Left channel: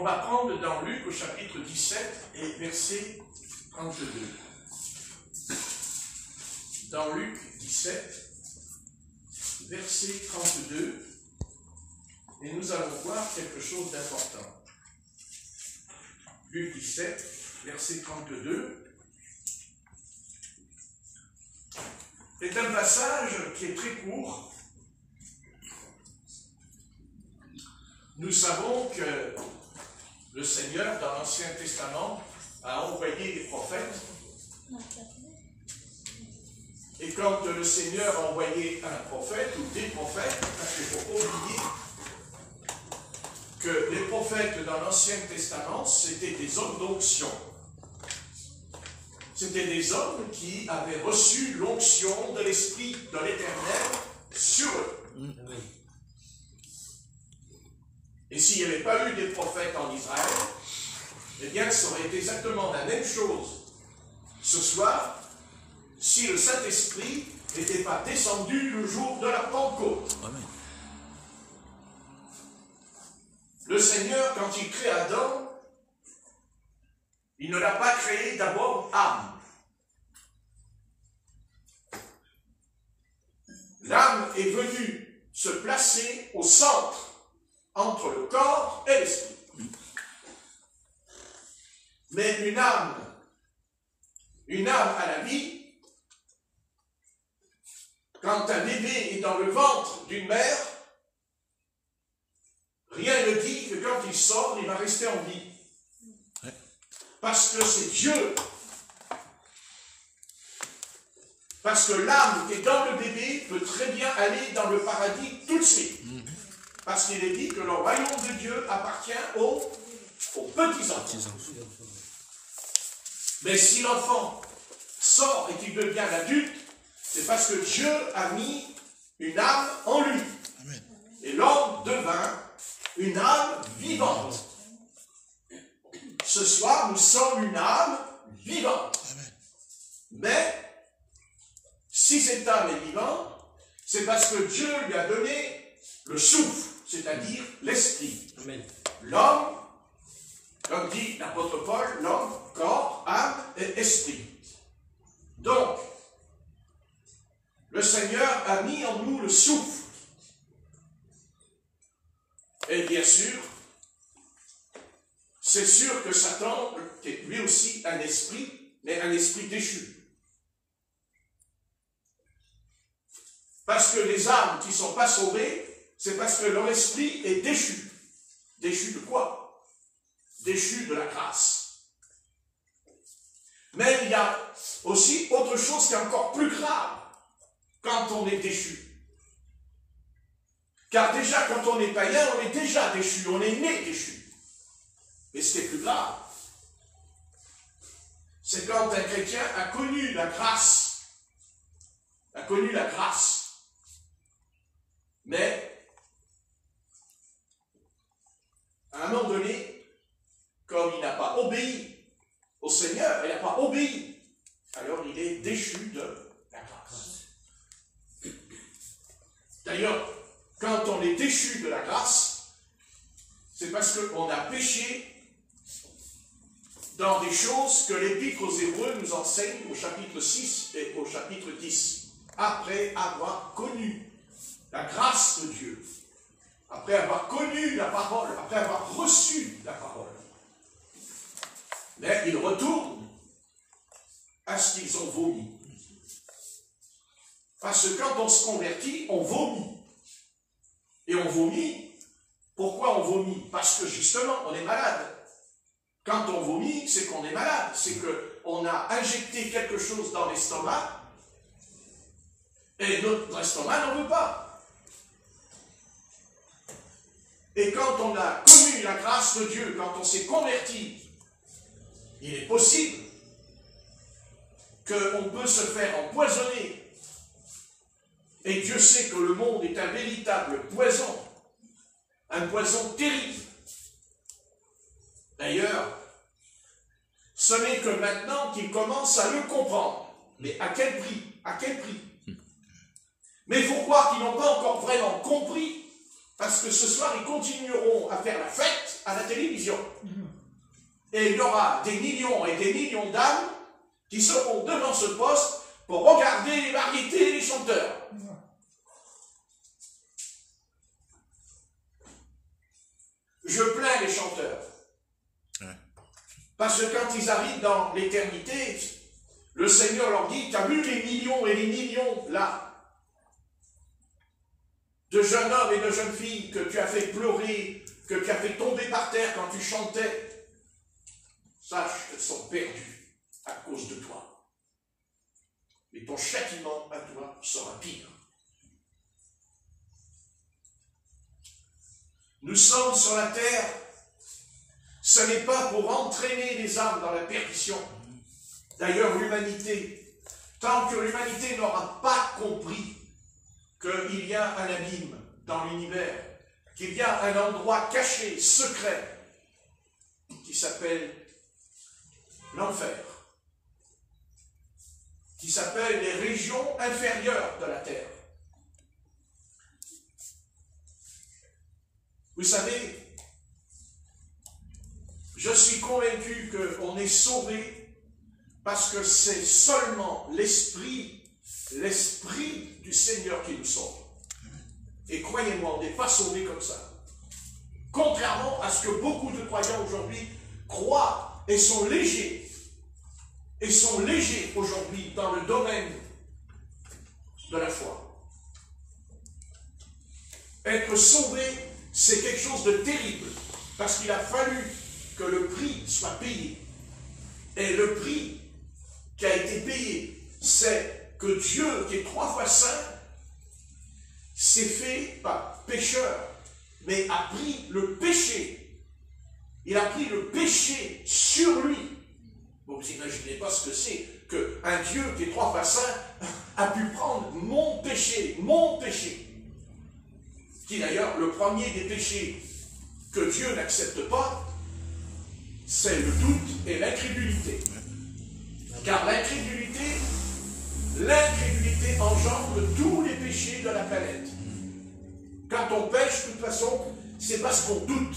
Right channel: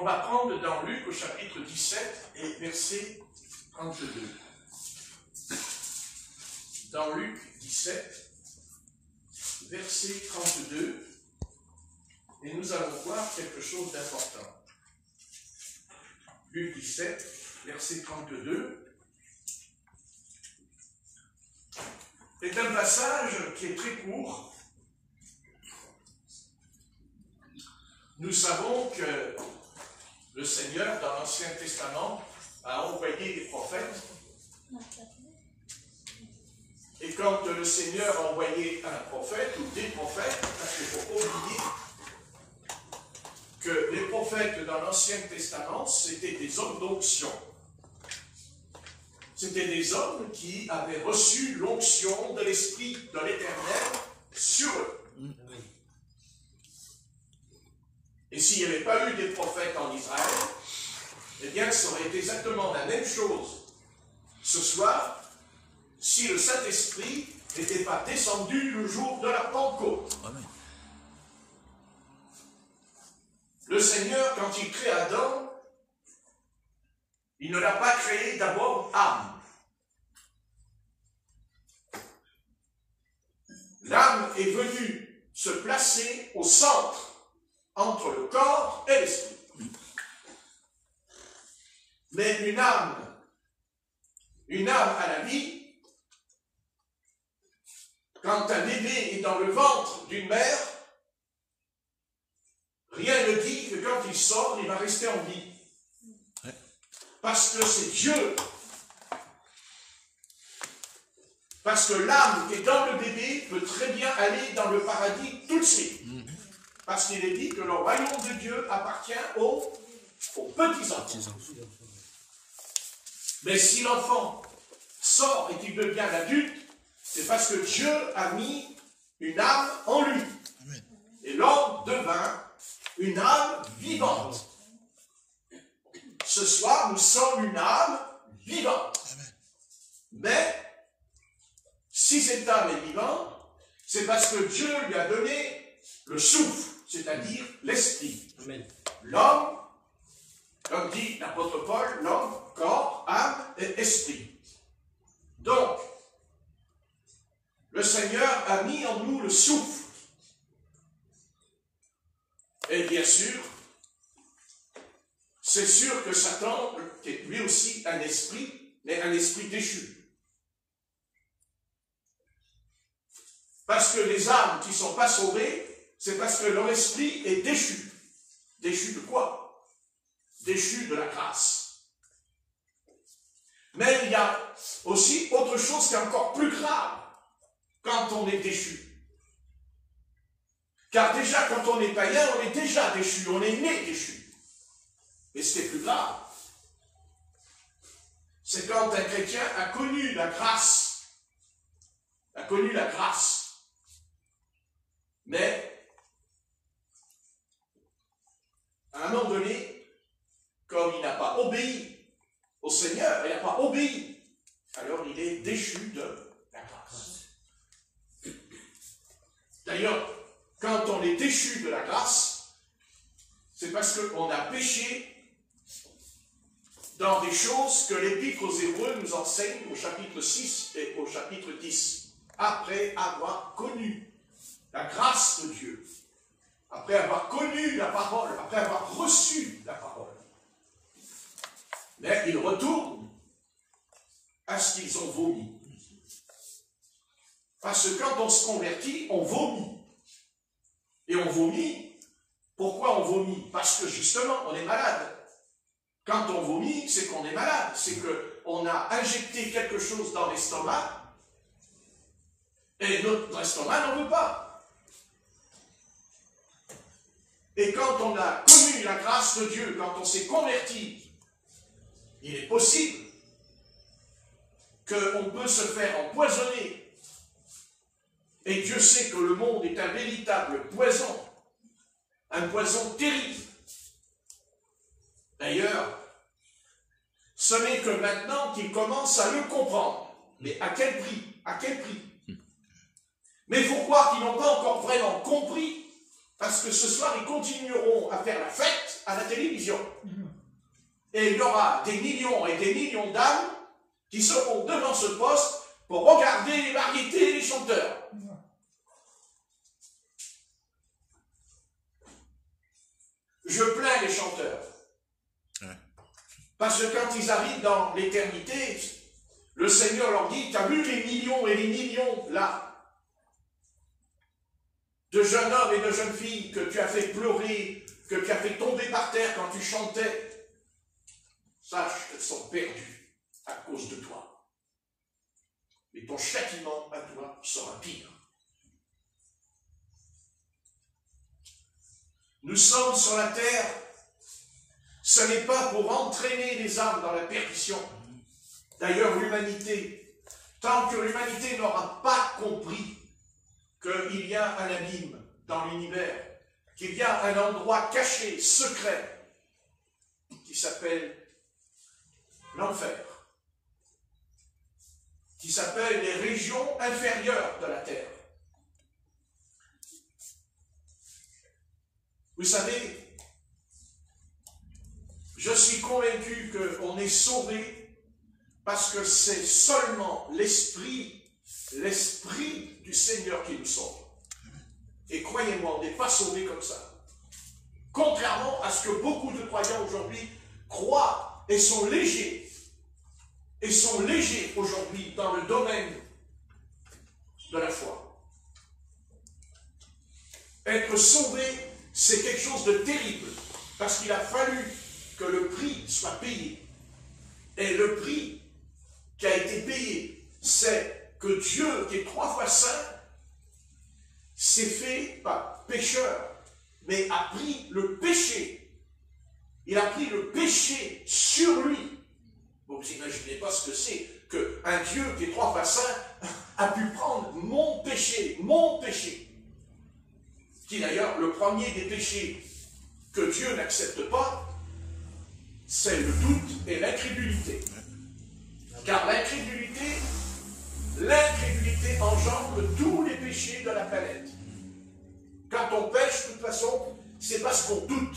on va prendre dans Luc au chapitre 17 et verset 32. Dans Luc 17, verset 32, et nous allons voir quelque chose d'important. Luc 17, verset 32. C'est un passage qui est très court. Nous savons que le Seigneur, dans l'Ancien Testament, a envoyé des prophètes. Et quand le Seigneur a envoyé un prophète ou des prophètes, parce qu'il ne faut pas oublier que les prophètes dans l'Ancien Testament, c'était des hommes d'onction. C'était des hommes qui avaient reçu l'onction de l'Esprit de l'Éternel sur eux. Et s'il n'y avait pas eu des prophètes en Israël, eh bien, ça aurait été exactement la même chose ce soir, si le Saint-Esprit n'était pas descendu le jour de la Pentecôte. Amen. Le Seigneur, quand il crée Adam, il ne l'a pas créé d'abord âme. L'âme est venue se placer au centre entre le corps et l'esprit. Mais une âme à la vie, quand un bébé est dans le ventre d'une mère, rien ne dit que quand il sort, il va rester en vie. Parce que c'est Dieu. Parce que l'âme qui est dans le bébé peut très bien aller dans le paradis tout de suite. Parce qu'il est dit que le royaume de Dieu appartient aux petits-enfants. Mais si l'enfant sort et qu'il devient l'adulte, c'est parce que Dieu a mis une âme en lui. Amen. Et l'homme devint une âme vivante. Ce soir, nous sommes une âme vivante. Amen. Mais, si cette âme est vivante, c'est parce que Dieu lui a donné le souffle, c'est-à-dire l'esprit. L'homme, comme dit l'apôtre Paul, l'homme, corps, âme et esprit. Donc, le Seigneur a mis en nous le souffle. Et bien sûr, c'est sûr que Satan est lui aussi un esprit, mais un esprit déchu. Parce que les âmes qui ne sont pas sauvées, c'est parce que leur esprit est déchu. Déchu de quoi? Déchu de la grâce. Mais il y a aussi autre chose qui est encore plus grave quand on est déchu. Car déjà, quand on est païen, on est déjà déchu, on est né déchu. Mais ce qui est plus grave, c'est quand un chrétien a connu la grâce. A connu la grâce. Mais, à un moment donné, comme il n'a pas obéi au Seigneur, il n'a pas obéi, alors il est déchu de la grâce. D'ailleurs, quand on est déchu de la grâce, c'est parce qu'on a péché dans des choses que l'Épître aux Hébreux nous enseigne au chapitre 6 et au chapitre 10. Après avoir connu la grâce de Dieu, après avoir connu la parole, après avoir reçu la parole, mais ils retournent à ce qu'ils ont vomi. Parce que quand on se convertit, on vomit. Et on vomit. Pourquoi on vomit? Parce que justement, on est malade. Quand on vomit, c'est qu'on est malade. C'est qu'on a injecté quelque chose dans l'estomac et notre estomac n'en veut pas. Et quand on a connu la grâce de Dieu, quand on s'est converti, il est possible qu'on peut se faire empoisonner. Et Dieu sait que le monde est un véritable poison, un poison terrible. D'ailleurs, ce n'est que maintenant qu'il commence à le comprendre. Mais à quel prix? À quel prix? Mais il faut croire qu'ils n'ont pas encore vraiment compris Parce que ce soir, ils continueront à faire la fête à la télévision. Et il y aura des millions et des millions d'âmes qui seront devant ce poste pour regarder les variétés et les chanteurs. Je plains les chanteurs. Parce que quand ils arrivent dans l'éternité, le Seigneur leur dit, tu as vu les millions et les millions là de jeunes hommes et de jeunes filles que tu as fait pleurer, que tu as fait tomber par terre quand tu chantais. Sache qu'elles sont perdues à cause de toi. Et ton châtiment à toi sera pire. Nous sommes sur la terre, ce n'est pas pour entraîner les âmes dans la perdition. D'ailleurs, l'humanité, tant que l'humanité n'aura pas compris qu'il y a un abîme dans l'univers, qu'il y a un endroit caché, secret, qui s'appelle l'enfer, qui s'appelle les régions inférieures de la terre. Vous savez, je suis convaincu qu'on est sauvé parce que c'est seulement l'Esprit du Seigneur qui nous sauve. Et croyez-moi, on n'est pas sauvé comme ça. Contrairement à ce que beaucoup de croyants aujourd'hui croient et sont légers aujourd'hui dans le domaine de la foi. Être sauvé, c'est quelque chose de terrible, parce qu'il a fallu que le prix soit payé. Et le prix qui a été payé, c'est que Dieu, qui est 3 fois saint, s'est fait par pécheur, mais a pris le péché. Il a pris le péché sur lui. Vous n'imaginez pas ce que c'est qu'un Dieu qui est 3 fois saint a pu prendre mon péché, qui est d'ailleurs le premier des péchés que Dieu n'accepte pas, c'est le doute et l'incrédulité. Car l'incrédulité engendre tous les péchés de la planète. Quand on pêche, de toute façon, c'est parce qu'on doute.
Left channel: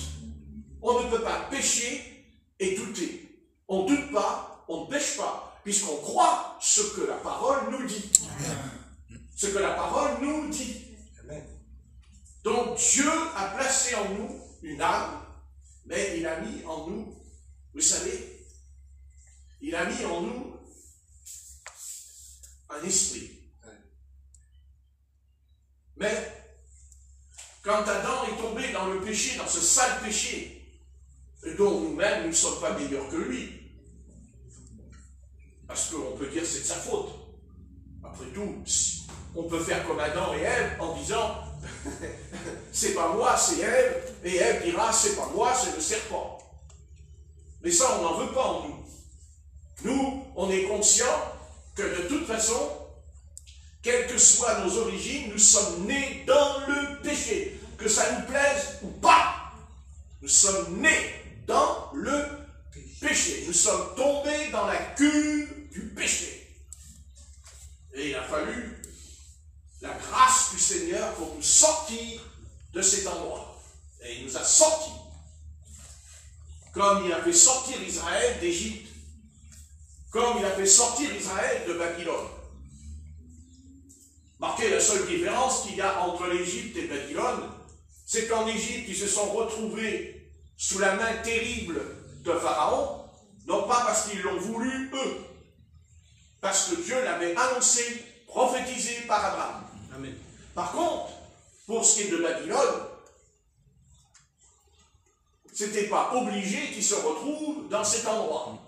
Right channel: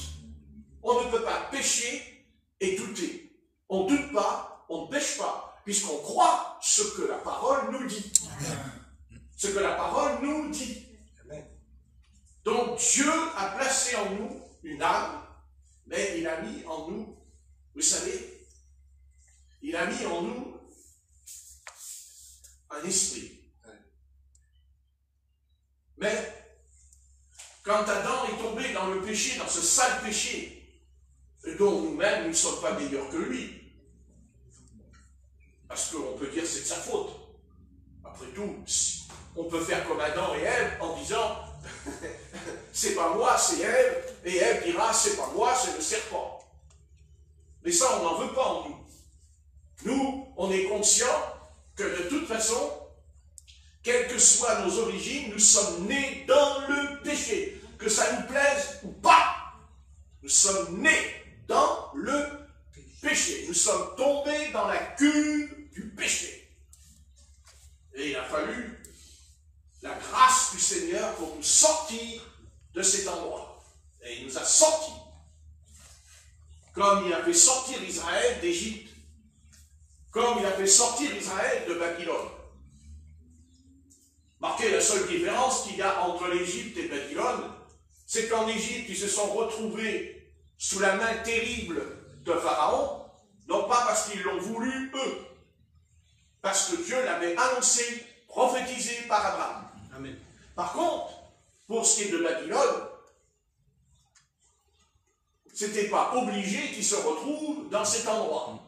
On ne peut pas pécher et douter. On ne doute pas, on ne pêche pas, puisqu'on croit ce que la parole nous dit. Ce que la parole nous dit. Donc Dieu a placé en nous une âme, mais il a mis en nous, vous savez, il a mis en nous un esprit. Mais quand Adam est tombé dans le péché, dans ce sale péché, dont nous-mêmes, nous ne sommes pas meilleurs que lui, parce qu'on peut dire que c'est de sa faute. Après tout, on peut faire comme Adam et Ève en disant c'est pas moi, c'est Ève, et Ève dira c'est pas moi, c'est le serpent. Mais ça, on n'en veut pas en nous. Nous, on est conscients que de toute façon, quelles que soient nos origines, nous sommes nés dans le péché. Que ça nous plaise ou pas, nous sommes nés dans le péché. Nous sommes tombés dans la cuve du péché. Et il a fallu la grâce du Seigneur pour nous sortir de cet endroit. Et il nous a sortis. Comme il a fait sortir Israël d'Égypte. Comme il a fait sortir Israël de Babylone. Marquez la seule différence qu'il y a entre l'Égypte et Babylone, c'est qu'en Égypte, ils se sont retrouvés sous la main terrible de Pharaon, non pas parce qu'ils l'ont voulu, eux, parce que Dieu l'avait annoncé, prophétisé par Abraham. Amen. Par contre, pour ce qui est de Babylone, c'était pas obligé qu'ils se retrouvent dans cet endroit.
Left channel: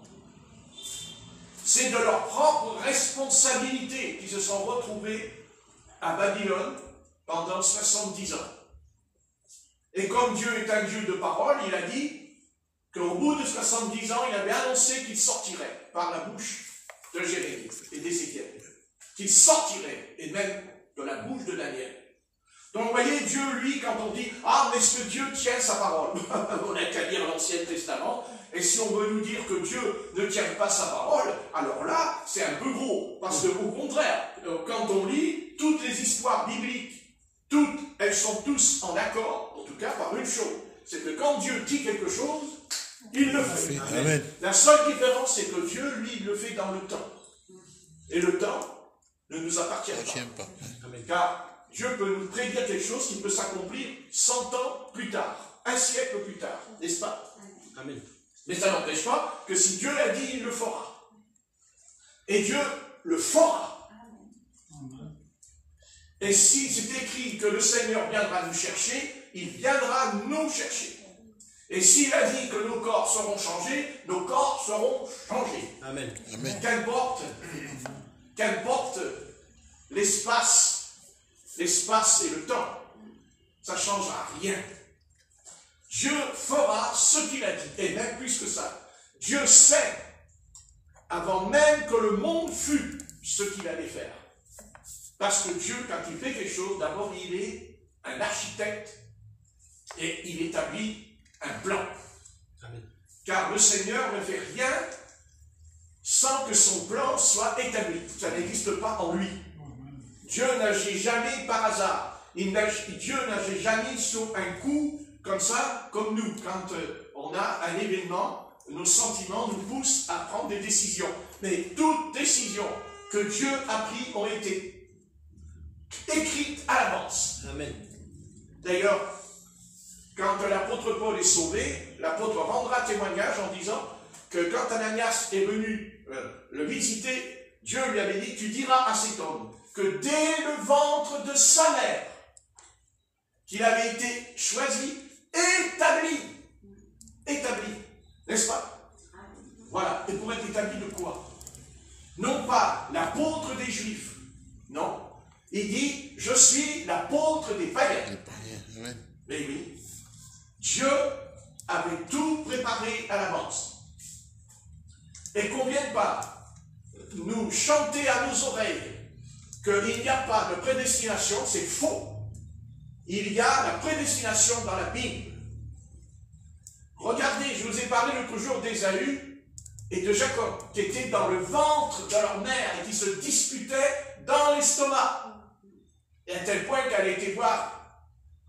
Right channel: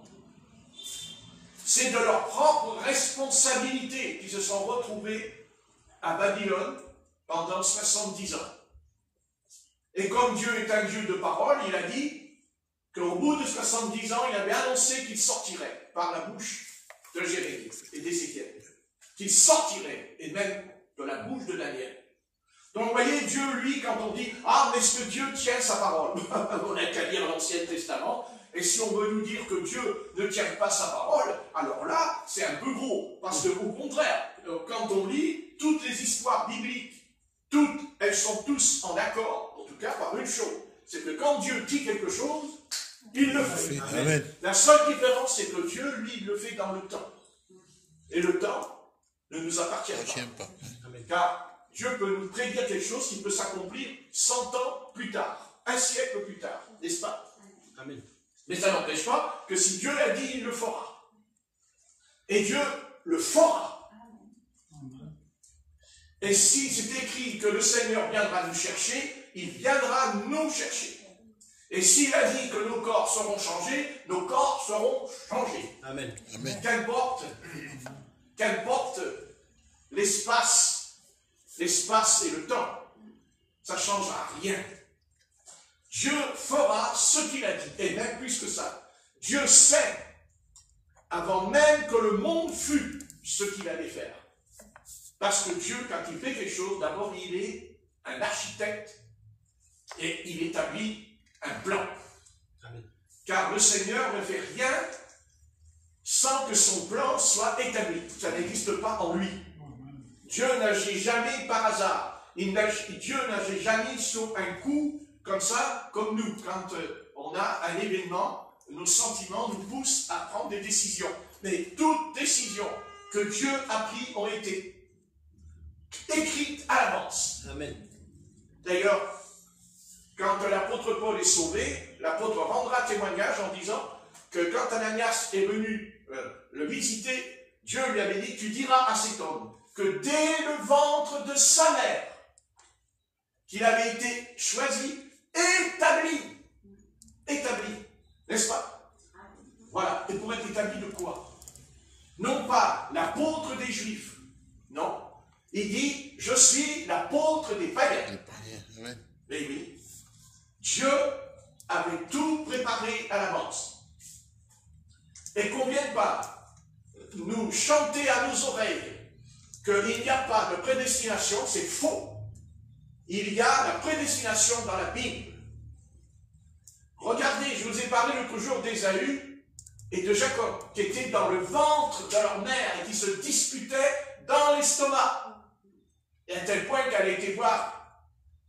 C'est de leur propre responsabilité qu'ils se sont retrouvés à Babylone pendant 70 ans. Et comme Dieu est un Dieu de parole, il a dit qu'au bout de 70 ans, il avait annoncé qu'il sortirait par la bouche de Jérémie et d'Ézéchiel. Qu'il sortirait, et même de la bouche de Daniel. Donc vous voyez, Dieu, lui, quand on dit « Ah, mais est-ce que Dieu tient sa parole ?» On n'a qu'à lire l'Ancien Testament. Et si on veut nous dire que Dieu ne tient pas sa parole, alors là, c'est un peu gros. Parce que, au contraire, quand on lit toutes les histoires bibliques, toutes, elles sont tous en accord en tout cas par une chose, c'est que quand Dieu dit quelque chose, il le fait. Amen. La seule différence, c'est que Dieu, lui, il le fait dans le temps. Et le temps ne nous appartient pas. Car Dieu peut nous prédire quelque chose qui peut s'accomplir 100 ans plus tard, un siècle plus tard, n'est-ce pas? Amen. Mais ça n'empêche pas que si Dieu l'a dit, il le fera. Et Dieu le fera. Et si c'est écrit que le Seigneur viendra nous chercher, il viendra nous chercher. Et s'il a dit que nos corps seront changés, nos corps seront changés. Amen. Amen. Qu'importe l'espace et le temps, ça ne changera rien. Dieu fera ce qu'il a dit, et même plus que ça. Dieu sait, avant même que le monde fût, ce qu'il allait faire. Parce que Dieu, quand il fait quelque chose, d'abord il est un architecte et il établit un plan. Amen. Car le Seigneur ne fait rien sans que son plan soit établi. Ça n'existe pas en lui. Dieu n'agit jamais par hasard. Dieu n'agit jamais sur un coup comme ça, comme nous. Quand on a un événement, nos sentiments nous poussent à prendre des décisions. Mais toutes décisions que Dieu a prises ont été écrites à l'avance. Amen. D'ailleurs, quand l'apôtre Paul est sauvé, l'apôtre rendra témoignage en disant que quand Ananias est venu le visiter, Dieu lui avait dit, tu diras à cet homme que dès le ventre de sa mère, qu'il avait été choisi, établi, n'est-ce pas? Voilà, et pour être établi de quoi? Non pas l'apôtre des Juifs, non. Il dit, je suis l'apôtre des païens. Mais oui, Dieu avait tout préparé à l'avance. Et qu'on ne vienne pas nous chanter à nos oreilles qu'il n'y a pas de prédestination, c'est faux. Il y a la prédestination dans la Bible. Regardez, je vous ai parlé l'autre jour d'Ésaü et de Jacob, qui étaient dans le ventre de leur mère et qui se disputaient dans l'estomac. Et à tel point qu'elle a été voir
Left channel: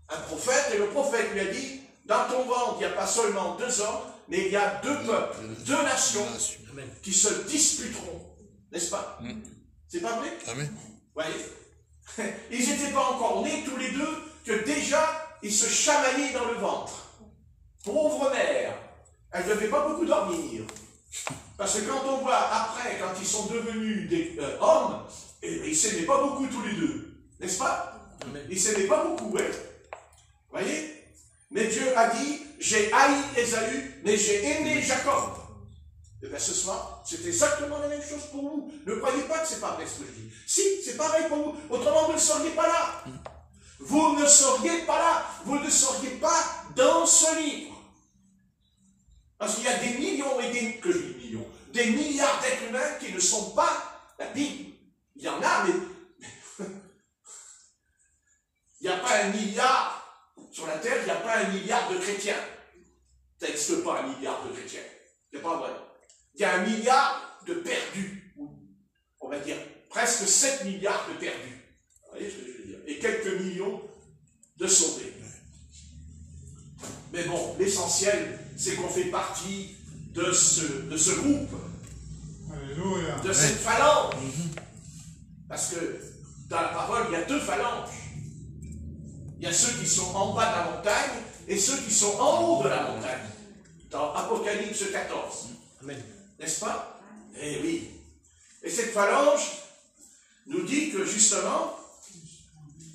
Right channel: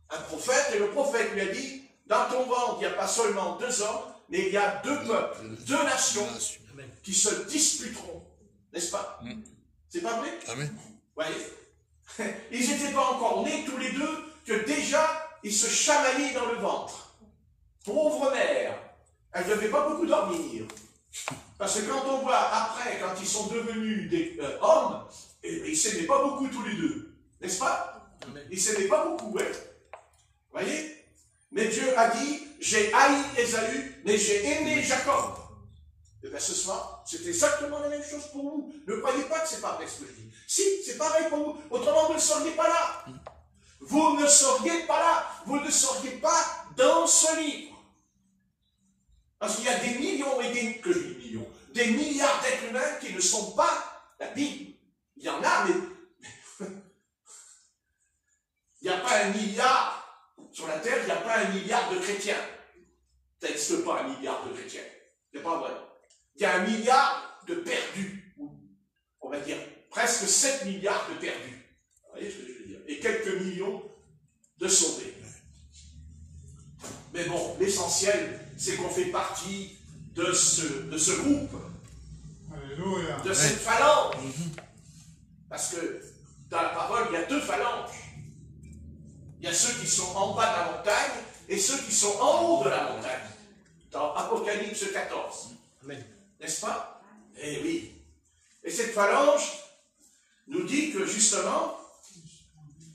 un prophète, et le prophète lui a dit, dans ton ventre, il n'y a pas seulement 2 hommes, mais il y a 2 peuples, 2 nations qui se disputeront. N'est-ce pas? C'est pas vrai? Amen. Voyez, ils n'étaient pas encore nés tous les deux, que déjà, ils se chamaillaient dans le ventre. Pauvre mère, elle ne devait pas beaucoup dormir. Parce que quand on voit après, quand ils sont devenus des hommes, ils ne s'aimaient pas beaucoup tous les deux. N'est-ce pas? Ils ne s'aimaient pas beaucoup, hein? Voyez? Mais Dieu a dit, j'ai haï Ésaü, mais j'ai aimé Jacob. Et bien ce soir, c'est exactement la même chose pour vous. Ne croyez pas que c'est pas vrai ce que je dis. Si, c'est pareil pour vous. Autrement, vous ne seriez pas là. Vous ne seriez pas là. Vous ne seriez pas dans ce livre. Parce qu'il y a des millions et des milliards d'êtres humains qui ne sont pas la Bible. Il y en a, mais il n'y a pas 1 milliard sur la terre, il n'y a pas 1 milliard de chrétiens. Ça n'existe pas 1 milliard de chrétiens. C'est pas vrai. Il y a 1 milliard de perdus. On va dire presque 7 milliards de perdus. Vous voyez ce que je veux dire? Et quelques millions de sauvés. Mais bon, l'essentiel, c'est qu'on fait partie de ce groupe. Alléluia. De cette phalange. Parce que dans la parole, il y a 2 phalanges. Il y a ceux qui sont en bas de la montagne et ceux qui sont en haut de la montagne. Dans Apocalypse 14. Amen. N'est-ce pas? Eh oui. Et cette phalange nous dit que justement,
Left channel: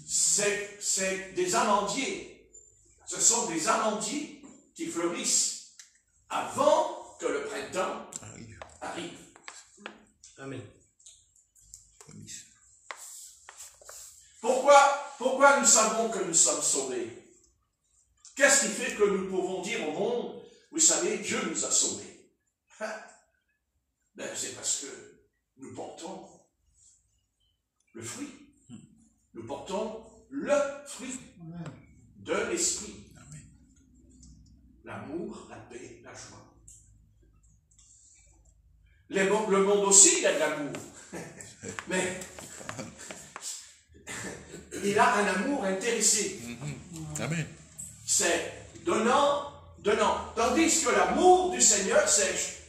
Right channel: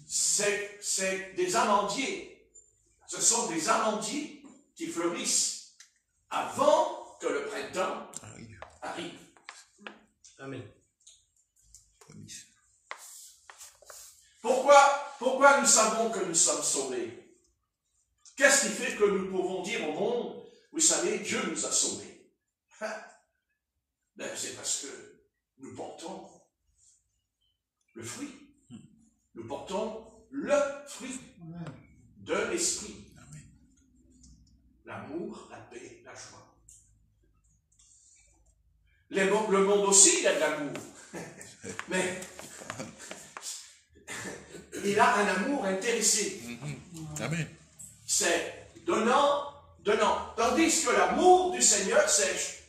c'est des amandiers. Ce sont des amandiers qui fleurissent avant que le printemps arrive. Amen. Pourquoi nous savons que nous sommes sauvés? Qu'est-ce qui fait que nous pouvons dire au monde, vous savez, Dieu nous a sauvés? Ben, c'est parce que nous portons le fruit. Nous portons le fruit de l'esprit. L'amour, la paix, la joie. Le monde aussi, il a de l'amour. Mais il a un amour intéressé. Amen. c'est donnant, donnant. Tandis que l'amour du Seigneur, c'est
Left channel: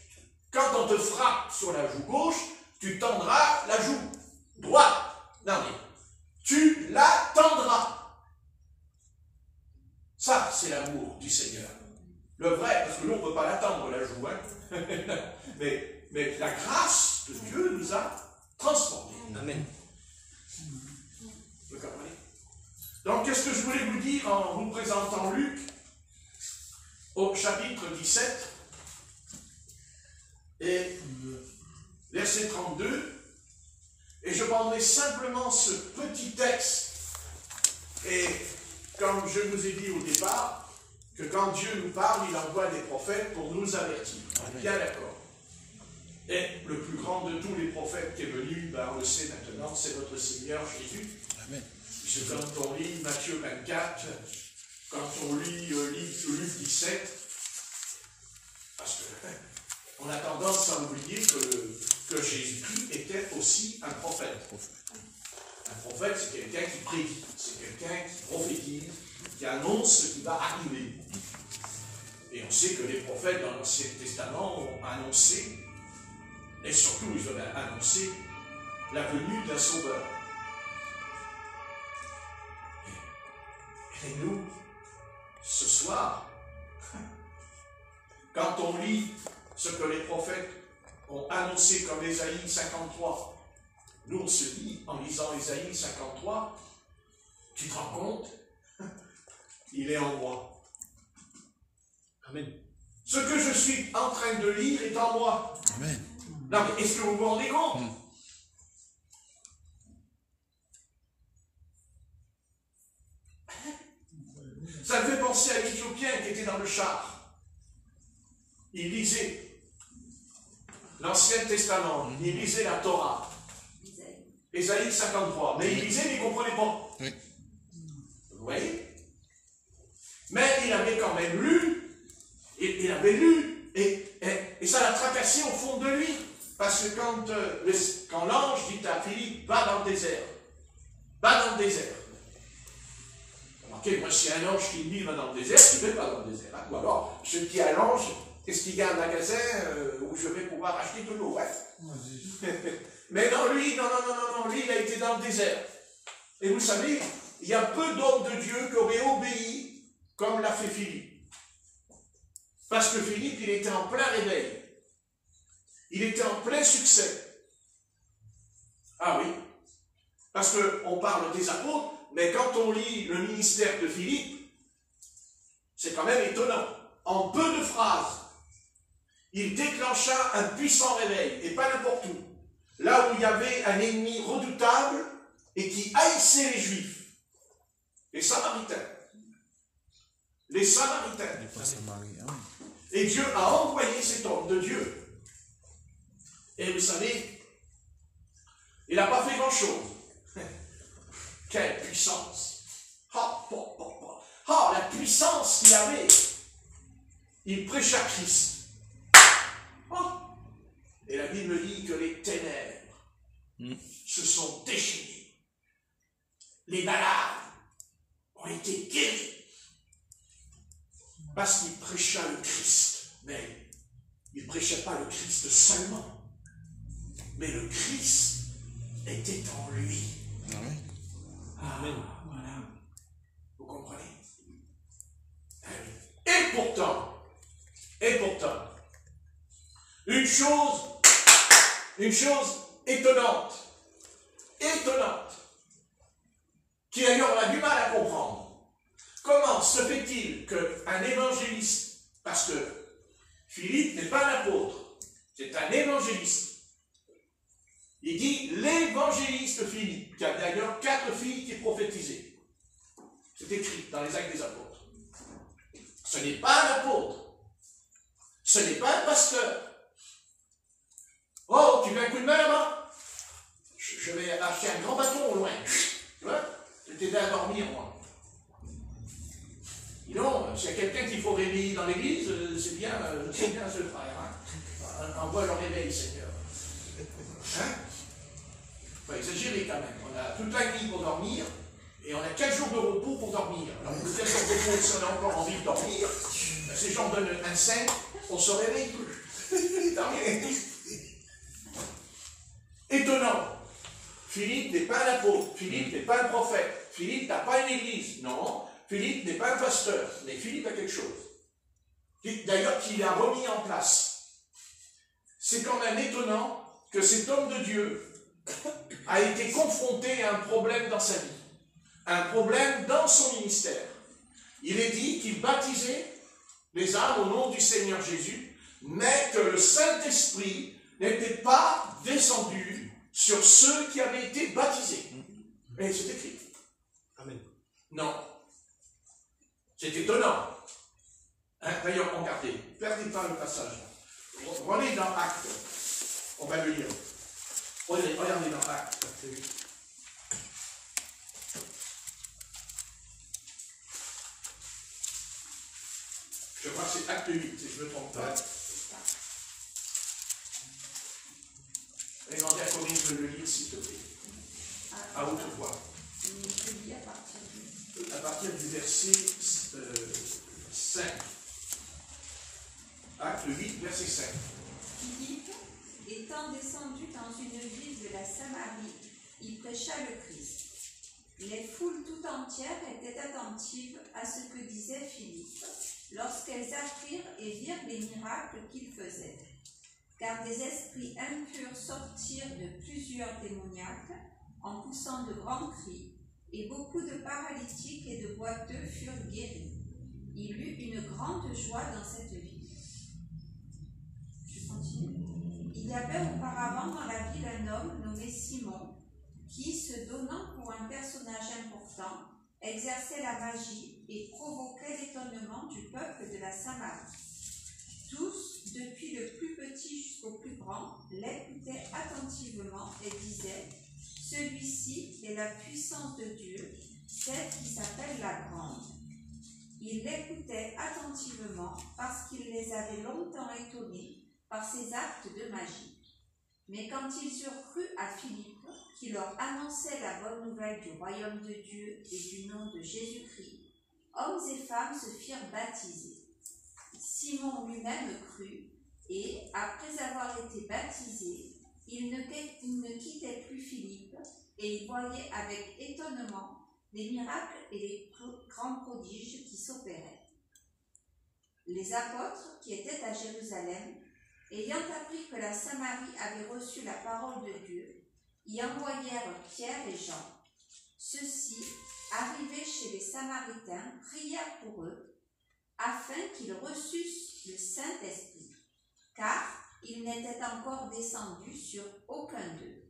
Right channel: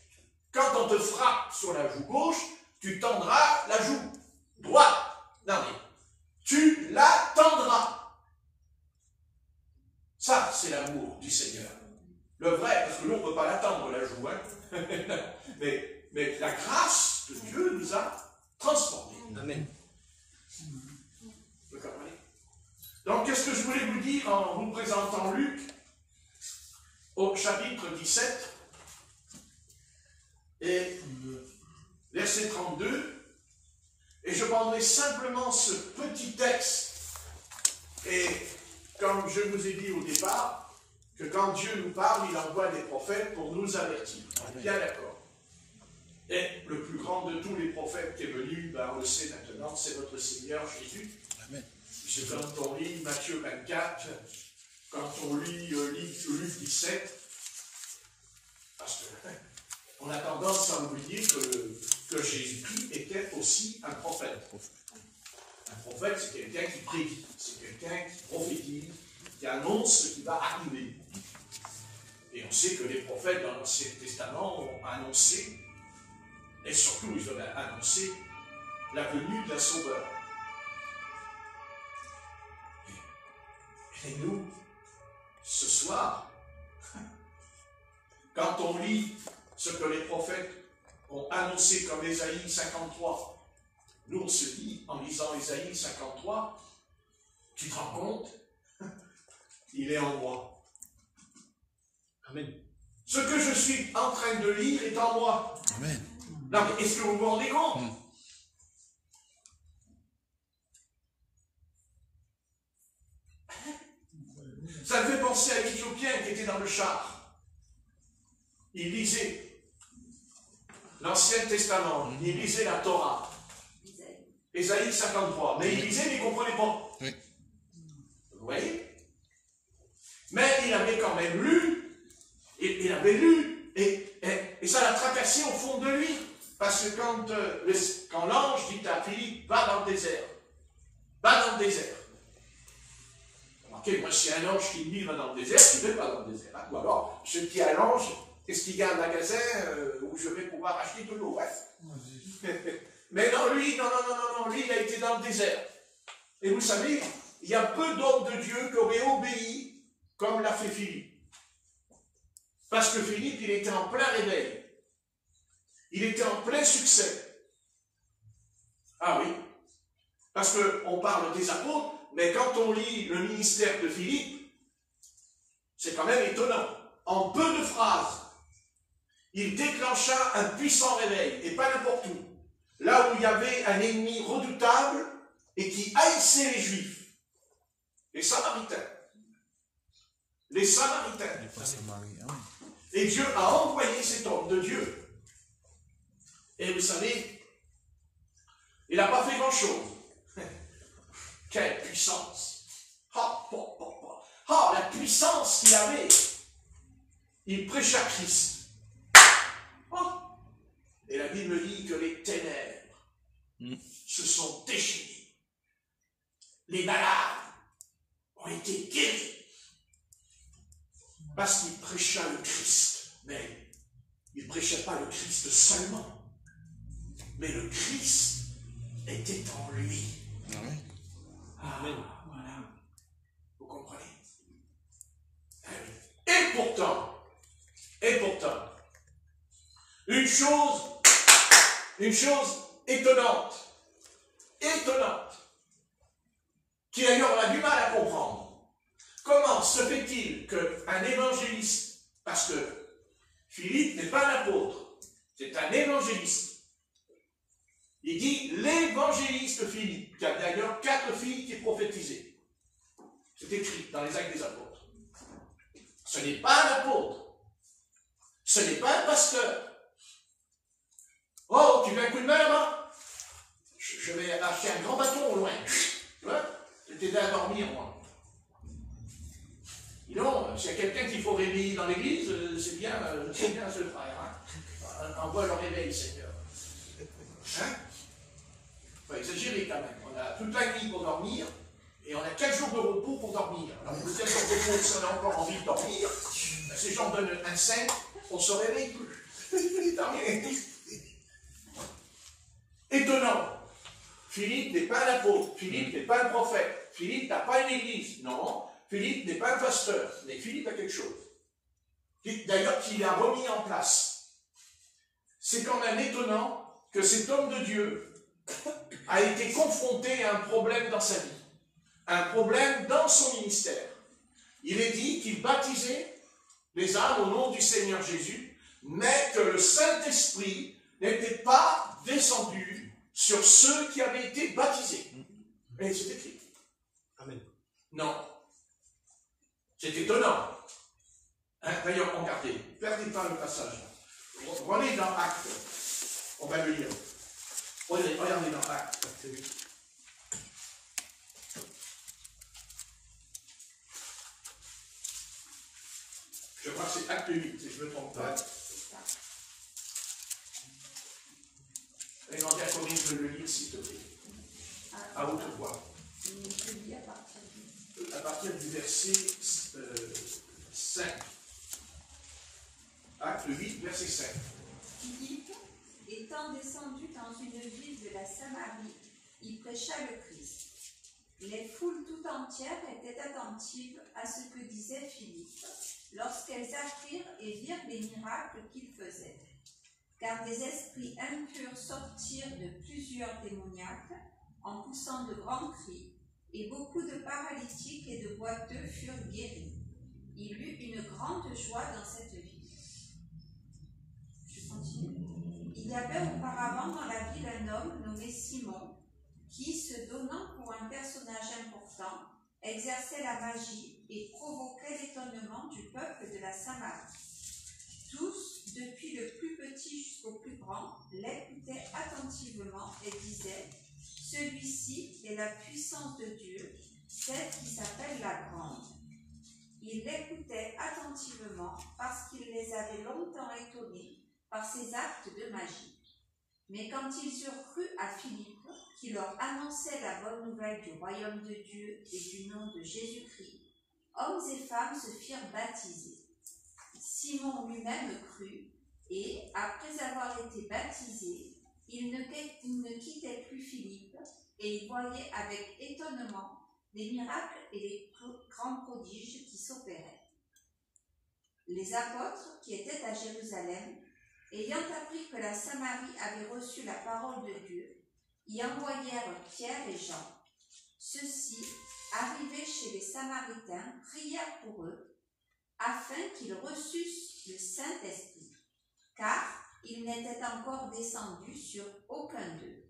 quand on te frappe sur la joue gauche, tu tendras la joue droite. Non, mais tu la tendras. Ça, c'est l'amour du Seigneur. Le vrai, parce que nous, on ne peut pas l'attendre, la joue. Hein? mais la grâce de Dieu nous a transformés. Amen. Vous comprenez? Donc, qu'est-ce que je voulais vous dire en vous présentant Luc, au chapitre 17, et verset 32, et je prendrai simplement ce petit texte, et comme je vous ai dit au départ, que quand Dieu nous parle, il envoie des prophètes pour nous avertir. On est bien d'accord. Et le plus grand de tous les prophètes qui est venu, on le sait maintenant, c'est notre Seigneur Jésus. Amen. Quand on lit Matthieu 24, quand on lit Luc 17, parce qu'on a tendance à oublier que Jésus-Christ était aussi un prophète. Un prophète, c'est quelqu'un qui prédit, c'est quelqu'un qui prophétise, qui annonce ce qui va arriver. Et on sait que les prophètes dans l'Ancien Testament ont annoncé, et surtout ils ont annoncé, la venue d'un sauveur. Et nous, ce soir, quand on lit ce que les prophètes ont annoncé comme Ésaïe 53, nous on se dit, en lisant Ésaïe 53, tu te rends compte, il est en moi. Amen. Ce que je suis en train de lire est en moi. Amen. Est-ce que vous vous rendez compte? Ça me fait penser à l'Éthiopien qui était dans le char. Il lisait l'Ancien Testament, il lisait la Torah, Ésaïe 53, mais il lisait, mais il ne comprenait pas. Oui. Vous voyez? Mais il avait quand même lu, il avait lu, et ça l'a tracassé au fond de lui. Parce que quand l'ange dit à Philippe, va dans le désert, va dans le désert. Ok, moi, si un ange qui me dit, va dans le désert, je ne vais pas dans le désert. Hein. Ou alors, je dis à l'ange, est-ce qu'il y a un magasin où je vais pouvoir acheter de l'eau? Ouais. Mais non, lui, lui, il a été dans le désert. Et vous savez, il y a peu d'hommes de Dieu qui auraient obéi comme l'a fait Philippe. Parce que Philippe, il était en plein réveil. Il était en plein succès. Ah oui. Parce qu'on parle des apôtres, mais quand on lit le ministère de Philippe, c'est quand même étonnant. En peu de phrases, il déclencha un puissant réveil, et pas n'importe où. Là où il y avait un ennemi redoutable et qui haïssait les Juifs. Les Samaritains. Les Samaritains. Et Dieu a envoyé cet homme de Dieu. Et vous savez, il n'a pas fait grand-chose. Quelle puissance! La puissance qu'il avait! Il prêcha Christ. Et la Bible dit que les ténèbres se sont déchaînées. Les malades ont été guéris. Parce qu'il prêcha le Christ. Mais il ne prêchait pas le Christ seulement. Mais le Christ était en lui. Amen. Voilà. Vous comprenez? Et pourtant, une chose étonnante, qui d'ailleurs on a du mal à comprendre. Comment se fait-il qu'un évangéliste, parce que Philippe n'est pas un apôtre, c'est un évangéliste. Il dit l'évangéliste Philippe, qui a d'ailleurs 4 filles qui prophétisaient. C'est écrit dans les Actes des Apôtres. Ce n'est pas un apôtre. Ce n'est pas un pasteur. Oh, tu veux un coup de main, là? Je vais acheter un grand bâton au loin. Tu vois? Je t'ai à dormir, moi. Sinon, c'est quelqu'un qu'il faut réveiller dans l'église, c'est bien ce frère. Hein? Envoie le réveil, Seigneur. Hein? Il faut exagérer quand même. On a toute la nuit pour dormir, Et on a 4 jours de repos pour dormir. Alors, vous êtes en repos, si on a encore envie de dormir, ben, ces gens donnent un 5, on se réveille plus. Étonnant. Philippe n'est pas un apôtre, Philippe n'est pas un prophète, Philippe n'a pas une église. Non, Philippe n'est pas un pasteur, mais Philippe a quelque chose. D'ailleurs, qu'il a remis en place. C'est quand même étonnant que cet homme de Dieu a été confronté à un problème dans sa vie, un problème dans son ministère. Il est dit qu'il baptisait les âmes au nom du Seigneur Jésus, mais que le Saint-Esprit n'était pas descendu sur ceux qui avaient été baptisés. Mais c'est écrit. Amen. Non. C'est étonnant. D'ailleurs, regardez, perdez pas le passage. Regardez dans Actes. On va le lire. Regardez dans Actes. Je crois que c'est Acte 8, si je ne me trompe pas. Et non, Diaconie, je veux le lire, s'il te plaît. À haute voix. À partir du verset 5. Acte 8, verset 5. Philippe, étant descendu dans une ville de la Samarie, il prêcha le Christ. Les foules tout entières étaient attentives à ce que disait Philippe, lorsqu'elles apprirent et virent les miracles qu'il faisait. Car des esprits impurs sortirent de plusieurs démoniaques en poussant de grands cris, et beaucoup de paralytiques et de boiteux furent guéris. Il eut une grande joie dans cette ville. Je continue. Il y avait auparavant dans la ville un homme nommé Simon, qui, se donnant pour un personnage important, exerçait la magie et provoquait l'étonnement du peuple de la Samarie. Tous, depuis le plus petit jusqu'au plus grand, l'écoutaient attentivement et disaient « Celui-ci est la puissance de Dieu, celle qui s'appelle la Grande. » Ils l'écoutaient attentivement parce qu'il les avait longtemps étonnés par ses actes de magie. Mais quand ils eurent cru à Philippe, qui leur annonçait la bonne nouvelle du royaume de Dieu et du nom de Jésus-Christ, hommes et femmes se firent baptiser. Simon lui-même crut, et, après avoir été baptisé, il ne quittait plus Philippe, et il voyait avec étonnement les miracles et les grands prodiges qui s'opéraient. Les apôtres, qui étaient à Jérusalem, ayant appris que la Samarie avait reçu la parole de Dieu, y envoyèrent Pierre et Jean. Ceux-ci, arrivés chez les Samaritains, prièrent pour eux, afin qu'ils reçussent le Saint-Esprit, car il n'était encore descendu sur aucun d'eux.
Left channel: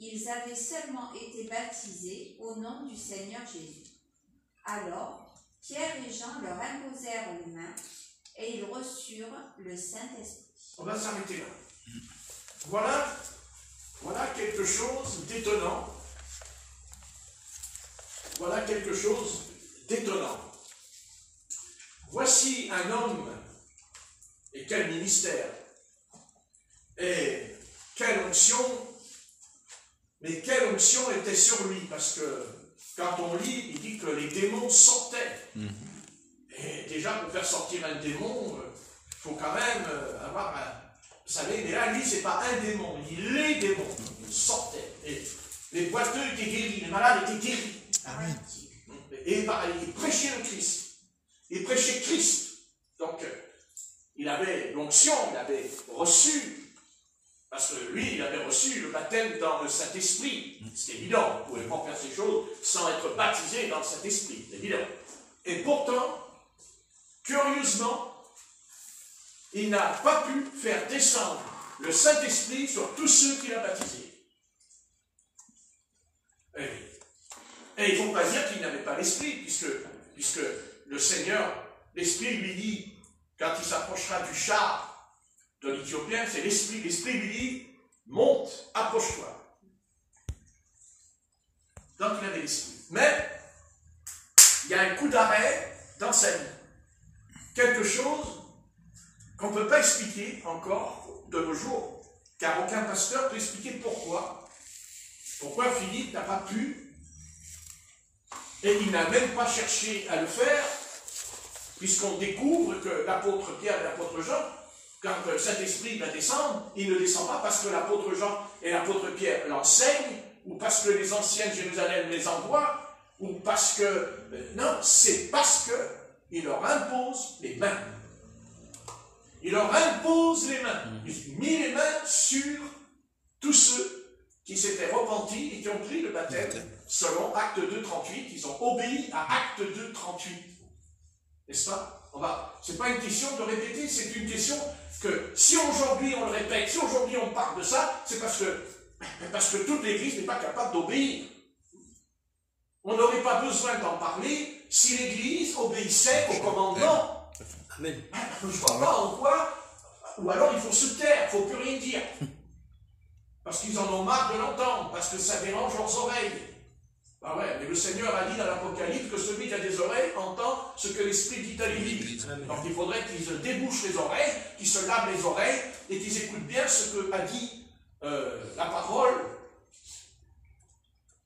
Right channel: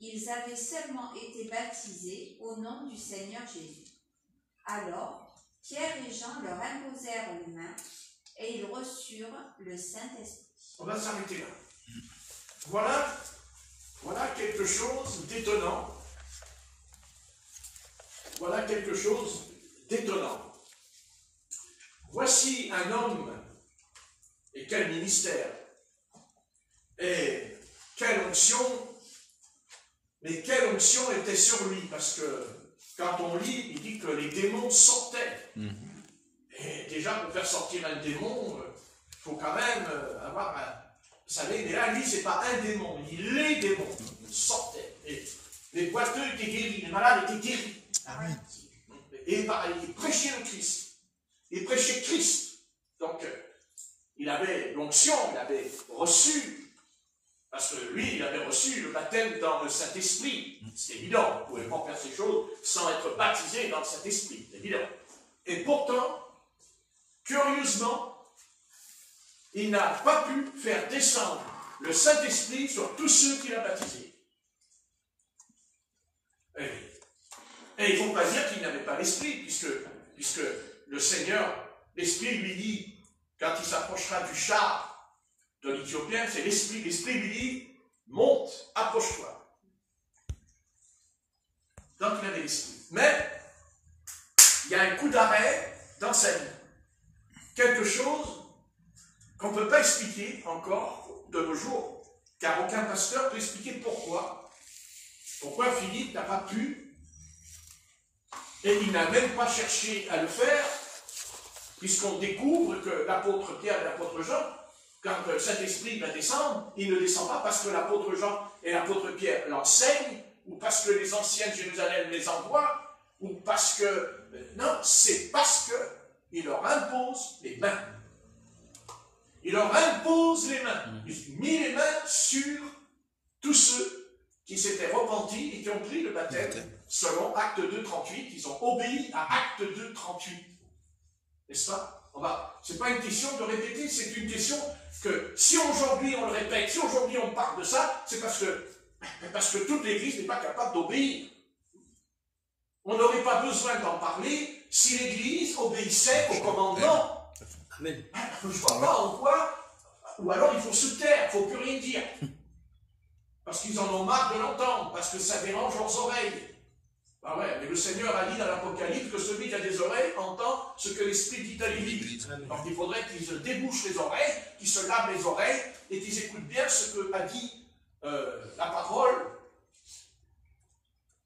Ils avaient seulement été baptisés au nom du Seigneur Jésus. Alors, Pierre et Jean leur imposèrent les mains, et ils reçurent le Saint-Esprit. On va s'arrêter là. Voilà quelque chose d'étonnant. Voilà quelque chose d'étonnant. Voici un homme, et quel ministère, et quelle onction, mais quelle onction était sur lui, parce que quand on lit, il dit que les démons sortaient. Et déjà, pour faire sortir un démon, il faut quand même avoir un... Vous savez, et là, lui, ce n'est pas un démon, les démons sortaient. Et les boiteux étaient guéris, les malades étaient guéris. Amen. Et pareil, il prêchait le Christ. Il prêchait Christ. Donc, il avait l'onction, il avait reçu, parce que lui, il avait reçu le baptême dans le Saint-Esprit. C'est évident, on ne pouvait pas faire ces choses sans être baptisé dans le Saint-Esprit, c'est évident. Et pourtant, curieusement, il n'a pas pu faire descendre le Saint-Esprit sur tous ceux qu'il a baptisés. Et il ne faut pas dire qu'il n'avait pas l'Esprit, puisque le Seigneur, l'Esprit lui dit, quand il s'approchera du char de l'Éthiopien, c'est l'Esprit. L'Esprit lui dit, monte, approche-toi. Donc il avait l'Esprit. Mais, il y a un coup d'arrêt dans sa vie. Quelque chose qu'on ne peut pas expliquer encore de nos jours, car aucun pasteur peut expliquer pourquoi Philippe n'a pas pu Et il n'a même pas cherché à le faire, puisqu'on découvre que l'apôtre Pierre et l'apôtre Jean, quand le Saint-Esprit va descendre, il ne descend pas parce que l'apôtre Jean et l'apôtre Pierre l'enseignent, ou parce que les anciens de Jérusalem les envoient, ou parce que... Non, c'est parce qu'il leur impose les mains. Il leur impose les mains. Il mit les mains sur tous ceux qui s'étaient repentis et qui ont pris le baptême selon Acte 2.38. Ils ont obéi à Acte 2.38. N'est-ce pas? C'est pas une question de répéter, c'est une question que si aujourd'hui on le répète, si aujourd'hui on parle de ça, c'est parce que toute l'Église n'est pas capable d'obéir. On n'aurait pas besoin d'en parler si l'Église obéissait au commandement. Amen. Je ne vois pas en quoi, ou alors il faut se taire, il ne faut plus rien dire. Parce qu'ils en ont marre de l'entendre, parce que ça dérange leurs oreilles. Ah ouais, mais le Seigneur a dit dans l'Apocalypse que celui qui a des oreilles entend ce que l'Esprit dit à l'Église. Donc il faudrait qu'ils se débouchent les oreilles, qu'ils se lavent les oreilles, et qu'ils écoutent bien ce que a dit la parole.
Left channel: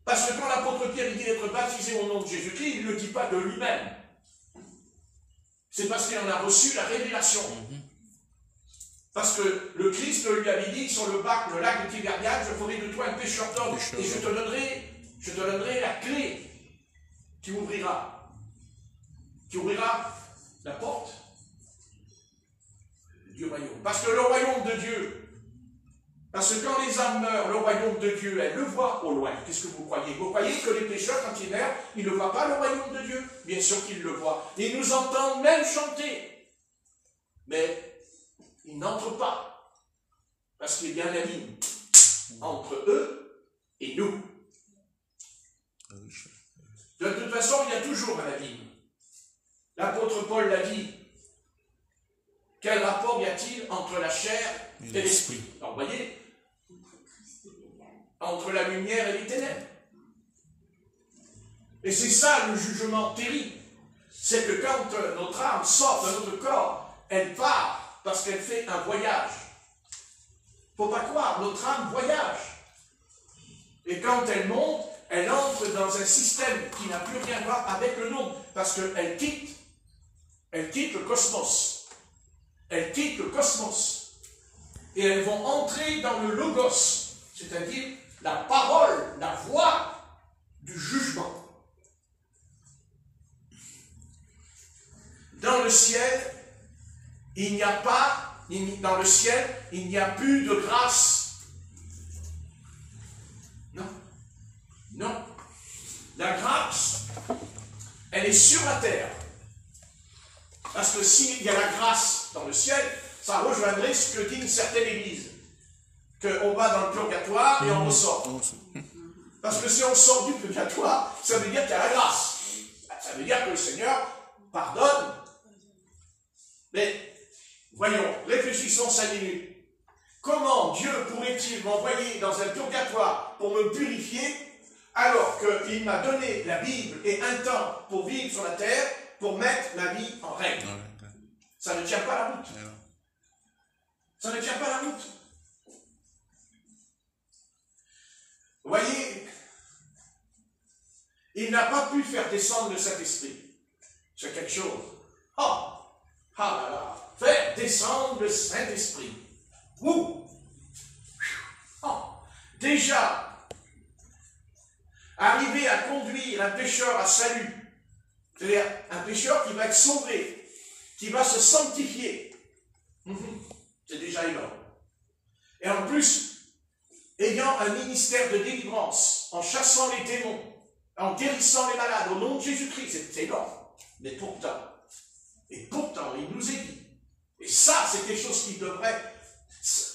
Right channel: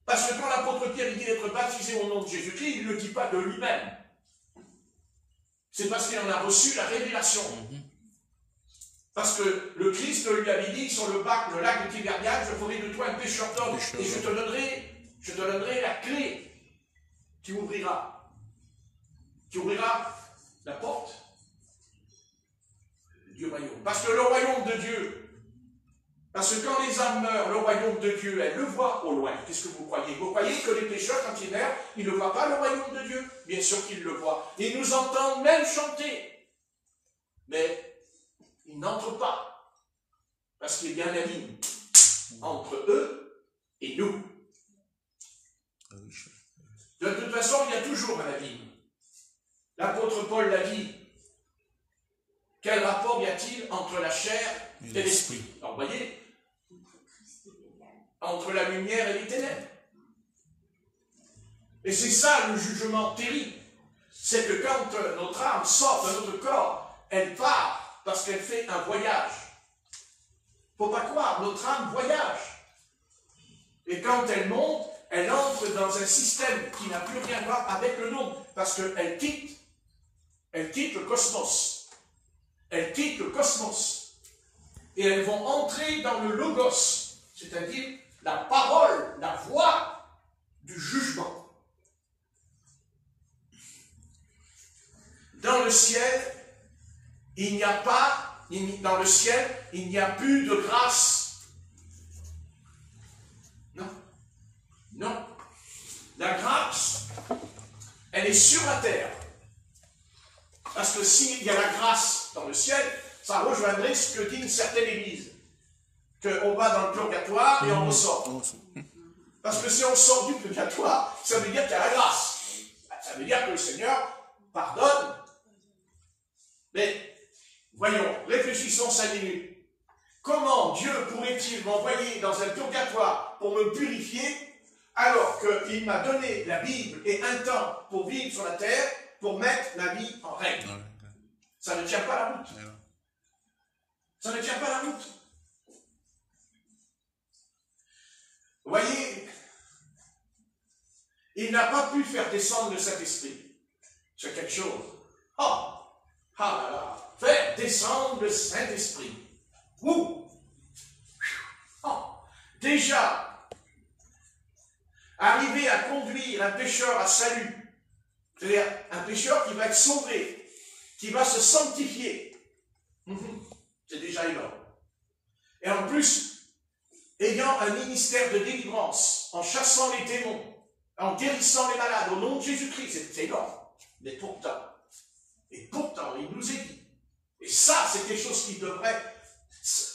Parce que quand l'apôtre Pierre dit être baptisé au nom de Jésus-Christ, il ne le dit pas de lui-même. C'est parce qu'il en a reçu la révélation. Parce que le Christ lui avait dit sur le lac de Tibériade, je ferai de toi un pêcheur d'hommes, et je te donnerai la clé. Tu ouvriras la porte du royaume. Parce que le royaume de Dieu, parce que quand les âmes meurent, le royaume de Dieu, elles le voient au loin. Qu'est-ce que vous croyez? Vous croyez que les pécheurs, quand ils meurent, ils ne voient pas le royaume de Dieu? Bien sûr qu'ils le voient. Et ils nous entendent même chanter. Mais ils n'entrent pas. Parce qu'il y a un abîme entre eux et nous. De toute façon, il y a toujours un abîme. L'apôtre Paul l'a dit. Quel rapport y a-t-il entre la chair et l'esprit? Alors, vous voyez, entre la lumière et les ténèbres. Et c'est ça le jugement terrible. C'est que quand notre âme sort de notre corps, elle part parce qu'elle fait un voyage. Il ne faut pas croire, notre âme voyage. Et quand elle monte, elle entre dans un système qui n'a plus rien à voir avec le nôtre, parce qu'elle quitte le cosmos. Elle quitte le cosmos. Et elles vont entrer dans le logos, c'est-à-dire la parole, la voix du jugement. Dans le ciel, il n'y a plus de grâce. Non. La grâce, elle est sur la terre. Parce que s'il y a la grâce dans le ciel, ça rejoindrait ce que dit une certaine église. Qu'on va dans le purgatoire et on ressort. Parce que si on sort du purgatoire, ça veut dire qu'il y a la grâce. Ça veut dire que le Seigneur pardonne. Mais, voyons, réfléchissons 5 minutes. Comment Dieu pourrait-il m'envoyer dans un purgatoire pour me purifier, alors qu'il m'a donné la Bible et un temps pour vivre sur la terre, pour mettre ma vie en règle? Ça ne tient pas la route. Ça ne tient pas la route. Vous voyez, il n'a pas pu faire descendre le Saint-Esprit. C'est quelque chose. Oh! Ah là là! Faire descendre le Saint-Esprit. Ouh! Oh! Déjà, arriver à conduire un pécheur à salut, c'est-à-dire un pécheur qui va être sauvé, qui va se sanctifier, c'est déjà énorme. Et en plus, ayant un ministère de délivrance, en chassant les démons, en guérissant les malades au nom de Jésus-Christ, c'est énorme. Mais pourtant, il nous est dit, et ça c'est quelque chose qui devrait...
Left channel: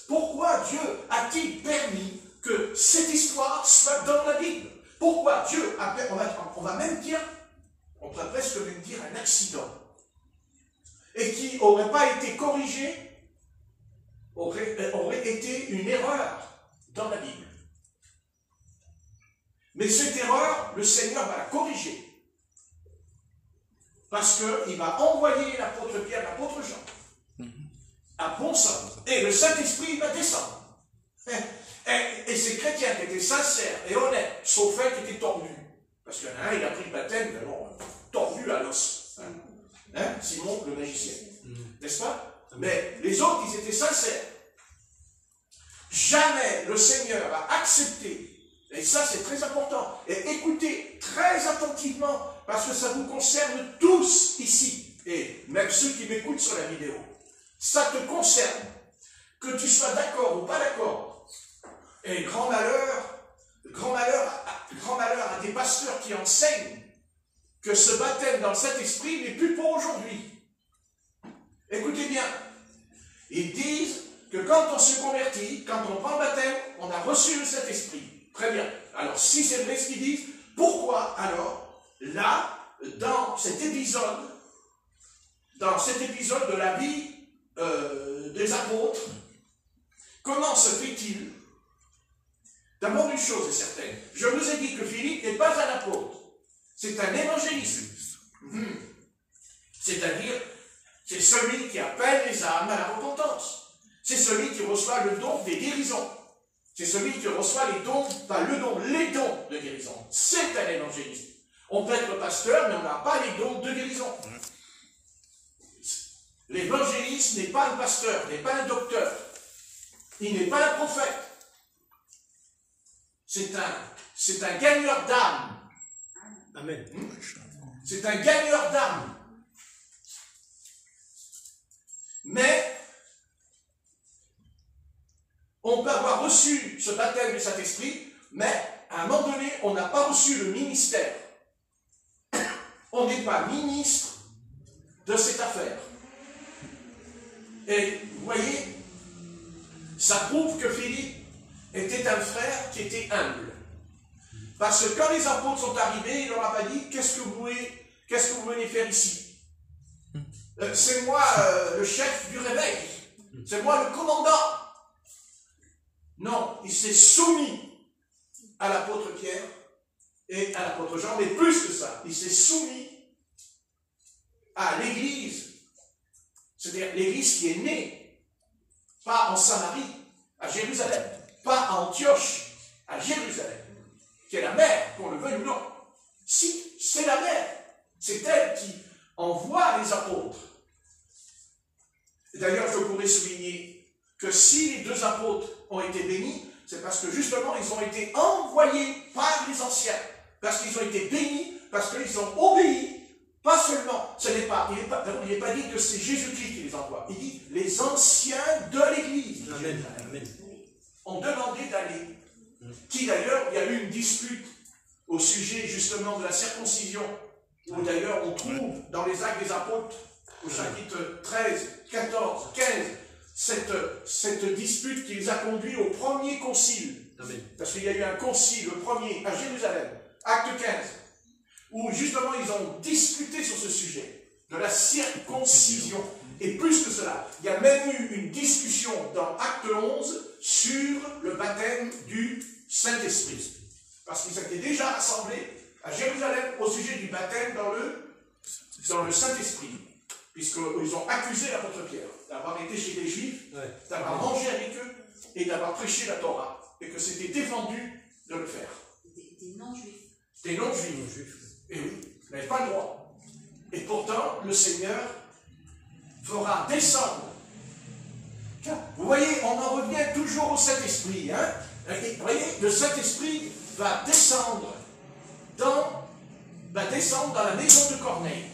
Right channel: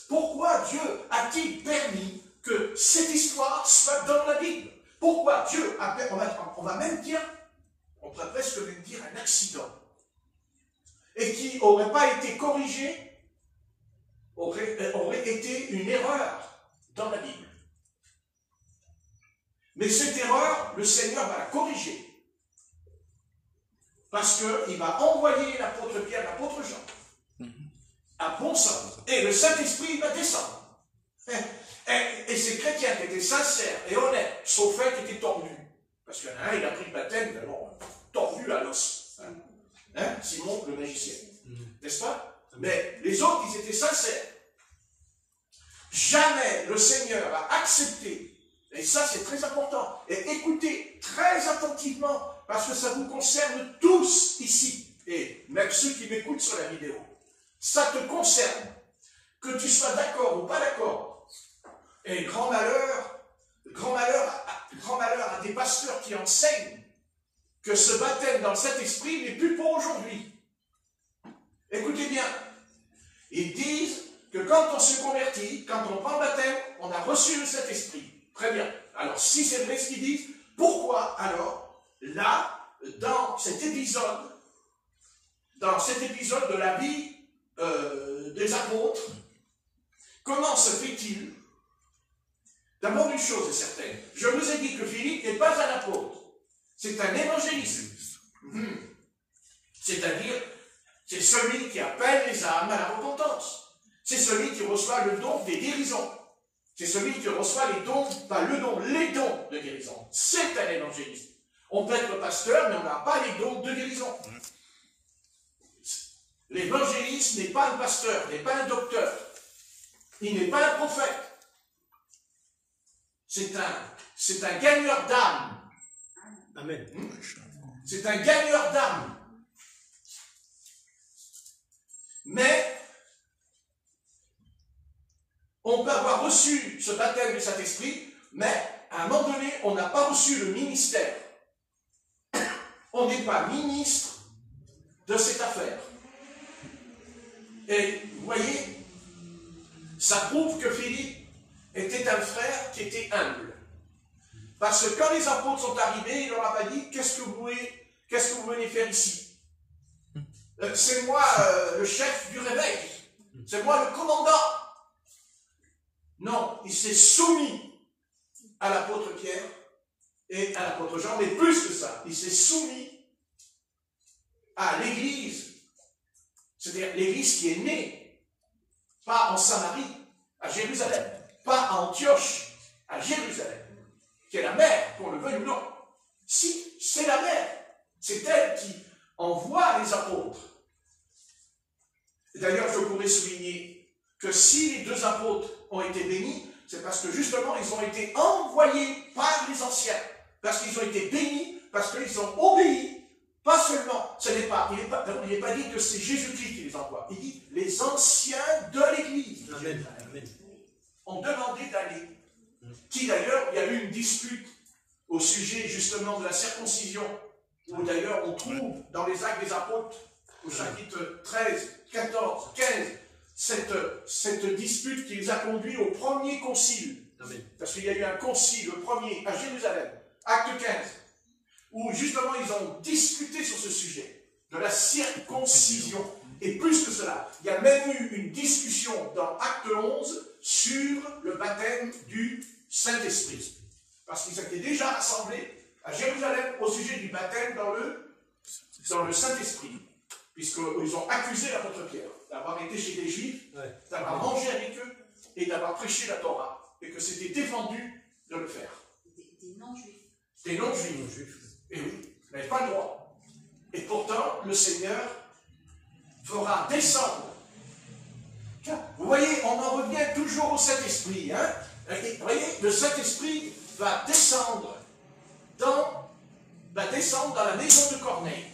Pourquoi Dieu a-t-il permis que cette histoire soit dans la Bible? Pourquoi Dieu a permis, on va même dire, on pourrait presque même dire un accident, et qui n'aurait pas été corrigé, aurait été une erreur dans la Bible. Mais cette erreur, le Seigneur va la corriger. Parce qu'il va envoyer l'apôtre Pierre, l'apôtre Jean, à bon sens. Et le Saint-Esprit va descendre. Et ces chrétiens qui étaient sincères et honnêtes, sauf un qui était tordu. Parce qu'il y en a un, il a pris le baptême, alors, tordu à l'os. Hein? Simon, le magicien. N'est-ce pas? Mais les autres, ils étaient sincères. Jamais le Seigneur a accepté, et ça c'est très important, et écoutez très attentivement, parce que ça vous concerne tous ici, et même ceux qui m'écoutent sur la vidéo. Ça te concerne, que tu sois d'accord ou pas d'accord. Et grand malheur à des pasteurs qui enseignent que ce baptême dans le Saint-Esprit n'est plus pour aujourd'hui. Écoutez bien, ils disent que quand on se convertit, quand on prend le baptême, on a reçu le Saint-Esprit. Très bien. Alors, si c'est vrai ce qu'ils disent, pourquoi alors, là, dans cet épisode de la vie des apôtres, comment se fait-il? D'abord, une chose est certaine. Je vous ai dit que Philippe n'est pas un apôtre. C'est un évangéliste. C'est-à-dire, c'est celui qui appelle les âmes à la repentance. C'est celui qui reçoit le don des guérisons. C'est celui qui reçoit les dons, pas le don, les dons de guérison. C'est un évangéliste. On peut être pasteur, mais on n'a pas les dons de guérison. L'évangéliste n'est pas un pasteur, n'est pas un docteur. Il n'est pas un prophète. C'est un gagneur d'âme. Amen. C'est un gagneur d'âme. Mais on peut avoir reçu ce baptême du Saint-Esprit, mais à un moment donné, on n'a pas reçu le ministère. On n'est pas ministre de cette affaire. Et vous voyez, ça prouve que Philippe était un frère qui était humble. Parce que quand les apôtres sont arrivés, il leur a pas dit, qu'est-ce que vous venez faire ici? C'est moi le chef du réveil. C'est moi le commandant. Non, il s'est soumis à l'apôtre Pierre et à l'apôtre Jean, mais plus que ça, il s'est soumis à l'Église, c'est-à-dire l'Église qui est née, pas en Samarie, à Jérusalem, pas à Antioche, à Jérusalem, qui est la mère, qu'on le veuille ou non. Si, c'est la mère, c'est elle qui envoie les apôtres. D'ailleurs, je pourrais souligner que si les deux apôtres ont été bénis, c'est parce que justement, ils ont été envoyés par les anciens. Parce qu'ils ont été bénis, parce qu'ils ont obéi. Pas seulement, il n'est pas dit que c'est Jésus-Christ qui les envoie. Il dit les anciens de l'Église. Amen. Amen. Ont demandé d'aller. Qui d'ailleurs, il y a eu une dispute au sujet justement de la circoncision. Où d'ailleurs, on trouve dans les Actes des Apôtres, au chapitre 13, 14, 15, cette dispute qui les a conduits au premier concile. Amen. Parce qu'il y a eu un concile, le premier, à Jérusalem, acte 15, où justement ils ont discuté sur ce sujet, de la circoncision. Et plus que cela, il y a même eu une discussion dans acte 11 sur le baptême du Saint-Esprit. Parce qu'ils étaient déjà rassemblés à Jérusalem au sujet du baptême dans le Saint-Esprit. Puisqu'ils ont accusé l'apôtre Pierre d'avoir été chez les Juifs, d'avoir mangé avec eux et d'avoir prêché la Torah. Et que c'était défendu de le faire. Des non-juifs. Des non-juifs. Et oui, ils n'avaient pas le droit. Et pourtant, le Seigneur fera descendre. Vous voyez, on en revient toujours au Saint-Esprit. Hein? Vous voyez, le Saint-Esprit va descendre dans la maison de Corneille.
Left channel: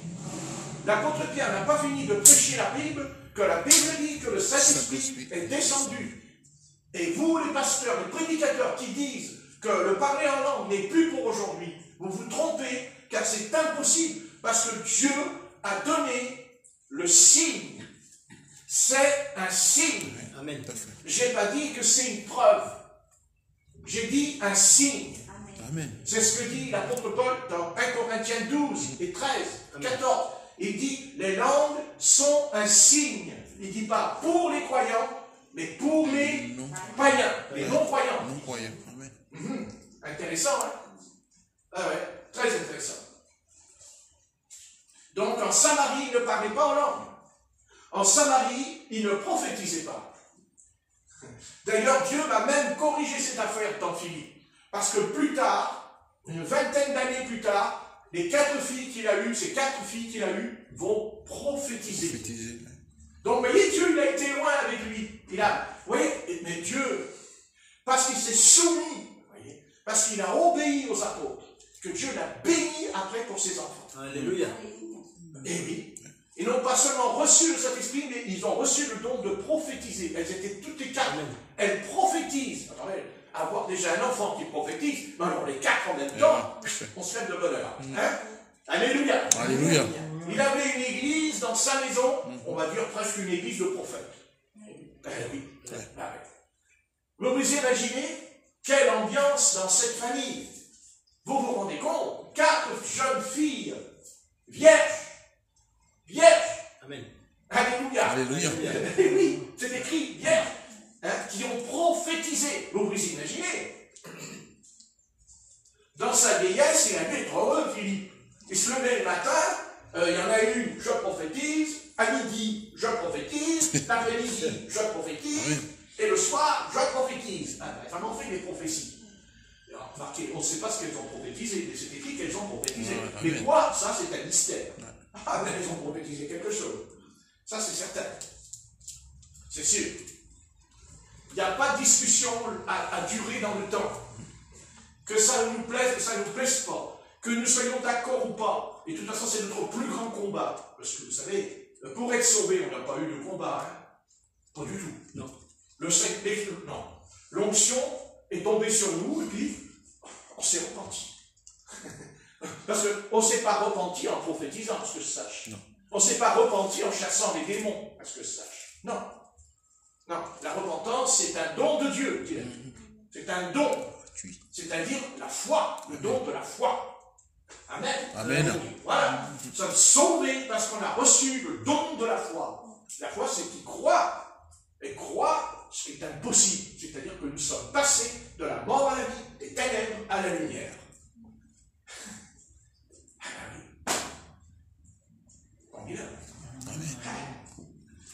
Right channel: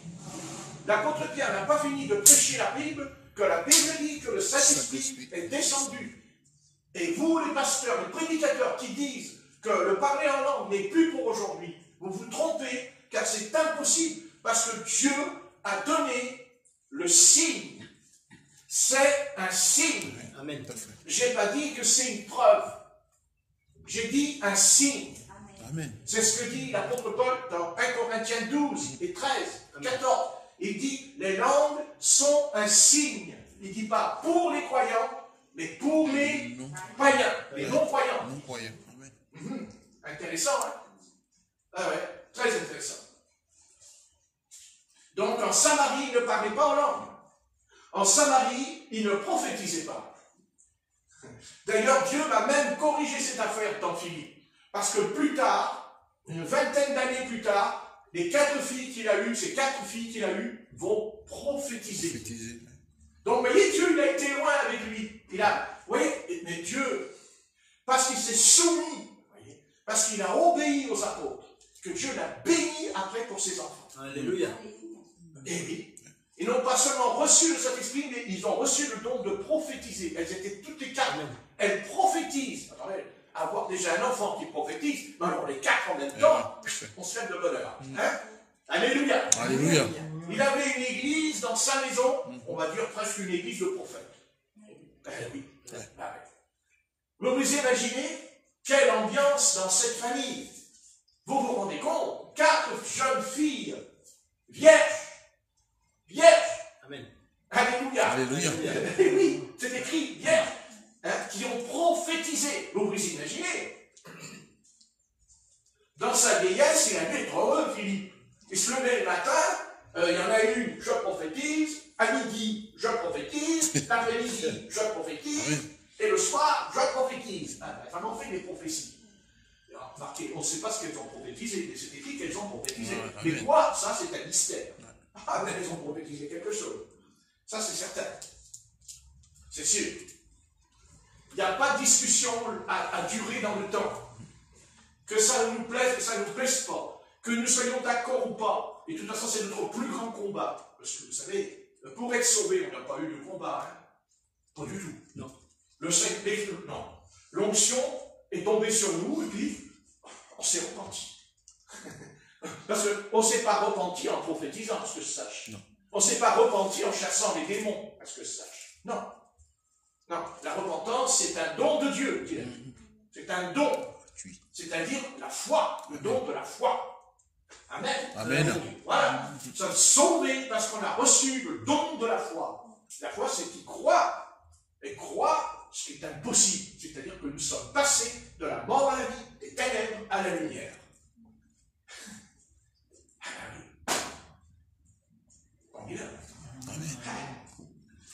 L'apôtre Pierre n'a pas fini de prêcher la Bible, que la Bible dit que le Saint-Esprit est descendu. Et vous, les pasteurs, les prédicateurs qui disent que le parler en langue n'est plus pour aujourd'hui, vous vous trompez, car c'est impossible, parce que Dieu a donné le signe. C'est un signe. Amen. Je n'ai pas dit que c'est une preuve. J'ai dit un signe. Amen. C'est ce que dit l'apôtre Paul dans 1 Corinthiens 12 et 13, 14. Il dit, les langues sont un signe. Il ne dit pas pour les croyants, mais pour les païens, les non-croyants. Non-croyants. Amen. Intéressant, hein? Ah ouais, très intéressant. Donc en Samarie, il ne parlait pas en langue. En Samarie, il ne prophétisait pas. D'ailleurs, Dieu va même corriger cette affaire dans Philippe. Parce que plus tard, une vingtaine d'années plus tard, les 4 filles qu'il a eues, ces 4 filles qu'il a eues, vont prophétiser. Donc, vous voyez, Dieu, il a été loin avec lui. Vous voyez, mais Dieu, parce qu'il s'est soumis, vous voyez, parce qu'il a obéi aux apôtres, que Dieu l'a béni après pour ses enfants. Alléluia. Et oui. Ils n'ont pas seulement reçu le Saint-Esprit, mais ils ont reçu le don de prophétiser. Elles étaient toutes les 4. Elles prophétisent. Attendez, avoir déjà un enfant qui prophétise, mais alors les 4 en même temps, on se lève de bonheur. Hein? Alléluia. Alléluia. Il avait une église dans sa maison, on va dire presque une église de prophètes. Oui. Vous vous imaginez quelle ambiance dans cette famille? Vous vous rendez compte? 4 jeunes filles, vierges. Amen. Alléluia. Alléluia. Et oui, c'est écrit vierges, hein, qui ont prophétisé. Vous vous imaginez? Dans sa vieillesse, il a dû être heureux, Philippe. Il se levait le matin, il y en a une, je prophétise, à midi, je prophétise, l'après-midi, je prophétise, et le soir, je prophétise. La femme en fait des prophéties. Alors, remarquez, on ne sait pas ce qu'elles ont prophétisé, mais c'est écrit qu'elles ont prophétisé. Mais quoi, ça c'est un mystère. Ah, mais elles ont prophétisé quelque chose. Ça c'est certain. C'est sûr. Il n'y a pas de discussion à durer dans le temps. Que ça nous plaise, que ça ne nous plaise pas. Que nous soyons d'accord ou pas. Et de toute façon, c'est notre plus grand combat. Parce que vous savez, pour être sauvé, on n'a pas eu de combat. Hein? Pas du tout. Non. Non. L'onction est tombée sur nous et puis on s'est repenti. Parce qu'on ne s'est pas repenti en prophétisant, parce que je sache. On ne s'est pas repenti en chassant les démons, parce que je sache. Non. Non. La repentance, c'est un don de Dieu. C'est un don. C'est-à-dire la foi, le don de la foi. Amen. Amen. Voilà. Nous sommes sauvés parce qu'on a reçu le don de la foi. La foi, c'est qui croit. Et croit ce qui est impossible. C'est-à-dire que nous sommes passés de la mort à la vie, des ténèbres à la lumière.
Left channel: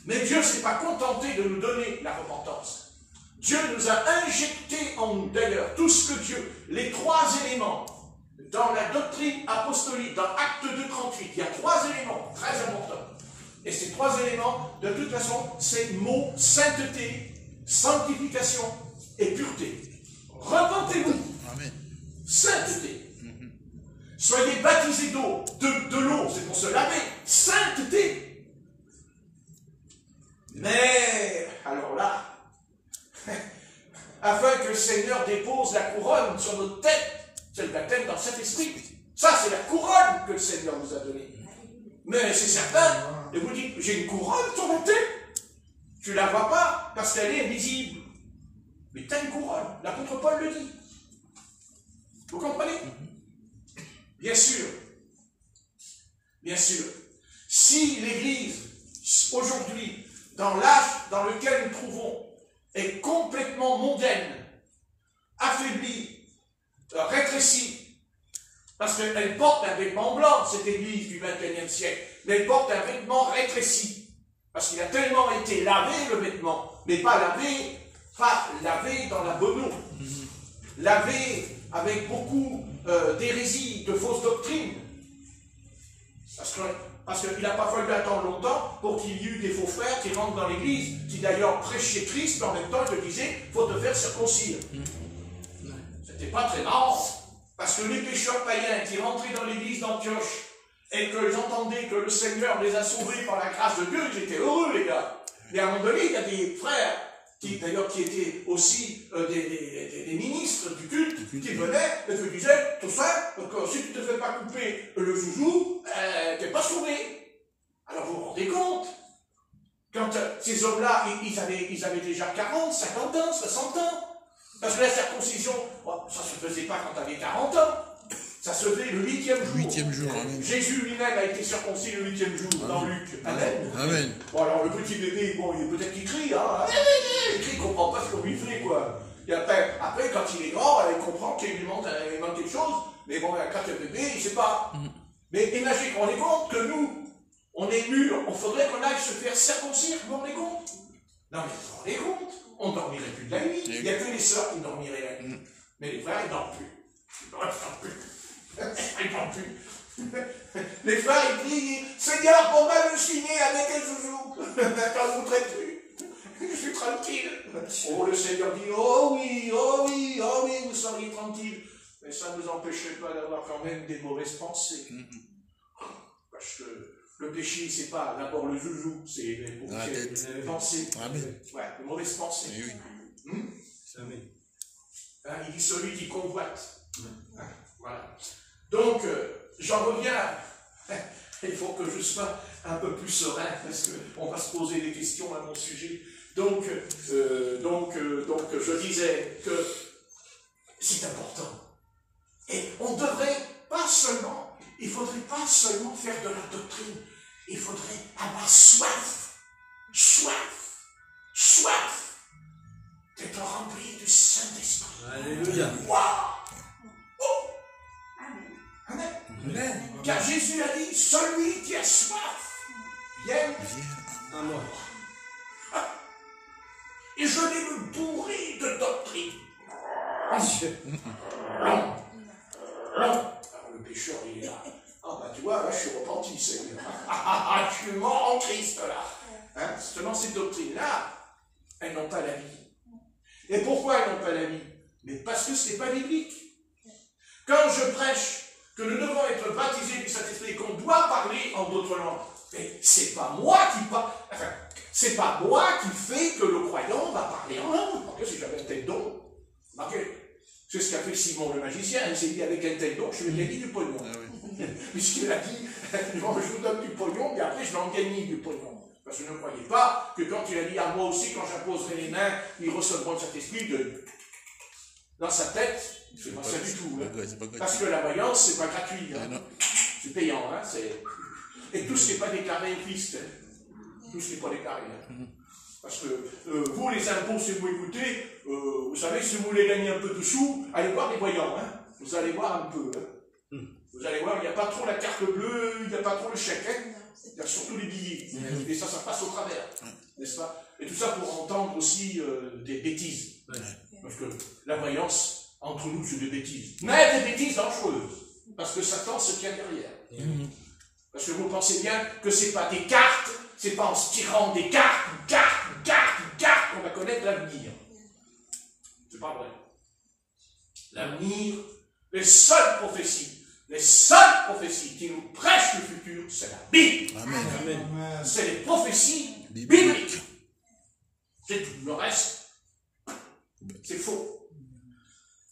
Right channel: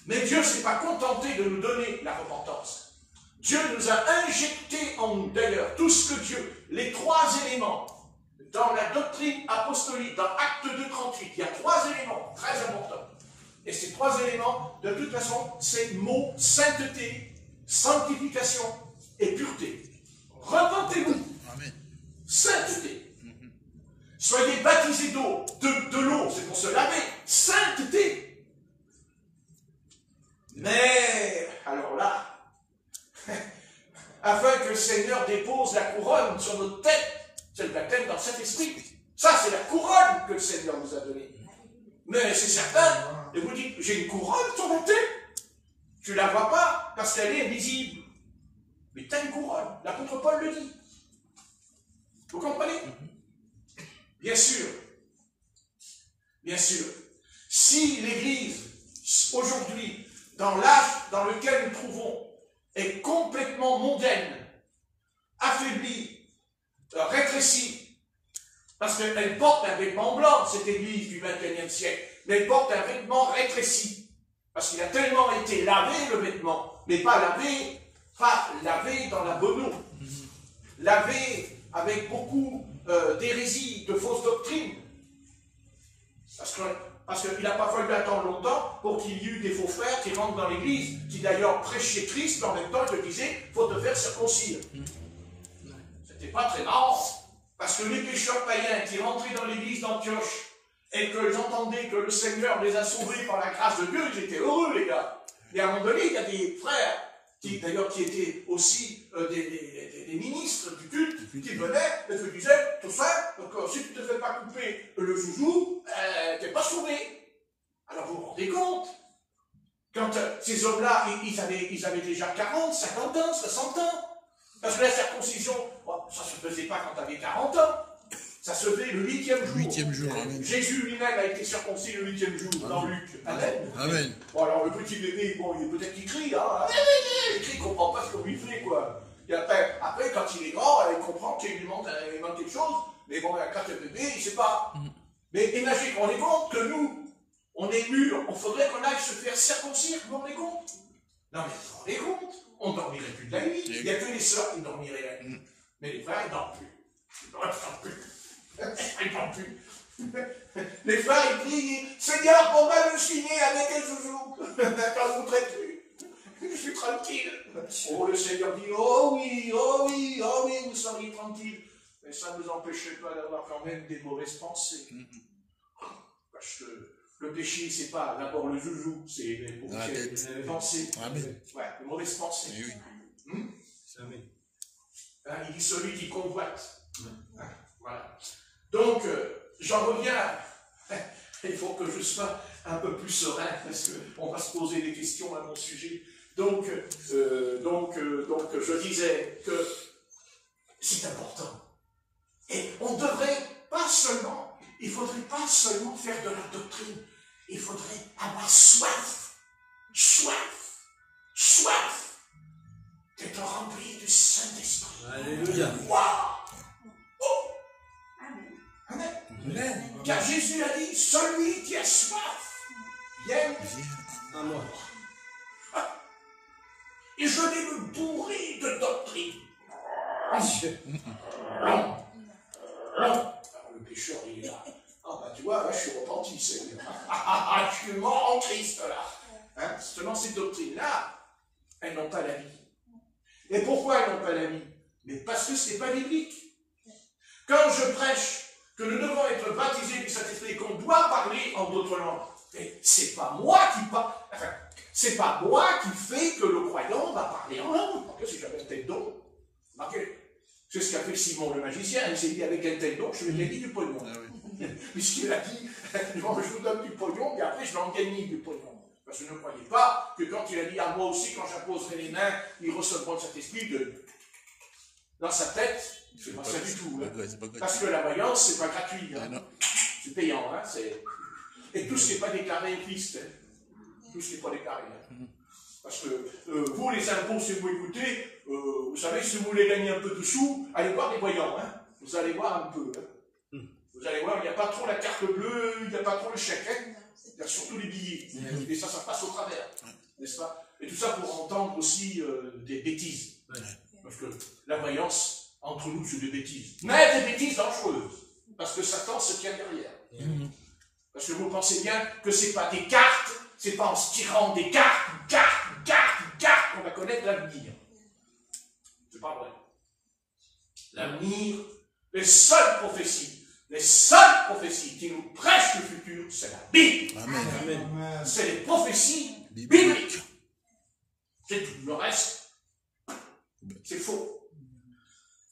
Mais Dieu ne s'est pas contenté de nous donner la repentance. Dieu nous a injecté en nous, d'ailleurs, tout ce que Dieu, les 3 éléments, dans la doctrine apostolique, dans Acte 2:38, il y a 3 éléments très importants. Et ces 3 éléments, de toute façon, c'est le mot sainteté, sanctification et pureté. Repentez-vous. Sainteté. Soyez baptisés d'eau, de l'eau, c'est pour se laver. Sainteté. Mais, alors là, afin que le Seigneur dépose la couronne sur notre tête, c'est le baptême dans Saint-Esprit. Ça, c'est la couronne que le Seigneur nous a donnée. Mais c'est certain, et vous dites, j'ai une couronne sur mon tête. Tu ne la vois pas parce qu'elle est invisible. Mais tu as une couronne, l'apôtre Paul le dit. Vous comprenez? Bien sûr. Bien sûr. Si l'Église, aujourd'hui, dans l'âge dans lequel nous trouvons, est complètement mondaine, affaiblie, rétrécie, parce qu'elle porte un vêtement blanc, cette Église du XXIe siècle, mais elle porte un vêtement rétréci, parce qu'il a tellement été lavé le vêtement, mais pas lavé dans la bonne eau, lavé avec beaucoup d'hérésie, de fausses doctrines, parce qu'il n'a pas fallu attendre longtemps pour qu'il y ait eu des faux frères qui rentrent dans l'église, qui d'ailleurs prêchaient Christ, en même temps ils te disaient, il faut te faire circoncire. C'était pas très marrant, parce que les pécheurs païens qui rentraient dans l'église d'Antioche, et qu'ils entendaient que le Seigneur les a sauvés par la grâce de Dieu, ils étaient heureux, les gars. Mais à un moment donné, il y a des frères, d'ailleurs qui étaient aussi des ministres du culte, qui venaient et te disaient, tout ça, que si tu ne te fais pas couper le joujou, tu n'es pas sauvé. Alors vous vous rendez compte, quand ces hommes-là, ils avaient déjà 40, 50 ans, 60 ans, parce que la circoncision, ça ne se faisait pas quand tu avais 40 ans. Ça se fait le 8e jour. 8e jour, amen. Jésus lui-même a été circoncis le 8e jour, dans Luc. Amen. Amen. Bon, alors le petit bébé, bon, peut-être qu'il crie, hein. Il crie, il ne comprend pas ce qu'on lui fait, quoi. Et après, quand il est grand, il comprend qu'il lui manque quelque chose, mais bon, quand le bébé, il ne sait pas. Mais imaginez, on est compte que nous, on est mûrs, il faudrait qu'on aille se faire circoncire, vous vous rendez compte? Non, mais vous vous rendez compte? On ne dormirait plus de la nuit. Il n'y a que les sœurs qui ne dormiraient la nuit. Mais les frères, ils ne dorment plus. Les frères, ils crient, Seigneur, pourquoi je suis né avec un joujou? Quand vous traitez plus, je suis tranquille. Oh, le Seigneur dit, oh oui, oh oui, oh oui, vous seriez tranquille. Mais ça ne nous empêcherait pas d'avoir quand même des mauvaises pensées. Parce que le péché, c'est pas d'abord le joujou, c'est les pensées. Amen. Ouais, les mauvaises pensées. Eh oui. Amen. Hein, il dit celui qui convoite. Hein, voilà. Donc, j'en reviens. Il faut que je sois un peu plus serein, parce qu'on va se poser des questions à mon sujet. Donc, je disais que c'est important. Et on ne devrait pas seulement, il ne faudrait pas seulement faire de la doctrine, il faudrait avoir soif d'être rempli du Saint-Esprit. Alléluia. Waouh! Oh! Amen. Amen. Car Jésus a dit, celui qui a soif, vienne À moi. et je vais me bourrer de doctrine. Non. Alors le pécheur, il est là. Ah ben tu vois, là je suis repenti, Seigneur. Je suis mort en Christ là. Hein, justement, ces doctrines-là, elles n'ont pas la vie. Et pourquoi elles n'ont pas la vie? Mais parce que ce n'est pas biblique. Quand je prêche que nous devons être baptisés du Saint-Esprit et qu'on doit parler en d'autres langues, mais c'est pas moi qui parle. Enfin, c'est pas moi qui fait que le croyant va parler en langue. Parce que si j'avais un tel don, c'est ce qu'a fait Simon le magicien. Il s'est dit avec un tel don, je lui ai gagné du pognon. Puisqu'il a dit, bon, je vous donne du pognon, mais après je vais en gagner du pognon. Parce que ne croyez pas que quand il a dit à moi aussi, quand j'imposerai les mains, ils recevront de cet esprit dans sa tête. C'est pas ça du tout. Hein. Parce que la voyance, c'est pas gratuit. Hein. C'est payant. Hein. Et tout ce qui n'est pas déclaré est Christ. Hein. Tout ce qui n'est pas déclaré. Hein. Parce que vous, les impôts, si vous écoutez, vous savez, si vous voulez gagner un peu de sous, allez voir les voyants. Hein. Vous allez voir un peu. Hein. Vous allez voir, il n'y a pas trop la carte bleue, il n'y a pas trop le chèque. Hein. Il y a surtout les billets. Et ça passe au travers. N'est-ce pas? Et tout ça pour entendre aussi des bêtises. Parce que la voyance, entre nous, c'est des bêtises. Mais des bêtises dangereuses. Parce que Satan se tient derrière. Parce que vous pensez bien que ce n'est pas des cartes, c'est pas en se tirant des cartes, qu'on va connaître l'avenir. C'est pas vrai. L'avenir, les seules prophéties qui nous prêchent le futur, c'est la Bible. Amen. C'est les prophéties bibliques. C'est tout. Le reste, c'est faux.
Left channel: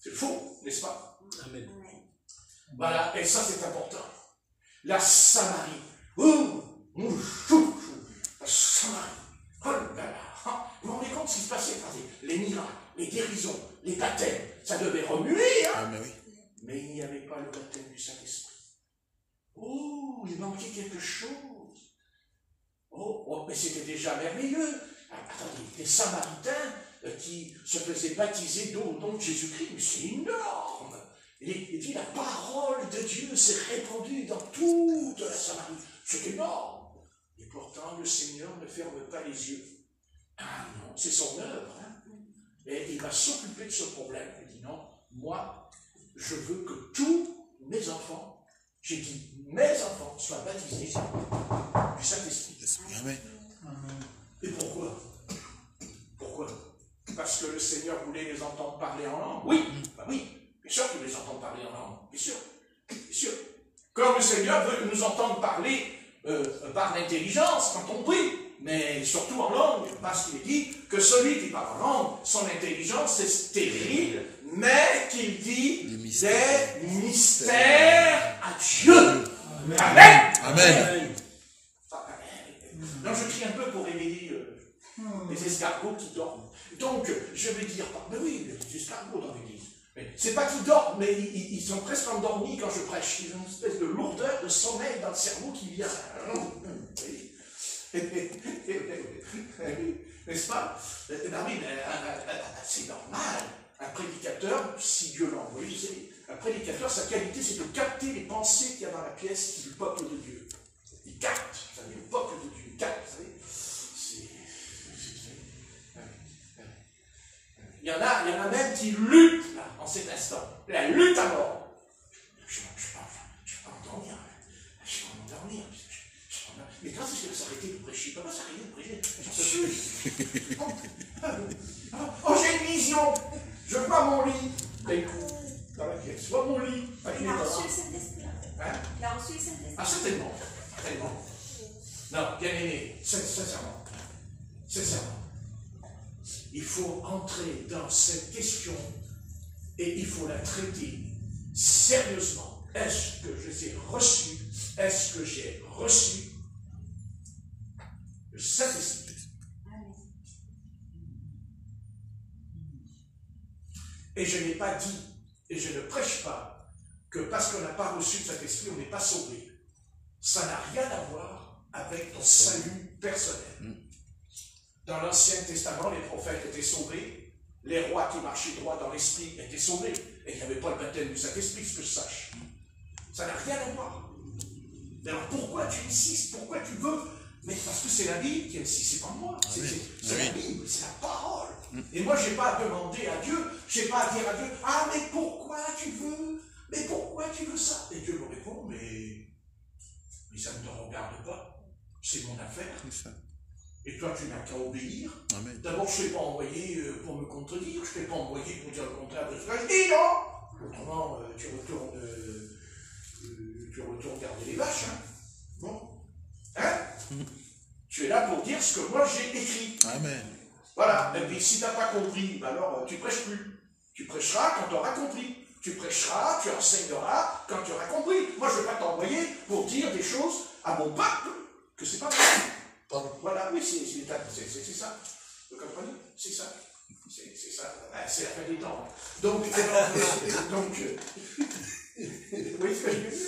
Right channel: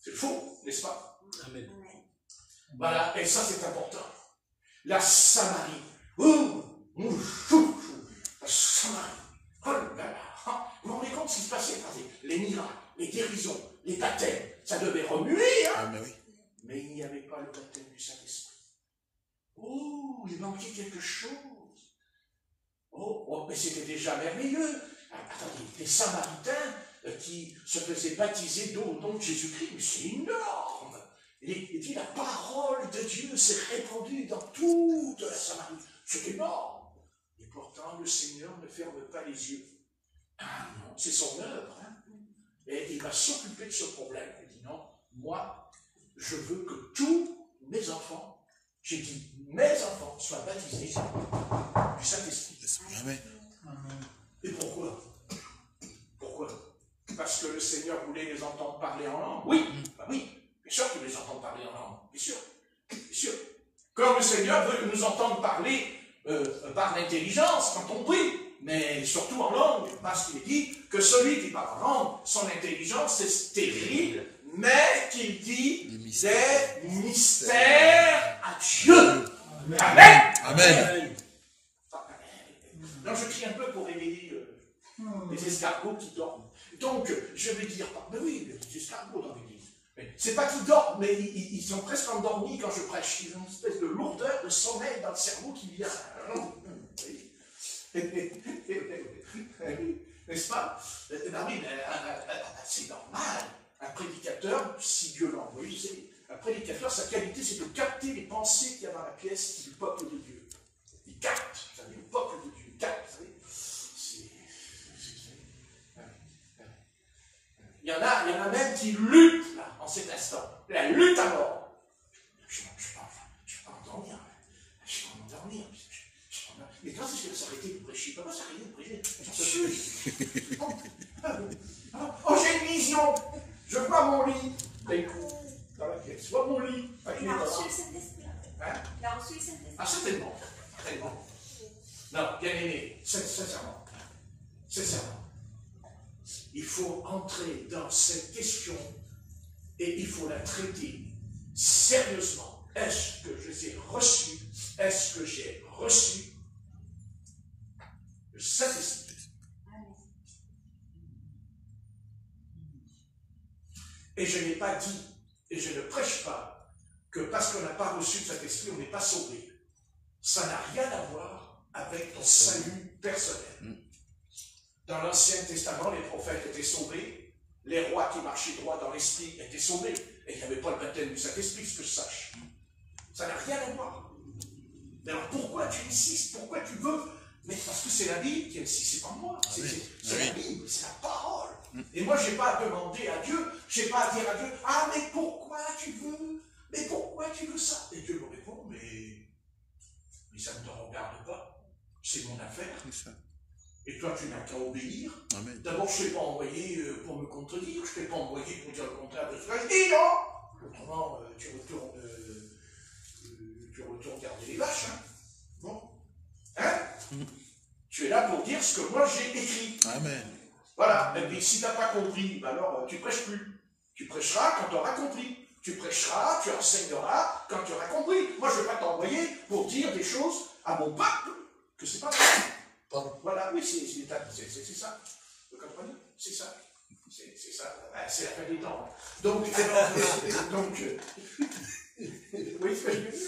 C'est faux, n'est-ce pas? Amen. Voilà, et ça c'est important. La Samarie. La Samarie. Oh là là. Vous vous rendez compte ce qui se passait? Les miracles, les guérisons, les baptêmes, ça devait remuer. Hein? Mais il n'y avait pas le baptême du Saint-Esprit. Oh, il manquait quelque chose. Oh, mais c'était déjà merveilleux. Attendez, les Samaritains qui se faisaient baptiser d'eau au nom de Jésus-Christ, mais c'est énorme. Il dit, la parole de Dieu s'est répandue dans toute la Samarie. C'est énorme. Et pourtant, le Seigneur ne ferme pas les yeux. Ah non, c'est son œuvre. Hein. Et il va s'occuper de ce problème. Il dit, non, moi, je veux que tous mes enfants, j'ai dit, mes enfants soient baptisés du Saint-Esprit. Amen. Et pourquoi? Pourquoi? Parce que le Seigneur voulait les entendre parler en langue. Oui, bah oui, bien sûr qu'il les entend parler en langue. Bien sûr, bien sûr. Comme le Seigneur veut nous entendre parler par l'intelligence quand on prie, mais surtout en langue, parce qu'il dit que celui qui parle en langue, son intelligence est stérile, mais qu'il dit des mystères à Dieu. Amen. Amen. Non, je crie un peu pour réveiller les escargots qui dorment. Donc, je vais dire, mais oui, les escargots dans l'église. C'est pas qu'ils dorment, mais ils sont presque endormis quand je prêche. Ils ont une espèce de lourdeur, de sommeil dans le cerveau qui vient. N'est-ce pas? C'est normal. Un prédicateur, si Dieu l'a envoyé, un prédicateur, sa qualité, c'est de capter les pensées qu'il y a dans la pièce du peuple de Dieu. Il capte, vous savez, le peuple de Dieu, il capte, vous savez. Il y en a même qui luttent, là, en cet instant. la lutte à mort. Je ne vais pas m'endormir. Je vais pas m'endormir. Mais quand est-ce qu'il va s'arrêter de prêcher? Il ne va pas s'arrêter de prêcher. Oh, j'ai une vision. Je veux pas mon lit. D'un coup, dans la pièce, vois mon lit. Il a reçu le Saint-Esprit, en fait. Hein? Il a reçu le Saint-Esprit. Ah, certainement. Certainement. Non, bien aimé, sincèrement. Sincèrement. Il faut entrer dans cette question et il faut la traiter sérieusement. Est-ce que je les ai reçus? Est-ce que j'ai reçu le Saint-Esprit? Et je n'ai pas dit, et je ne prêche pas, que parce qu'on n'a pas reçu le Saint-Esprit, on n'est pas sauvé. Ça n'a rien à voir avec ton salut personnel. Dans l'Ancien Testament, les prophètes étaient sauvés, les rois qui marchaient droit dans l'Esprit étaient sauvés, et il n'y avait pas le baptême du Saint-Esprit, ce que je sache. Ça n'a rien à voir. Alors pourquoi tu insistes? Pourquoi tu veux? Mais parce que c'est la Bible qui insiste, c'est pas moi. C'est la Bible, c'est la parole. Et moi, je n'ai pas à demander à Dieu, je n'ai pas à dire à Dieu, ah, mais pourquoi tu veux? Mais pourquoi tu veux ça? Et Dieu me répond, mais ça ne te regarde pas. C'est mon affaire. Et toi, tu n'as qu'à obéir. D'abord, je ne t'ai pas envoyé pour me contredire, je ne t'ai pas envoyé pour dire le contraire de ce que je dis, non? Autrement, tu retournes garder les vaches, hein? Bon? Hein? Tu es là pour dire ce que moi j'ai écrit. Amen. Voilà. Et puis si tu n'as pas compris, ben alors tu ne prêches plus. Tu prêcheras quand tu auras compris. Tu prêcheras, tu enseigneras quand tu auras compris. Moi, je ne vais pas t'envoyer pour dire des choses à mon peuple que c'est pas vrai. Voilà, oui, c'est ça. Vous comprenez? C'est ça. C'est ça. C'est la fin des temps. Donc, vous voyez ce que je veux dire?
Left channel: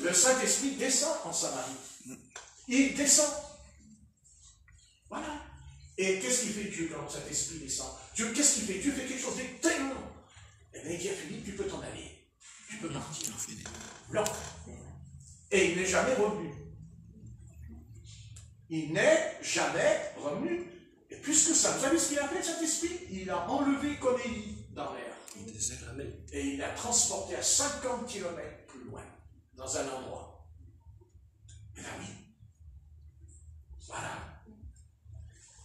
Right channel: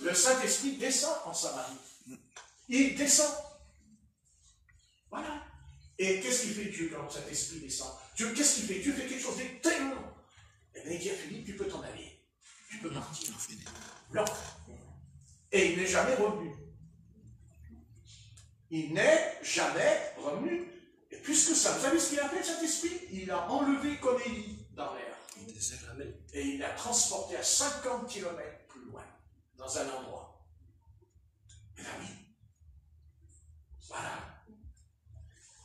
Le Saint-Esprit descend en Samarie. Il descend. Voilà. Et qu'est-ce qu'il fait Dieu quand le Saint-Esprit descend? Dieu, qu'est-ce qu'il fait? Dieu fait quelque chose d'extrêmement. Eh bien, il dit à Philippe, tu peux t'en aller. Tu peux partir. Non. Et il n'est jamais revenu. Il n'est jamais revenu. Et puisque ça, vous savez ce qu'il a fait, cet esprit? Il a enlevé comme Élie dans l'air. Et il l'a transporté à 50 km plus loin, dans un endroit. Et là, oui. Voilà.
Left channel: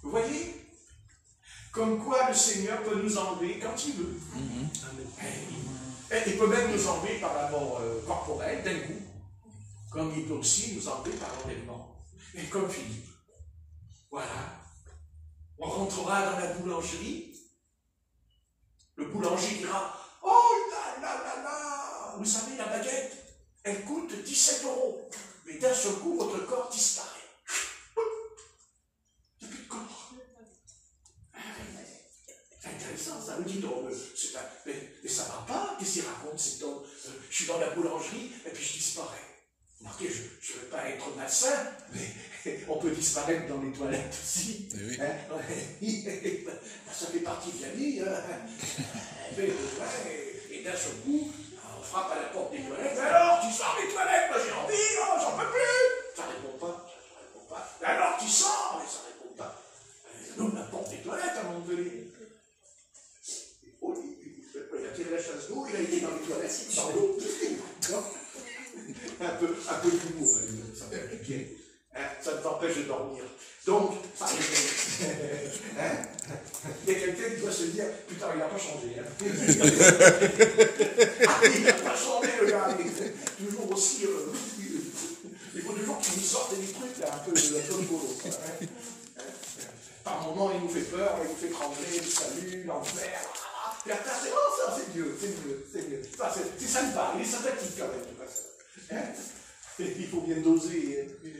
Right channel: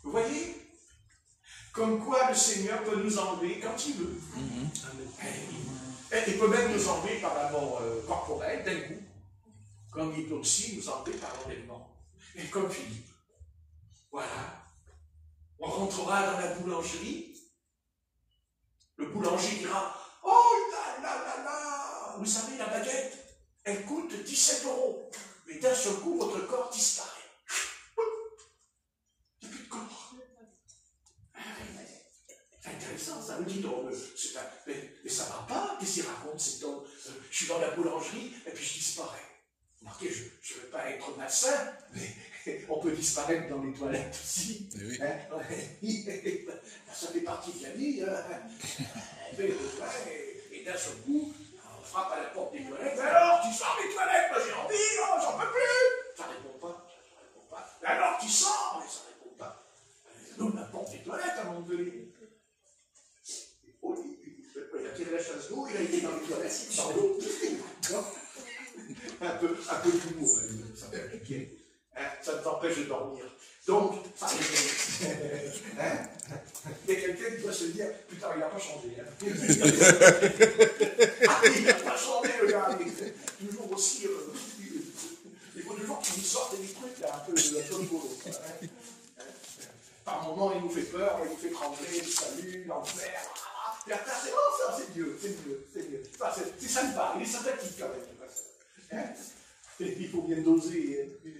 Vous voyez? Comme quoi le Seigneur peut nous enlever quand il veut. Et il peut même nous enlever par la mort corporelle, d'un coup. Comme il peut aussi nous enlever par l'enlèvement. Et comme Philippe. Voilà. On rentrera dans la boulangerie. Le boulanger dira, oh là là là là, vous savez, la baguette, elle coûte 17 €. Mais d'un seul coup, votre corps disparaît. Il n'y a plus de corps. C'est intéressant, ça me dit donc. Mais ça ne va pas, qu'est-ce qu'il raconte cet homme? Je suis dans la boulangerie et puis je disparais. Remarquez, je ne veux pas être malsain, mais on peut disparaître dans les toilettes aussi. Oui. Hein? Ça fait partie de la vie. Et d'un seul coup, on frappe à la porte des toilettes. Alors, tu sors des toilettes? Moi j'ai envie, non, j'en peux plus. Ça ne répond pas. Alors, tu sors? Mais ça ne répond pas. Donc, la porte des toilettes à un moment donné. Il a tiré la chasse d'eau, il a été dans les toilettes. Pardon. Un peu d'humour, ça peut appliquer. Hein, ça ne t'empêche de dormir. Donc, hein, il y a quelqu'un qui doit se dire, putain, il n'a pas changé. Hein. Il n'a pas changé, le gars. Il est toujours aussi. Il faut toujours qu'il nous sorte des trucs là, un peu boulot. Hein. Par moments, il nous fait peur, il nous fait trembler, le salut, l'enfer. Et après, c'est bon, ça, c'est mieux. Enfin, c'est sympa, il est sympathique quand même, le pasteur. Hein? Il faut bien doser. Oui.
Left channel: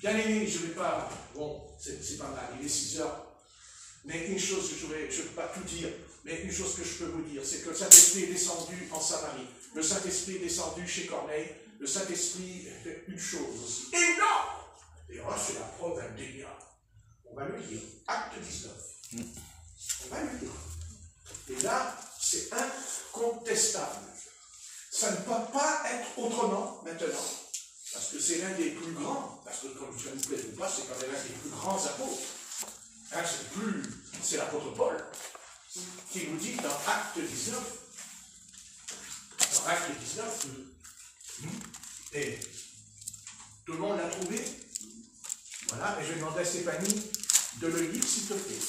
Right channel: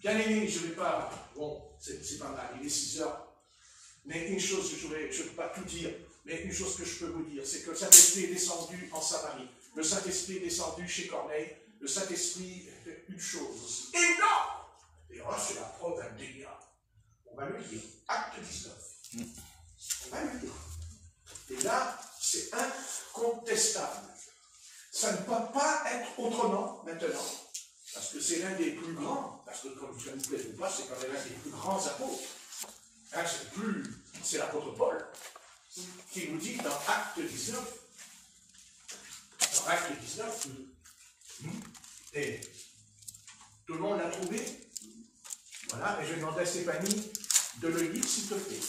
Bien aimé, je ne vais pas. Bon, c'est pas mal, il est 6 heures. Mais une chose que je ne peux pas tout dire, mais une chose que je peux vous dire, c'est que le Saint-Esprit est descendu en Samarie. Le Saint-Esprit est descendu chez Corneille. Le Saint-Esprit fait une chose aussi. Énorme! Et là, c'est la preuve indéniable. On va le lire. Acte 19. On va le lire. Et là, c'est incontestable. Ça ne peut pas être autrement maintenant. Parce que c'est l'un des plus grands. Parce que, comme ça ne vous plaît ou pas, c'est quand même l'un des plus grands apôtres. Hein, c'est l'apôtre Paul. qui nous dit dans Acte 19, dans Acte 19, et tout le monde l'a trouvé? Voilà, et je vais demander à Stéphanie de le lire, s'il te plaît.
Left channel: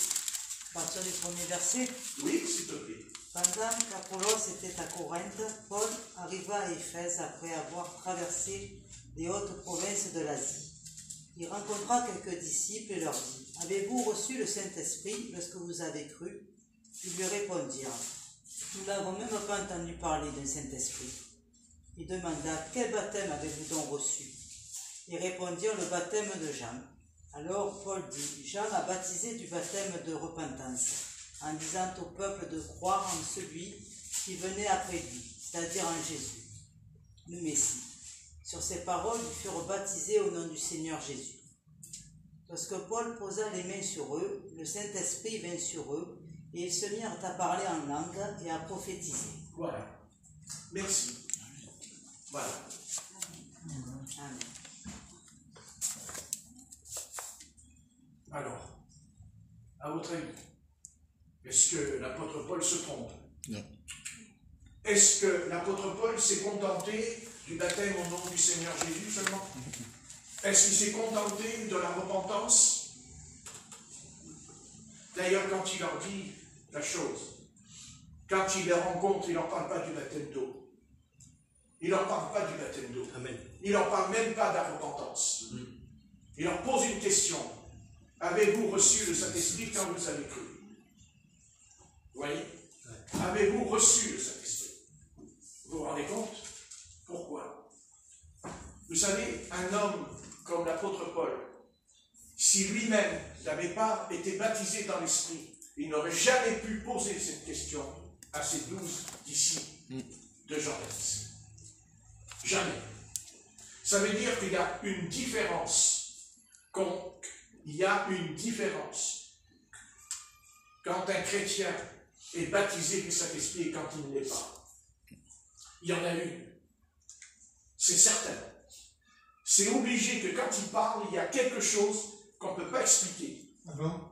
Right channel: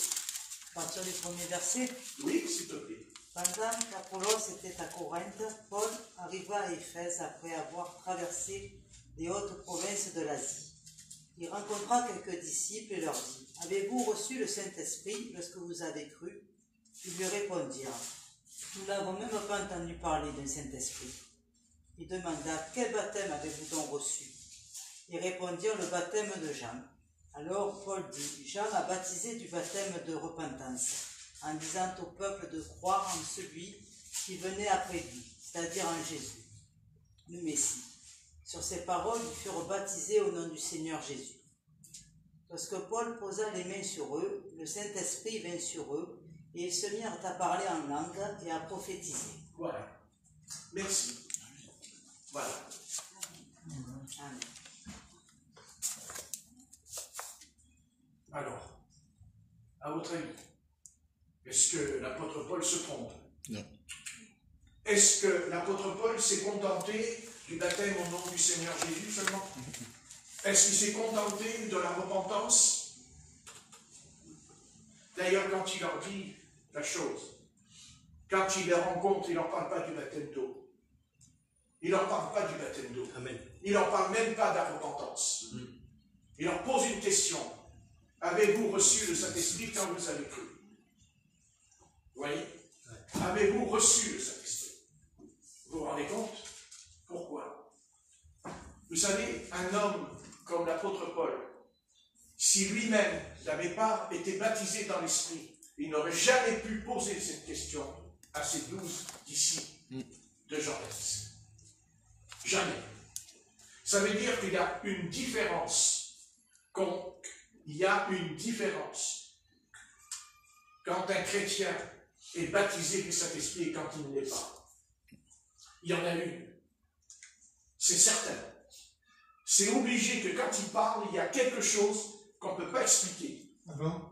À partir du premier verset. Oui, s'il te plaît. Pendant qu'Apollos était à Corinthe, Paul arriva à Éphèse après avoir traversé les hautes provinces de l'Asie. Il rencontra quelques disciples et leur dit: Avez-vous reçu le Saint-Esprit lorsque vous avez cru? Ils lui répondirent: Nous n'avons même pas entendu parler d'un Saint-Esprit. Il demanda: Quel baptême avez-vous donc reçu? Ils répondirent: Le baptême de Jean. Alors Paul dit: Jean a baptisé du baptême de repentance, en disant au peuple de croire en celui qui venait après lui, c'est-à-dire en Jésus, le Messie. Sur ces paroles, ils furent baptisés au nom du Seigneur Jésus. Lorsque Paul posa les mains sur eux, le Saint-Esprit vint sur eux, et ils se mirent à parler en langue et à prophétiser. Voilà. Merci. Voilà. Amen. Alors, à votre avis, est-ce que l'apôtre Paul se trompe? Non. Est-ce que l'apôtre Paul s'est contenté du baptême au nom du Seigneur Jésus seulement? Est-ce qu'il s'est contenté de la repentance? D'ailleurs, quand il leur dit la chose, quand il les rencontre, il ne leur parle pas du baptême d'eau. Il ne leur parle pas du baptême d'eau. Amen. Il ne leur parle même pas de la repentance. Il leur pose une question. Avez-vous reçu le Saint-Esprit quand vous avez cru? Vous voyez? Avez-vous reçu le Saint-Esprit? Vous vous rendez compte? Pourquoi? Vous savez, un homme comme l'apôtre Paul, si lui-même n'avait pas été baptisé dans l'Esprit, il n'aurait jamais pu poser cette question à ses 12 disciples de Jean-Baptiste. Jamais. Ça veut dire qu'il y a une différence. Il y a une différence quand un chrétien est baptisé du Saint-Esprit et quand il ne l'est pas. Il y en a une. C'est certain. C'est obligé que quand il parle, il y a quelque chose qu'on ne peut pas expliquer. Ah bon?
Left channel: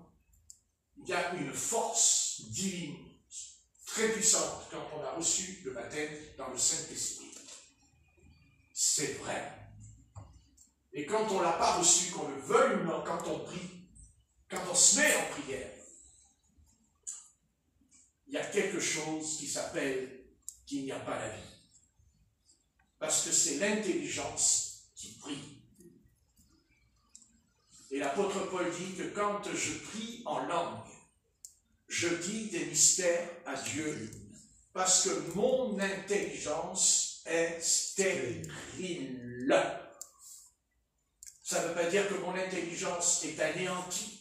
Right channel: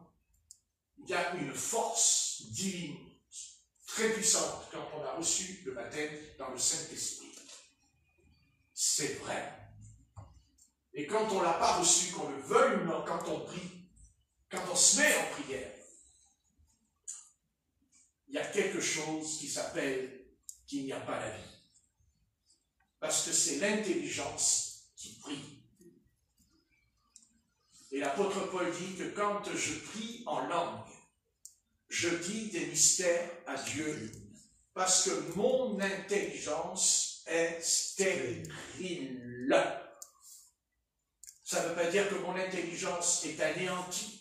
Il y a une force divine très puissante quand on a reçu le baptême dans le Saint-Esprit. C'est vrai. Et quand on ne l'a pas reçu, qu'on le veuille ou non, quand on prie, quand on se met en prière, il y a quelque chose qui s'appelle qu'il n'y a pas la vie. Parce que c'est l'intelligence qui prie. Et l'apôtre Paul dit que quand je prie en langue, je dis des mystères à Dieu, parce que mon intelligence est stérile. Ça ne veut pas dire que mon intelligence est anéantie,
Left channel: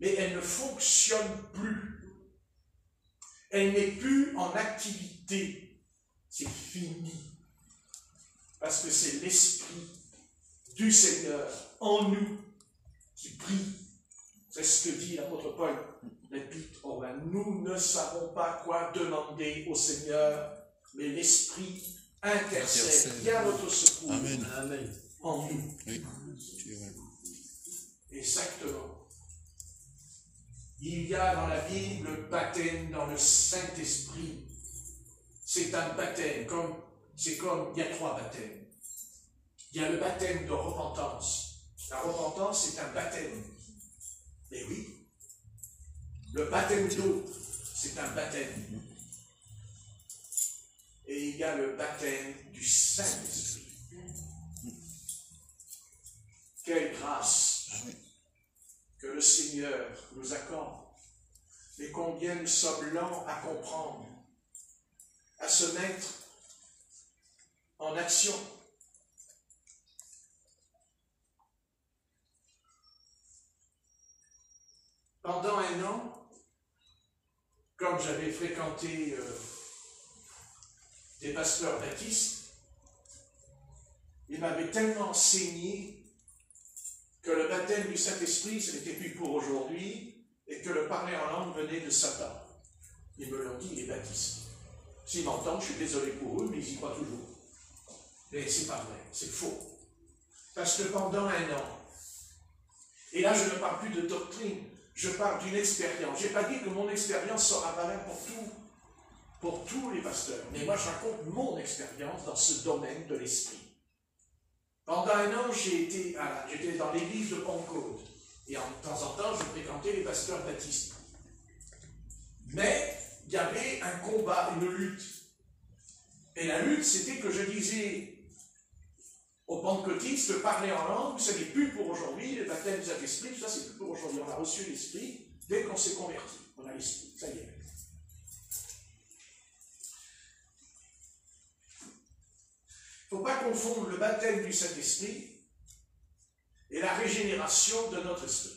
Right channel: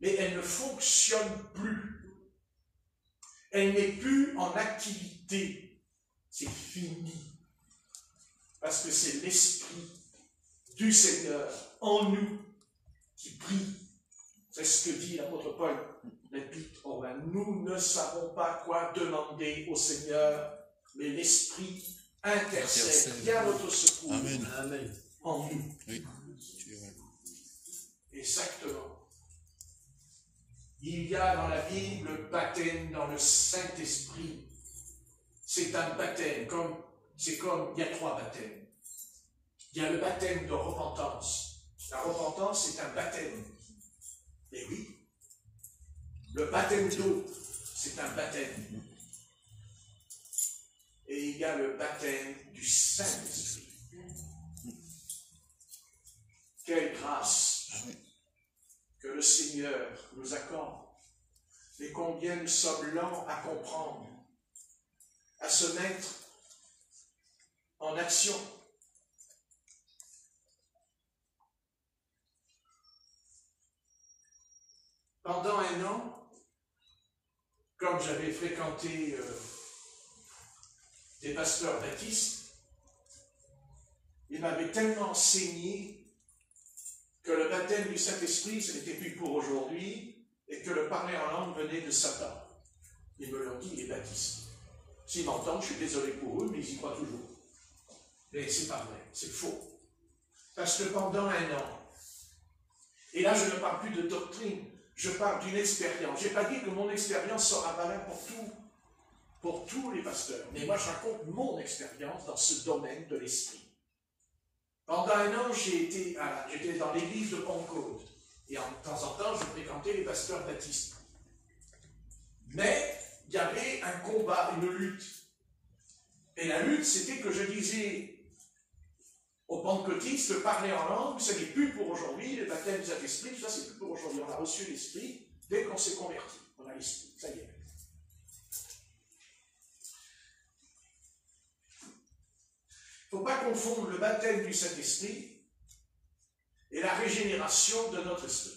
mais elle ne fonctionne plus. Elle n'est plus en activité. C'est fini. Parce que c'est l'Esprit du Seigneur en nous qui prie. C'est ce que dit l'apôtre Paul, l'Épître aux Romains. Nous ne savons pas quoi demander au Seigneur, mais l'Esprit intercède bien notre secours. Amen. Amen. En nous. Oui. Exactement. Il y a dans la Bible le baptême dans le Saint-Esprit. C'est un baptême, il y a 3 baptêmes. Il y a le baptême de repentance. La repentance, c'est un baptême. Et oui. Le baptême d'eau, c'est un baptême. Et il y a le baptême du Saint-Esprit. Quelle grâce que le Seigneur nous accorde, et combien nous sommes lents à comprendre, à se mettre en action. Pendant un an, comme j'avais fréquenté des pasteurs baptistes, ils m'avaient tellement enseigné que le baptême du Saint-Esprit, ce n'était plus pour aujourd'hui, et que le parler en langue venait de Satan. Ils me l'ont dit, les baptistes. S'ils m'entendent, je suis désolé pour eux, mais ils y croient toujours. Et c'est pas vrai, c'est faux. Parce que pendant un an, et là je ne parle plus de doctrine, je parle d'une expérience. Je n'ai pas dit que mon expérience sera valable pour tous les pasteurs. Mais moi, je raconte mon expérience dans ce domaine de l'esprit. Pendant un an, j'étais dans l'église de Pentecôte. Et de temps en temps, je fréquentais les pasteurs baptistes. Mais il y avait un combat, une lutte. Et la lutte, c'était que je disais aux pentecôtistes, parler en langue, ce n'est plus pour aujourd'hui, les baptêmes du Saint-Esprit, tout ça, c'est plus pour aujourd'hui. On a reçu l'Esprit dès qu'on s'est converti. On a l'Esprit, ça y est. Il ne faut pas confondre le baptême du Saint-Esprit et la régénération de notre esprit.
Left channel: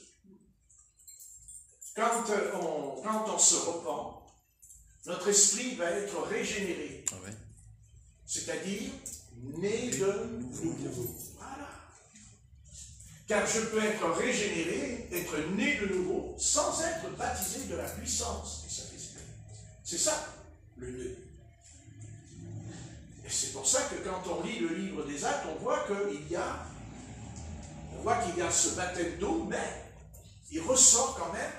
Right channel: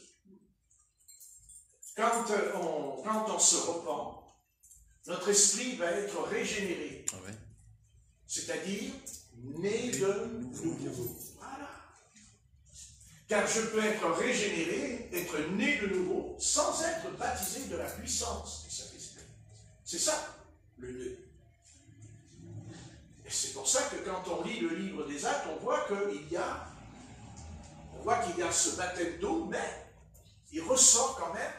Quand on se repent, notre esprit va être régénéré. Ah ouais. C'est-à-dire né de nouveau. Voilà. Car je peux être régénéré, être né de nouveau, sans être baptisé de la puissance du Saint-Esprit. C'est ça, le nœud. Et c'est pour ça que quand on lit le livre des Actes, on voit qu'il y a ce baptême d'eau, mais il ressort quand même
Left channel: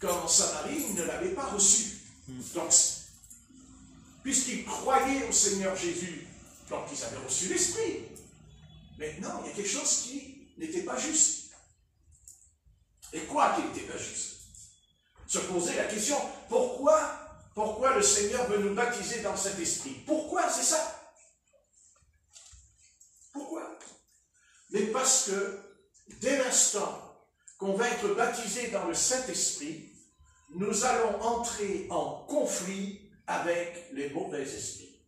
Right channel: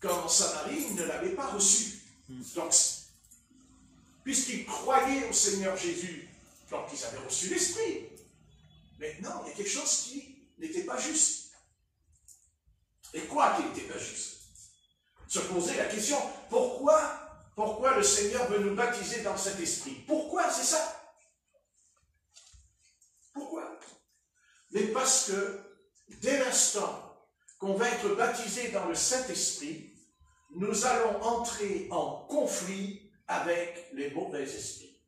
qu'en Samarie, ils ne l'avaient pas reçu. Donc, puisqu'ils croyaient au Seigneur Jésus, donc ils avaient reçu l'Esprit. Mais non, il y a quelque chose qui n'était pas juste. Et quoi qui n'était pas juste? Se poser la question, pourquoi le Seigneur veut nous baptiser dans cet esprit? Pourquoi c'est ça? Pourquoi? Mais parce que dès l'instant qu'on va être baptisé dans le Saint-Esprit, nous allons entrer en conflit avec les mauvais esprits.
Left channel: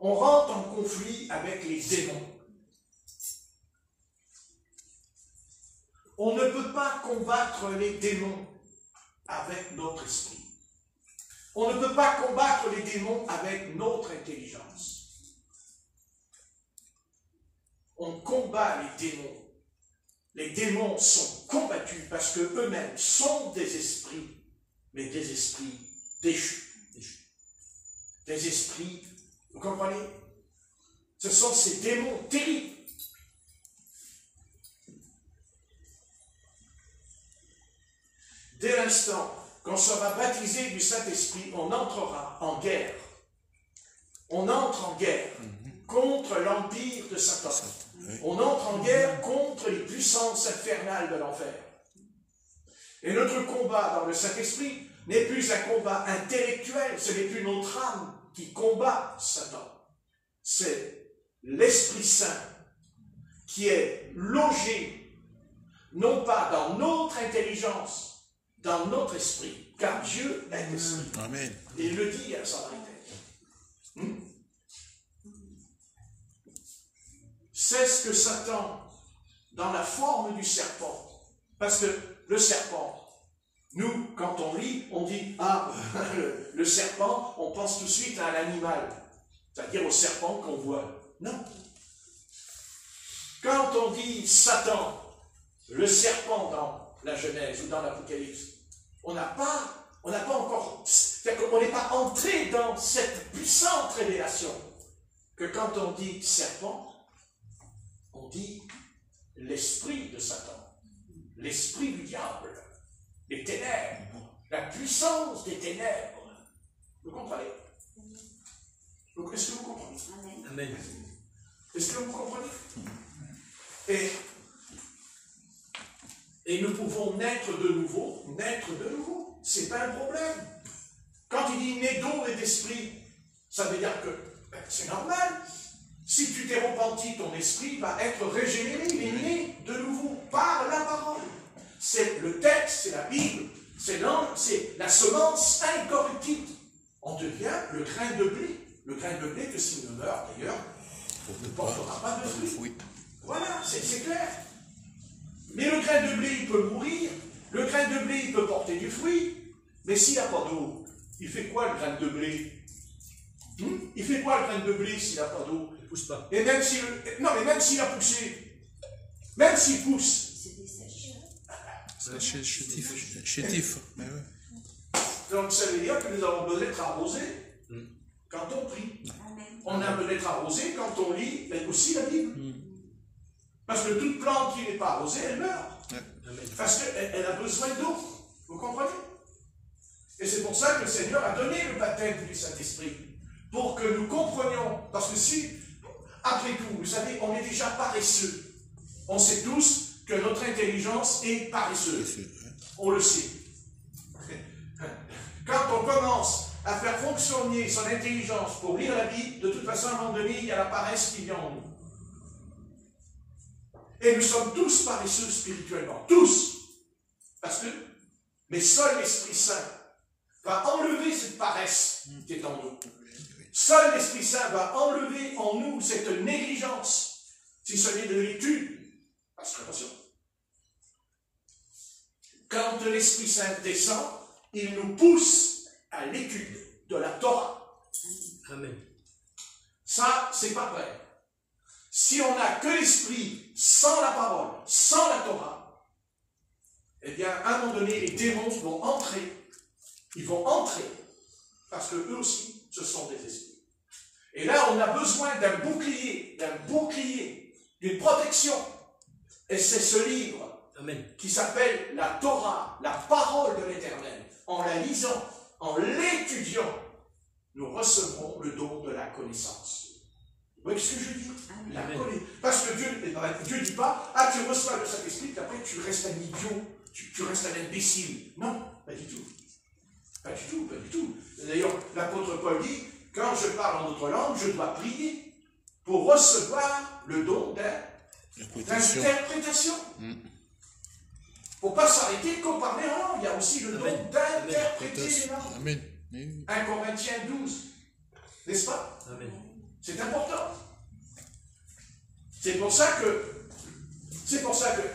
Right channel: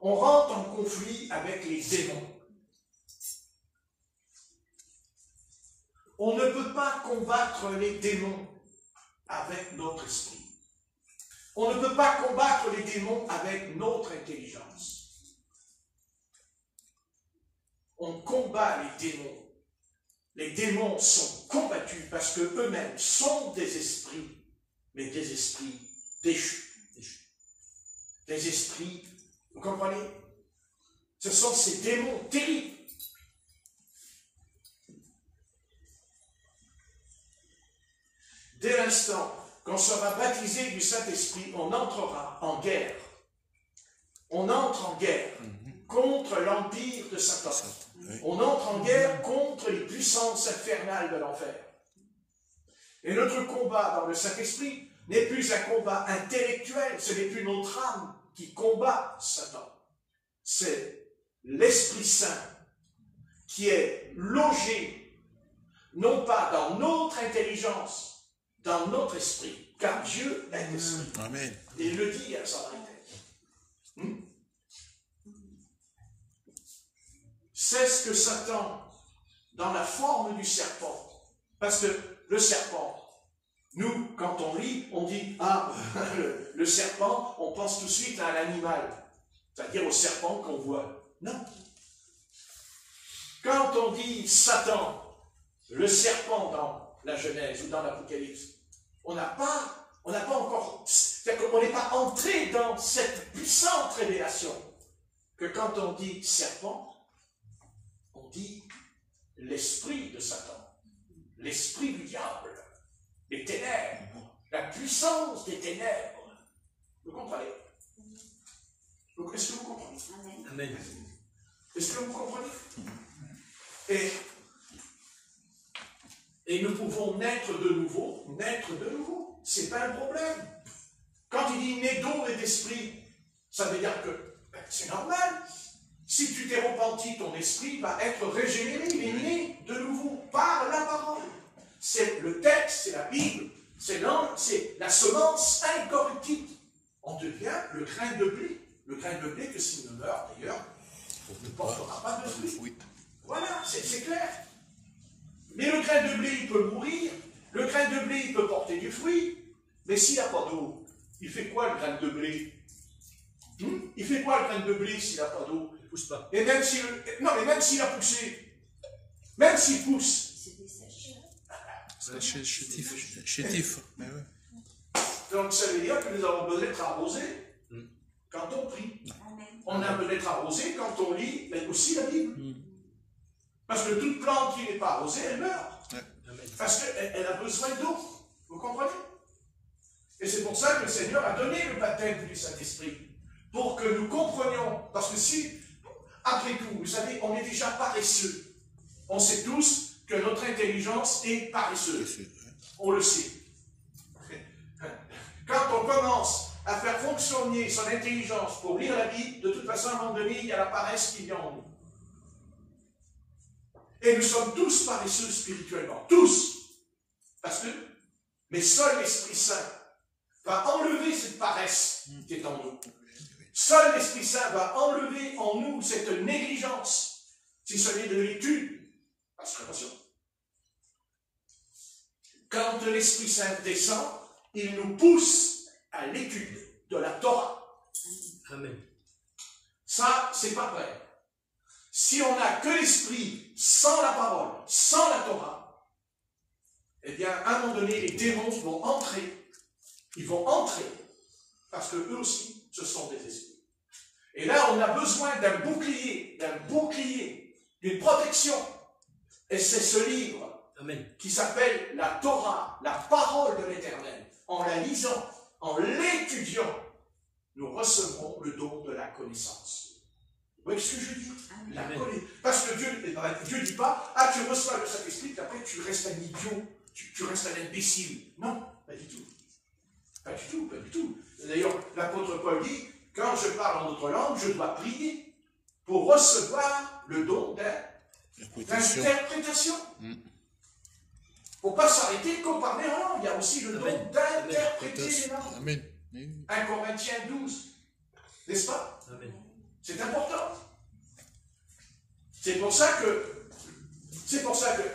On rentre en conflit avec les démons. On ne peut pas combattre les démons avec notre esprit. On ne peut pas combattre les démons avec notre intelligence. On combat les démons. Les démons sont combattus parce qu'eux-mêmes sont des esprits, mais des esprits déchus. Des esprits, vous comprenez? Ce sont ces démons terribles. Dès l'instant qu'on sera baptisé du Saint-Esprit, on entrera en guerre. On entre en guerre contre l'empire de Satan. On entre en guerre contre les puissances infernales de l'enfer. Et notre combat dans le Saint-Esprit n'est plus un combat intellectuel, ce n'est plus notre âme qui combat Satan. C'est l'Esprit Saint qui est logé, non pas dans notre intelligence, dans notre esprit, car Dieu est esprit. Amen. Et il le dit à Samaritain. C'est ce que Satan, dans la forme du serpent, parce que le serpent, nous, quand on lit, on dit, ah, le serpent, on pense tout de suite à un animal, c'est-à-dire au serpent qu'on voit. Non. Quand on dit Satan, le serpent dans la Genèse ou dans l'Apocalypse, on n'a pas encore, c'est-à-dire qu'on n'est pas entré dans cette puissante révélation que quand on dit serpent, on dit l'esprit de Satan, l'esprit du diable, les ténèbres, la puissance des ténèbres. Vous comprenez? Est-ce que vous comprenez? Amen. Est-ce que vous comprenez? Et nous pouvons naître de nouveau, c'est pas un problème. Quand il dit né d'eau et d'esprit, ça veut dire que c'est normal. Si tu t'es repenti, ton esprit va être régénéré, il est né de nouveau par la parole. C'est le texte, c'est la Bible, c'est la semence incorruptible. On devient le grain de blé. Le grain de blé que s'il ne meurt d'ailleurs, ne portera pas de fruits. Voilà, c'est clair. Mais le grain de blé, il peut mourir. Le grain de blé, il peut porter du fruit. Mais s'il n'y a pas d'eau, il fait quoi le grain de blé? Il fait quoi le grain de blé s'il n'a pas d'eau? Il ne pousse pas. Et même s'il a poussé, même s'il pousse. C'est chétif. Donc ça veut dire que nous avons besoin d'être arrosés quand on prie. On a besoin d'être arrosés quand on lit aussi la Bible. Parce que toute plante qui n'est pas arrosée, elle meurt. Parce qu'elle a besoin d'eau. Vous comprenez? Et c'est pour ça que le Seigneur a donné le baptême du Saint-Esprit. Pour que nous comprenions. Parce que si, après tout, vous savez, on est déjà paresseux. On sait tous que notre intelligence est paresseuse. On le sait. Quand on commence à faire fonctionner son intelligence pour lire la Bible, de toute façon, à un moment donné, il y a la paresse qui vient en nous. Et nous sommes tous paresseux spirituellement. Tous. Parce que, mais seul l'Esprit Saint va enlever cette paresse qui est en nous. Seul l'Esprit Saint va enlever en nous cette négligence, si ce n'est de l'étude. Parce que, attention, quand l'Esprit Saint descend, il nous pousse à l'étude de la Torah. Amen. Ça, c'est pas vrai. Si on n'a que l'Esprit, sans la parole, sans la Torah, eh bien, à un moment donné, les démons vont entrer. Ils vont entrer. Parce que eux aussi, ce sont des esprits. Et là, on a besoin d'un bouclier, d'une protection. Et c'est ce livre Amen. qui s'appelle la Torah, la parole de l'Éternel. En la lisant, en l'étudiant, nous recevrons le don de la connaissance. Vous voyez ce que je dis? Parce que Dieu ne dit pas, ah, tu reçois le Saint-Esprit, puis après tu restes un idiot, tu restes un imbécile. Non, pas du tout. Pas du tout, pas du tout. D'ailleurs, l'apôtre Paul dit, quand je parle en autre langue, je dois prier pour recevoir le don d'interprétation. Il ne faut pas s'arrêter qu'au parler en langue. Il y a aussi le don d'interpréter les langues. Amen. 1 Corinthiens 12. N'est-ce pas? Amen. C'est important. C'est pour ça qu'on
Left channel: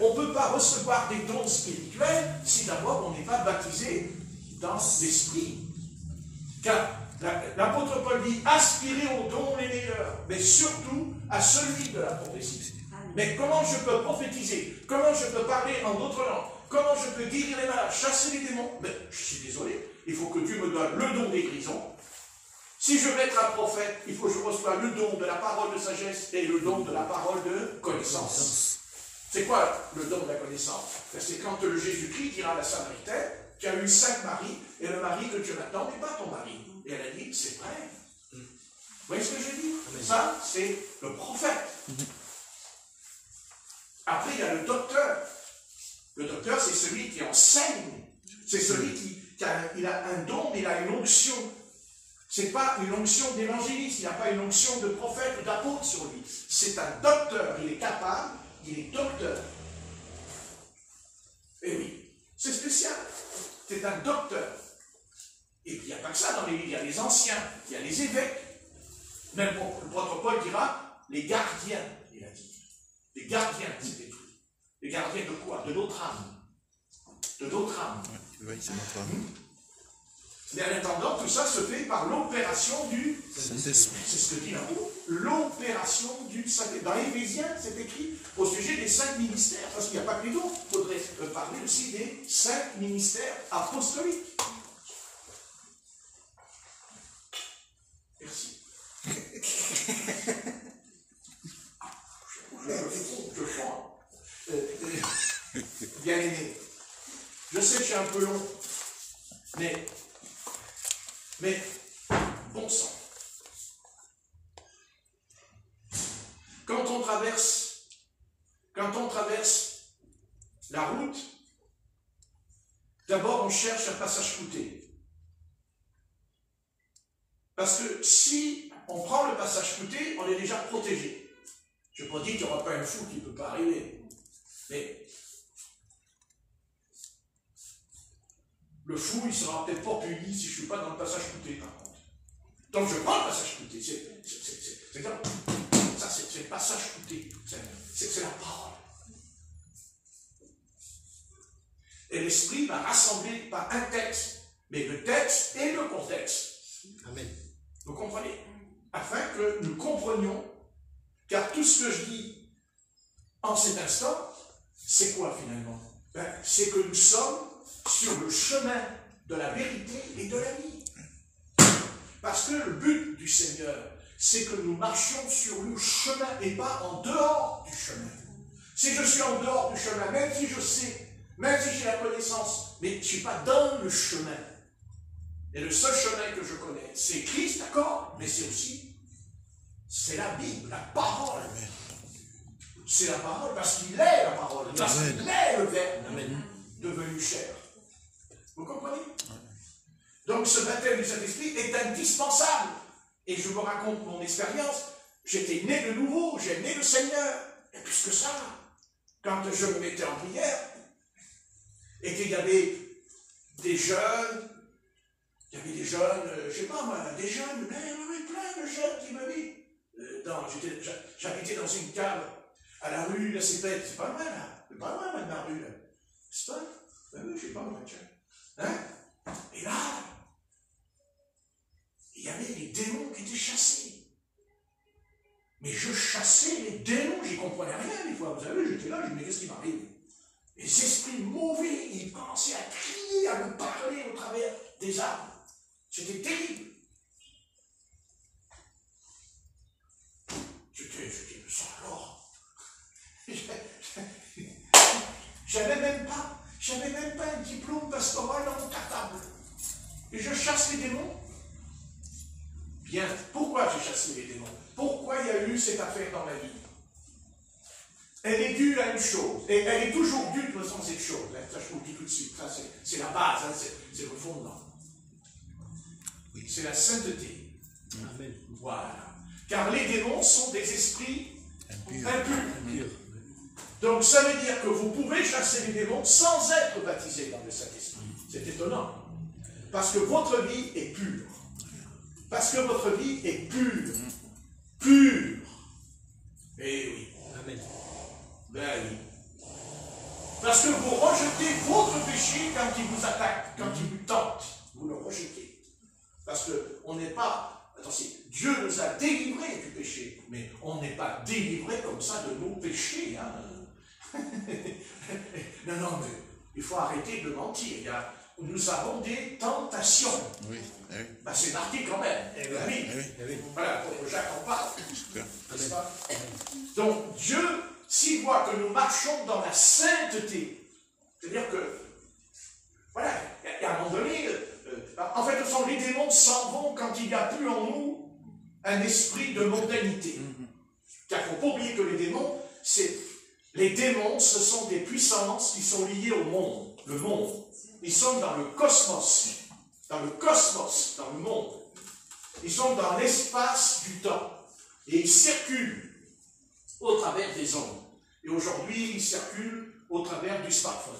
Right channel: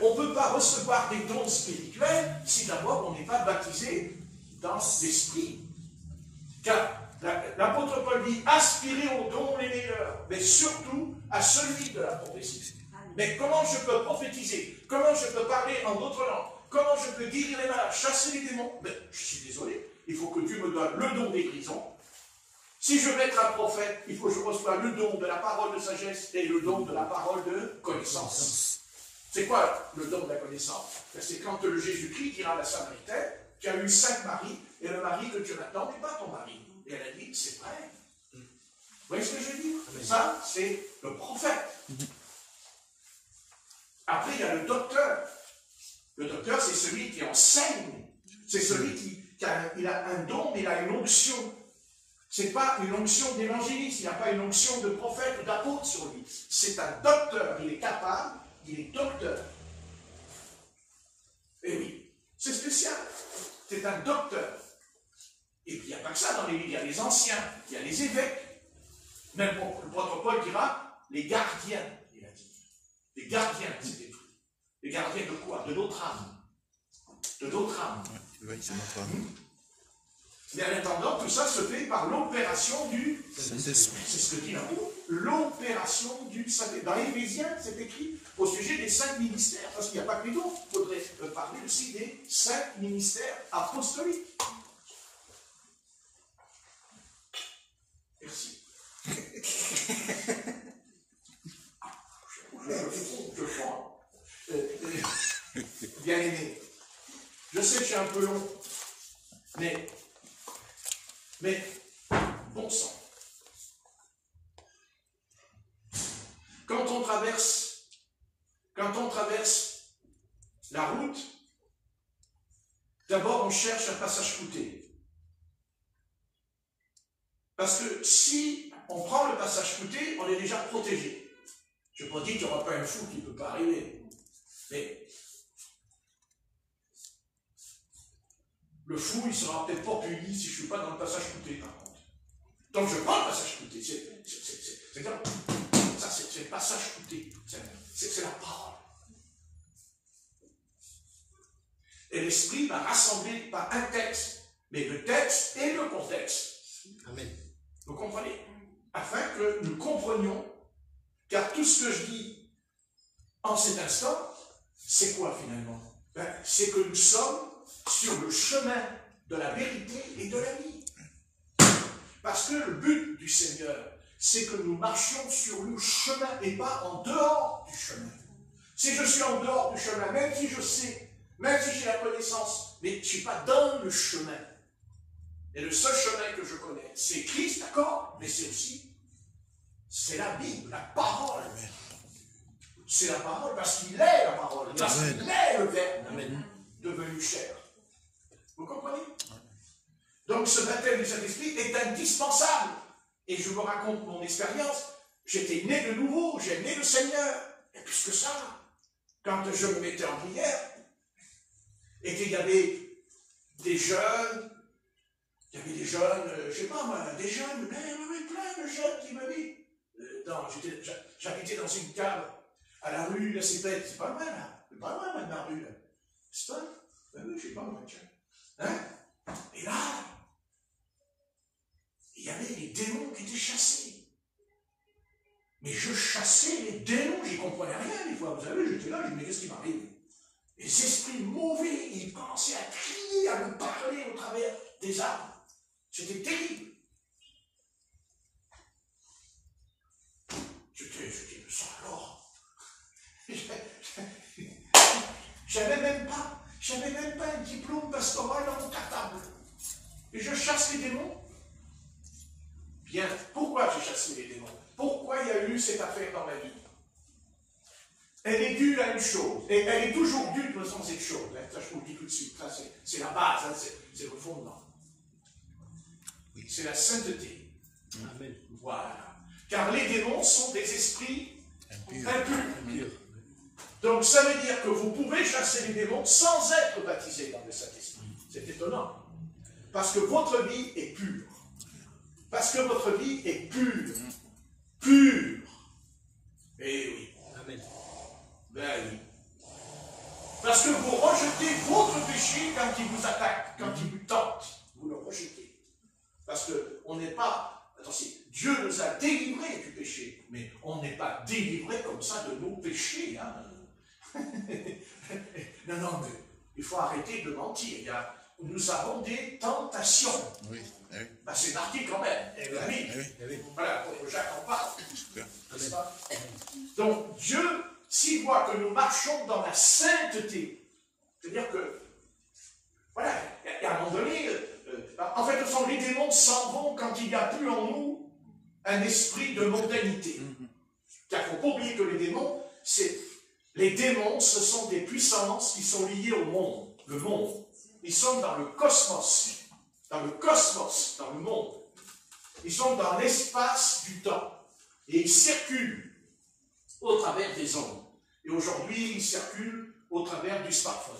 ne peut pas recevoir des dons spirituels si d'abord on n'est pas baptisé dans l'esprit. Car l'apôtre Paul dit, aspirez aux dons les meilleurs, mais surtout à celui de la prophétie. Mais comment je peux prophétiser? Comment je peux parler en d'autres langues? Comment je peux guérir les malades, chasser les démons? Mais je suis désolé, il faut que Dieu me donne le don des guérisons. Si je veux être un prophète, il faut que je reçoive le don de la parole de sagesse et le don de la parole de connaissance. C'est quoi le don de la connaissance? C'est quand le Jésus-Christ dira à la Samaritaine, tu as eu 5 maris, et le mari que tu as maintenant n'est pas ton mari. Et elle a dit, c'est vrai. Vous voyez ce que je dis? Ça, c'est le prophète. Après, il y a le docteur. Le docteur, c'est celui qui enseigne. C'est celui qui a un don, il a une onction. Ce n'est pas une onction d'évangéliste, il n'y a pas une onction de prophète ou d'apôtre sur lui. C'est un docteur, il est capable, il est docteur. Et oui, c'est spécial. C'est un docteur. Et puis il n'y a pas que ça dans les livres, il y a les anciens, il y a les évêques. Même le prêtre Paul dira les gardiens, il a dit. Les gardiens, c'était tout. Les gardiens de quoi? De notre âme. De notre âme. Oui, c'est notre âme. Mais en attendant, tout ça se fait par l'opération du Saint-Esprit. C'est ce que dit l'amour. L'opération du Saint-Esprit. Dans l'Éphésiens, c'est écrit au sujet des 5 ministères, parce qu'il n'y a pas que les dons. Il faudrait parler aussi des 5 ministères apostoliques. Merci. Je crois. Bien aimé. Je sais que je suis un peu long, mais bon sang. Quand on traverse la route, d'abord on cherche un passage clouté. Parce que si on prend le passage clouté, on est déjà protégé. Je ne dis qu'il n'y aura pas un fou qui ne peut pas arriver. Mais le fou, il ne sera peut-être pas puni si je ne suis pas dans le passage clouté, par contre. Donc je prends le passage clouté. C'est le passage clouté. C'est la parole. Et l'Esprit m'a rassemblé par un texte, mais le texte et le contexte. Amen. Vous comprenez? Afin que nous comprenions, car tout ce que je dis en cet instant, c'est quoi finalement? C'est que nous sommes sur le chemin de la vérité et de la vie. Parce que le but du Seigneur, c'est que nous marchions sur le chemin et pas en dehors du chemin. Si je suis en dehors du chemin, même si je sais Même si j'ai la connaissance, mais je ne suis pas dans le chemin. Et le seul chemin que je connais, c'est Christ, d'accord? Mais c'est aussi, c'est la Bible, la parole. C'est la parole parce qu'il est la parole, parce qu'il est le Verbe devenu chair. Vous comprenez? Donc ce baptême du Saint-Esprit est indispensable. Et je vous raconte mon expérience. J'étais né de nouveau, j'ai né le Seigneur. Et plus que ça, quand je me mettais en prière, et qu'il y avait des jeunes, je ne sais pas moi, des jeunes, mais il y avait plein de jeunes qui me disent, j'habitais dans une cave à la rue La Cépette, c'est pas loin là, c'est pas loin ma rue là, c'est pas, je sais pas moi, tiens, hein? Et là, il y avait les démons qui étaient chassés. Mais je chassais les démons, j'y comprenais rien des fois, vous savez, j'étais là, je me disais, qu'est-ce qui m'arrive? Les esprits mauvais, ils commençaient à crier, à me parler au travers des arbres. C'était terrible. J'étais, ça alors. J'avais même pas un diplôme pastoral dans mon cartable. Et je chasse les démons. Bien, pourquoi j'ai chassé les démons? Pourquoi il y a eu cette affaire dans ma vie? Elle est due à une chose, et elle est toujours due de toute façon cette chose. Ça, je vous le dis tout de suite, c'est la base, hein, c'est le fondement. C'est la sainteté. Amen. Voilà. Car les démons sont des esprits impurs. Donc ça veut dire que vous pouvez chasser les démons sans être baptisé dans le Saint-Esprit. C'est étonnant. Parce que votre vie est pure. Parce que votre vie est pure. Pure. Et oui. Amen. Ben oui. Parce que vous rejetez votre péché quand il vous attaque, quand il vous tente. Vous le rejetez. Parce qu'on n'est pas, attention, Dieu nous a délivrés du péché, mais on n'est pas délivrés comme ça de nos péchés. Hein. Non, mais il faut arrêter de mentir. Nous avons des tentations. Oui, oui. Ben, c'est marqué quand même. Eh Oui. oui. Voilà, pour Jacques en parle. N'est-ce pas? Donc Dieu, s'il voit que nous marchons dans la sainteté, c'est-à-dire que, voilà, et à un moment donné, en fait, les démons s'en vont quand il n'y a plus en nous un esprit de mondanité. Car il ne faut pas oublier que les démons, ce sont des puissances qui sont liées au monde, le monde. Ils sont dans le cosmos, dans le monde. Ils sont dans l'espace du temps. Et ils circulent au travers des ondes. Et aujourd'hui, ils circulent au travers du smartphone.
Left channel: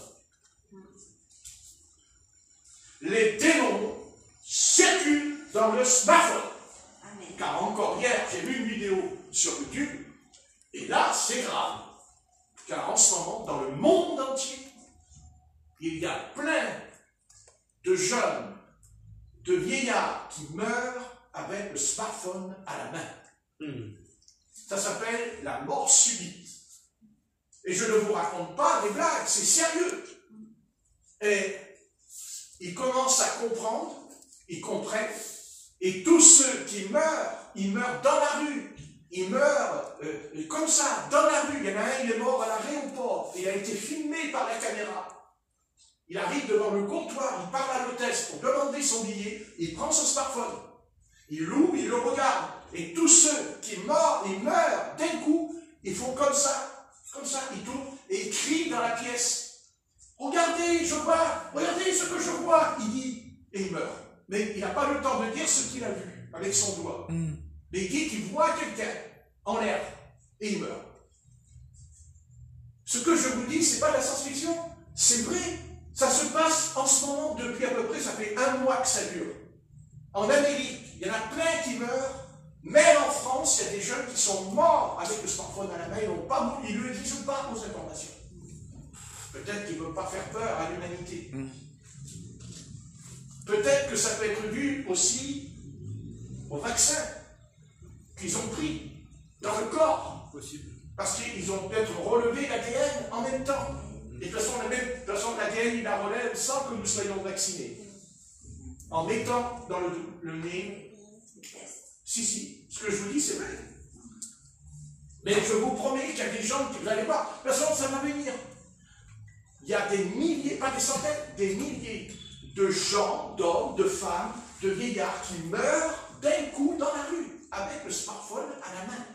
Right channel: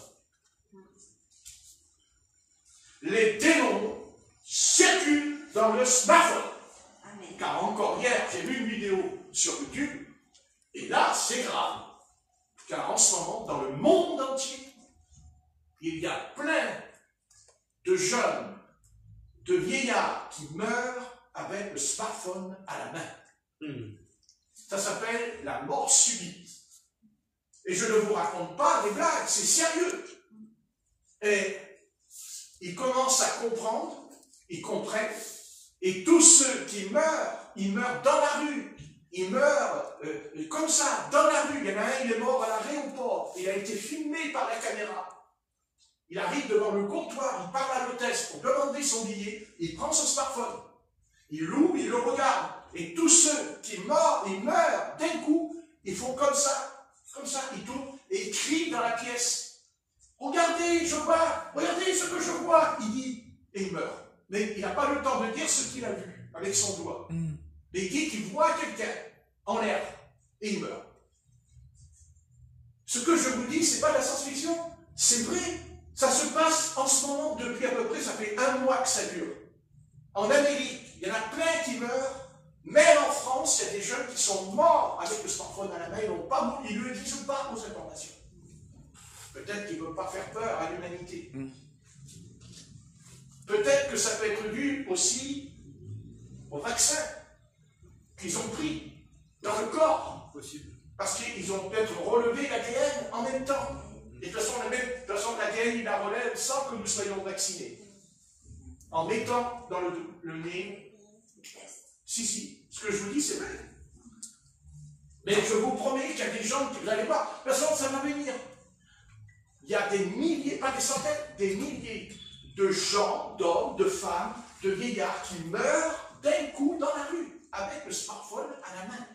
Les démons circulent dans le smartphone. Amen. Car encore hier, j'ai vu une vidéo sur YouTube, et là, c'est grave. Car en ce moment, dans le monde entier, il y a plein de jeunes, de vieillards qui meurent avec le smartphone à la main. Ça s'appelle la mort subite. Et je ne vous raconte pas des blagues, c'est sérieux. Et ils commencent à comprendre, ils comprennent, et tous ceux qui meurent, ils meurent dans la rue. Ils meurent comme ça, dans la rue. Il y en a un, il est mort à l'aéroport. Il a été filmé par la caméra. Il arrive devant le comptoir, il parle à l'hôtesse pour demander son billet, il prend son smartphone. Il l'ouvre, il le regarde. Et tous ceux qui meurent, ils meurent d'un coup, ils font comme ça, ils tournent et ils crient dans la pièce. Regardez, je vois, regardez ce que je vois, il dit, et il meurt. Mais il n'a pas le temps de dire ce qu'il a vu avec son doigt. Mais il dit qu'il voit quelqu'un en l'air et il meurt. Ce que je vous dis, ce n'est pas de la science-fiction, c'est vrai. Ça se passe en ce moment depuis à peu près, ça fait 1 mois que ça dure. En Amérique, il y en a plein qui meurent. Même en France, il y a des jeunes qui sont morts avec le smartphone à la main, ils ne le disent pas aux informations. Peut-être qu'ils ne veulent pas faire peur à l'humanité. Peut-être que ça peut être dû aussi au vaccin qu'ils ont pris dans le corps. Possible. Parce qu'ils ont peut-être relevé l'ADN en même temps. Et de toute façon, l'ADN, il la relève sans que nous soyons vaccinés. En mettant dans le nez. Si, ce que je vous dis, c'est vrai. Mais je vous promets qu'il y a des gens qui vous allez voir. De toute façon, ça va venir. il y a des milliers, pas des centaines, des milliers de gens, d'hommes, de femmes, de vieillards qui meurent d'un coup dans la rue, avec le smartphone à la main.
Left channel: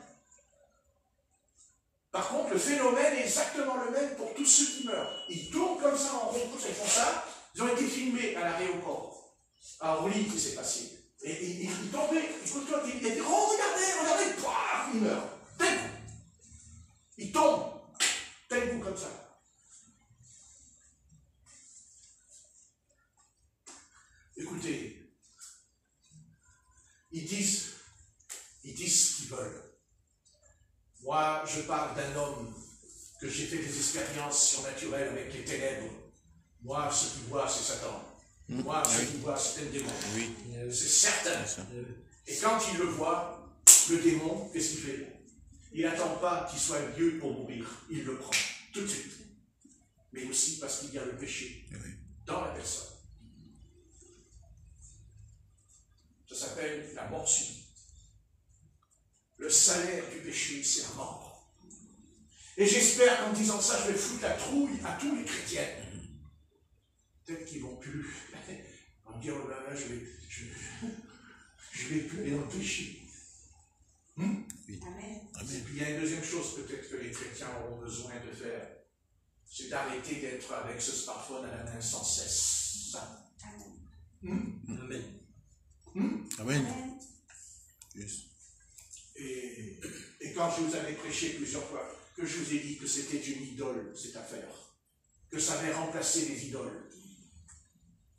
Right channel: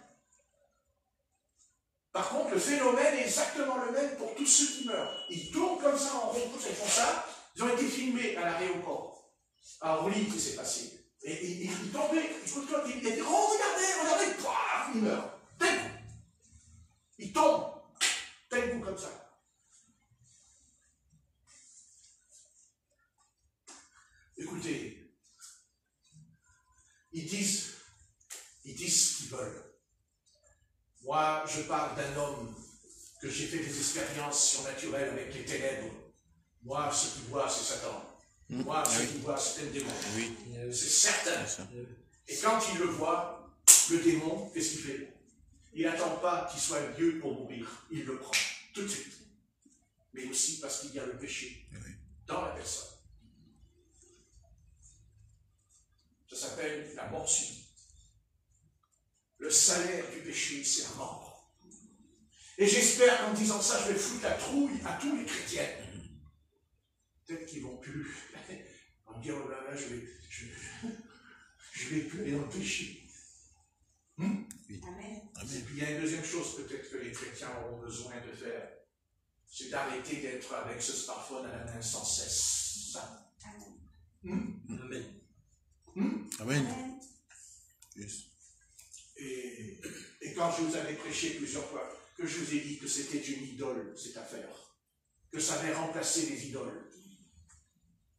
Par contre, le phénomène est exactement le même pour tous ceux qui meurent. Ils tournent comme ça en rond, ils font ça. Ils ont été filmés à l'aéroport. À Orly, qui s'est passé. Et ils tombaient, écoute-toi, il a dit, oh, regardez, paf, il meurt. D'un coup. Il tombe. D'un coup, comme ça. Écoutez, ils disent ce qu'ils veulent. Moi, je parle d'un homme que j'ai fait des expériences surnaturelles avec les ténèbres. Moi, ce qu'il voit, c'est Satan. Moi, ce qu'il voit, c'est un démon. C'est certain. Et quand il le voit, le démon, qu'est-ce qu'il fait? Il n'attend pas qu'il soit vieux pour mourir. Il le prend tout de suite. Mais aussi parce qu'il y a le péché dans la personne. Ça s'appelle la mort subite. Le salaire du péché, c'est la mort. Et j'espère qu'en disant ça, je vais foutre la trouille à tous les chrétiens. Peut-être qu'ils ne vont plus. On va dire, oh là là, je vais plus aller dans le péché. Amen. Et puis il y a une deuxième chose peut-être que les chrétiens auront besoin de faire. C'est d'arrêter d'être avec ce smartphone à la main sans cesse. Amen. Amen. Yes. Et quand je vous avais prêché plusieurs fois, que je vous ai dit que c'était une idole, cette affaire, que ça avait remplacé les idoles.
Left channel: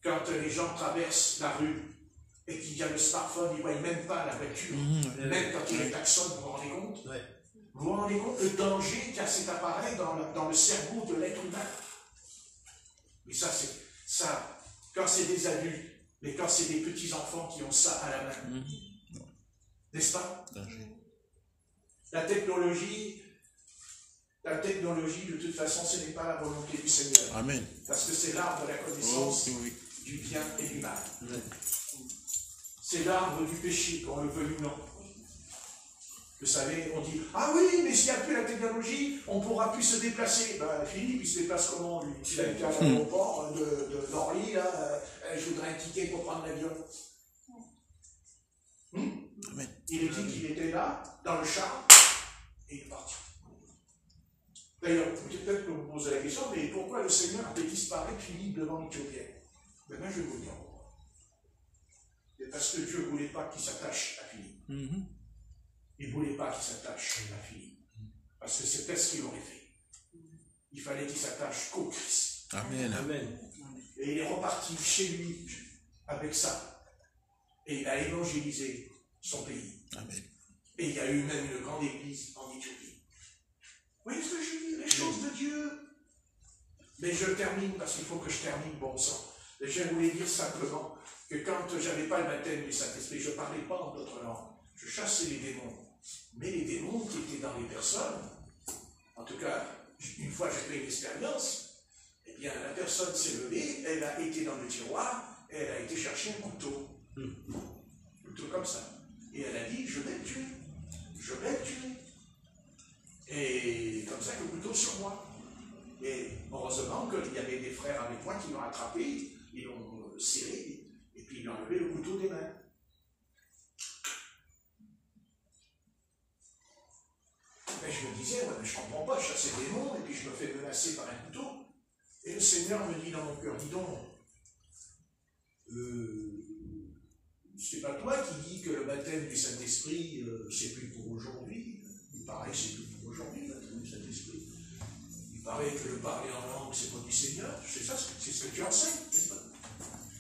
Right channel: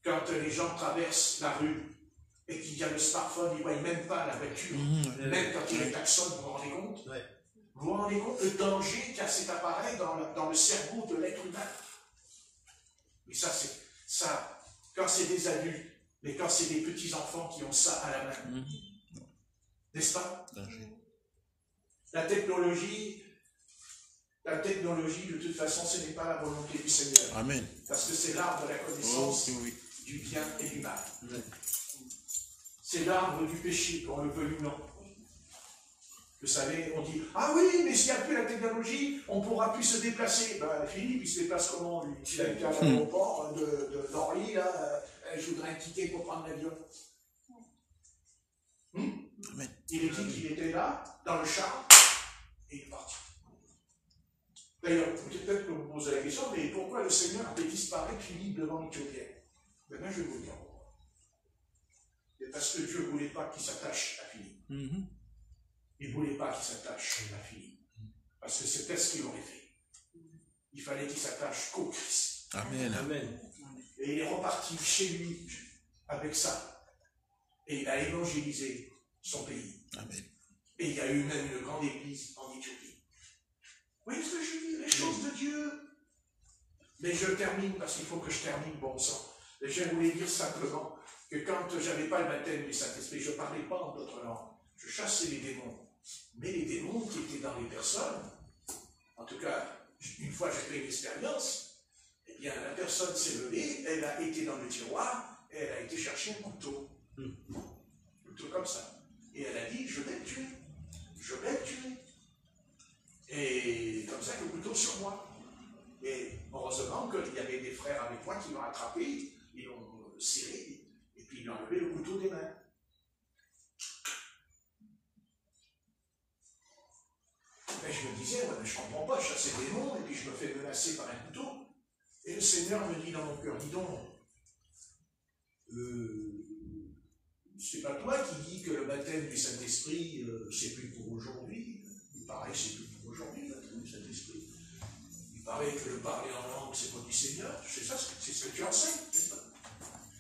Quand les gens traversent la rue et qu'il y a le smartphone, ils ne voient même pas la voiture, même quand il y a le klaxon, vous vous rendez compte? Vous vous rendez compte le danger qu'a cet appareil dans le cerveau de l'être humain? Mais ça, quand c'est des adultes, mais quand c'est des petits-enfants qui ont ça à la main, n'est-ce pas? La technologie, de toute façon, ce n'est pas la volonté du Seigneur. Amen. Parce que c'est l'arbre de la connaissance du bien et du mal. C'est l'arbre du péché, qu'on le veuille ou non. Vous savez, on dit, ah oui, mais s'il n'y a plus la technologie, on ne pourra plus se déplacer. Ben, Philippe, il se déplace comment, lui? Il a été à l'aéroport d'Orly, là, je voudrais un ticket pour prendre l'avion. Il dit qu'il était là, dans le char, et il est parti. D'ailleurs, peut-être que vous posez la question, mais pourquoi le Seigneur avait disparu Philippe devant l'Éthiopien? Ben moi, je veux dire pourquoi. C'est parce que Dieu ne voulait pas qu'il s'attache à Philippe. Il ne voulait pas qu'il s'attache à Philippe. Parce que c'était ce qu'il aurait fait. Il fallait qu'il s'attache qu'au Christ. Amen. Amen. Et il est reparti chez lui avec ça. Et il a évangélisé son pays. Amen. Et il y a eu même une grande église en Éthiopie. Vous voyez ce que je dis? Les choses de Dieu. Mais je termine, parce qu'il faut que je termine, bon sang. Et je voulais dire simplement que quand je n'avais pas le baptême du Saint-Esprit, je ne parlais pas en d'autres langues. Je chassais les démons. Mais les démons qui étaient dans les personnes, en tout cas, une fois j'ai fait l'expérience, eh bien la personne s'est levée, elle a été dans le tiroir, et elle a été chercher un couteau. Un couteau comme ça. Et elle a dit, je vais le tuer. Je vais le tuer. Et comme ça, le couteau sur moi. Et heureusement qu'il y avait des frères avec moi qui l'ont attrapé, ils l'ont serré, et puis ils l'ont enlevé le couteau des mains. Mais je me disais, ouais, je ne comprends pas, je chasse des démons, et puis je me fais menacer par un couteau. Et le Seigneur me dit dans mon cœur, dis donc, c'est pas toi qui dis que le baptême du Saint-Esprit, c'est plus pour aujourd'hui. Il paraît que c'est plus pour aujourd'hui, le baptême du Saint-Esprit. Il paraît que le parler en langue, c'est pas du Seigneur. C'est ça, c'est ce que tu enseignes, c'est ça?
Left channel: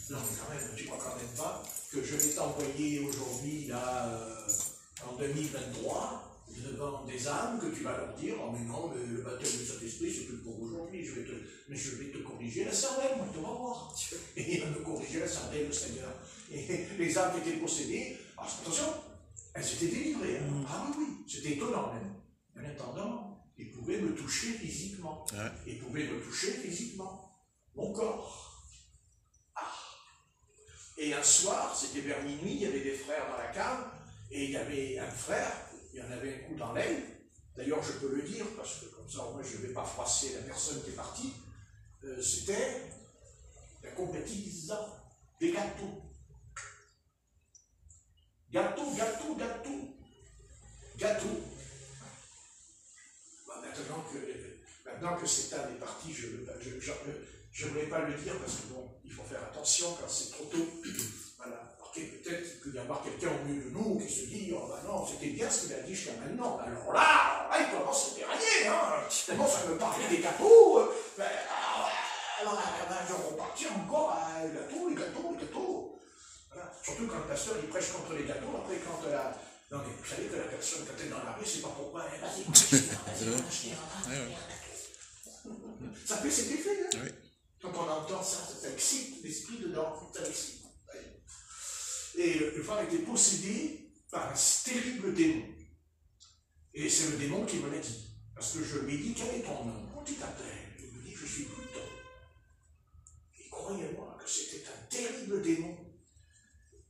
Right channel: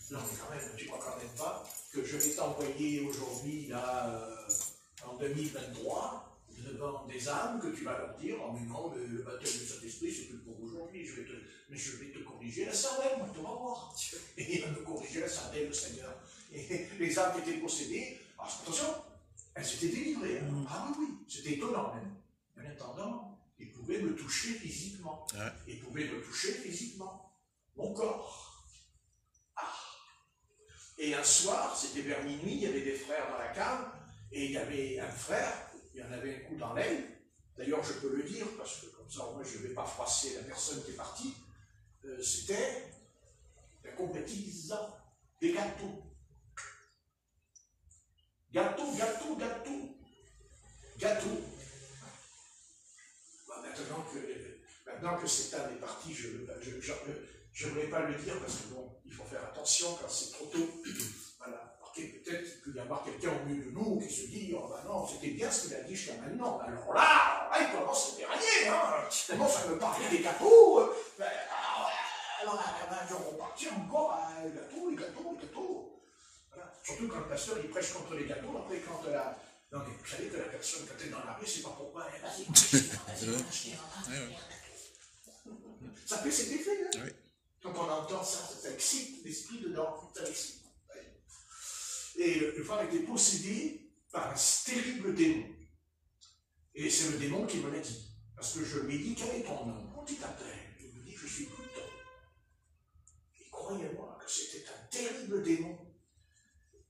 Non, mais quand même, tu crois quand même pas que je vais t'envoyer aujourd'hui, là, en 2023, devant des âmes, que tu vas leur dire, oh mais non, mais le baptême du Saint-Esprit, c'est plus pour aujourd'hui, mais je vais te corriger la cervelle, tu vas voir. Et il va me corriger la cervelle, le Seigneur. Et les âmes qui étaient possédées, attention, elles s'étaient délivrées. Ah oui, c'était étonnant même. En attendant, ils pouvaient me toucher physiquement. Ils pouvaient me toucher physiquement. Mon corps. Ah. Et un soir, c'était vers minuit, il y avait des frères dans la cave, et il y avait un frère, il y en avait un coup dans l'aile. D'ailleurs, je peux le dire, parce que comme ça, moi, je ne vais pas froisser la personne qui est partie. c'était la compétition des gâteaux. Gâteau. Bah, maintenant que cette âme est partie, je ne voulais pas le dire parce que bon, il faut faire attention quand c'est trop tôt. Voilà. Ok, peut-être qu'il peut y avoir quelqu'un au milieu de nous qui se dit, oh ben non, c'était bien ce qu'il a dit jusqu'à maintenant. Alors là, il commence à dérailler, hein. Il commence à me parler des gâteaux. Alors, je vais repartir encore à les gâteaux. Voilà. Surtout quand le pasteur il prêche contre les gâteaux, après quand donc, vous savez que la personne quand elle est dans la rue, c'est pas pourquoi elle vas-y, ça fait cet effet, hein. Oui. Quand on entend ça excite l'esprit dedans, ça excite. Et le frère était possédé par un terrible démon. Et c'est le démon qui me l'a dit. Parce que je lui ai dit, quel est ton nom? Comment tu t'appelles? Il me dit, je suis Pluton. Et croyez-moi que c'était un terrible démon.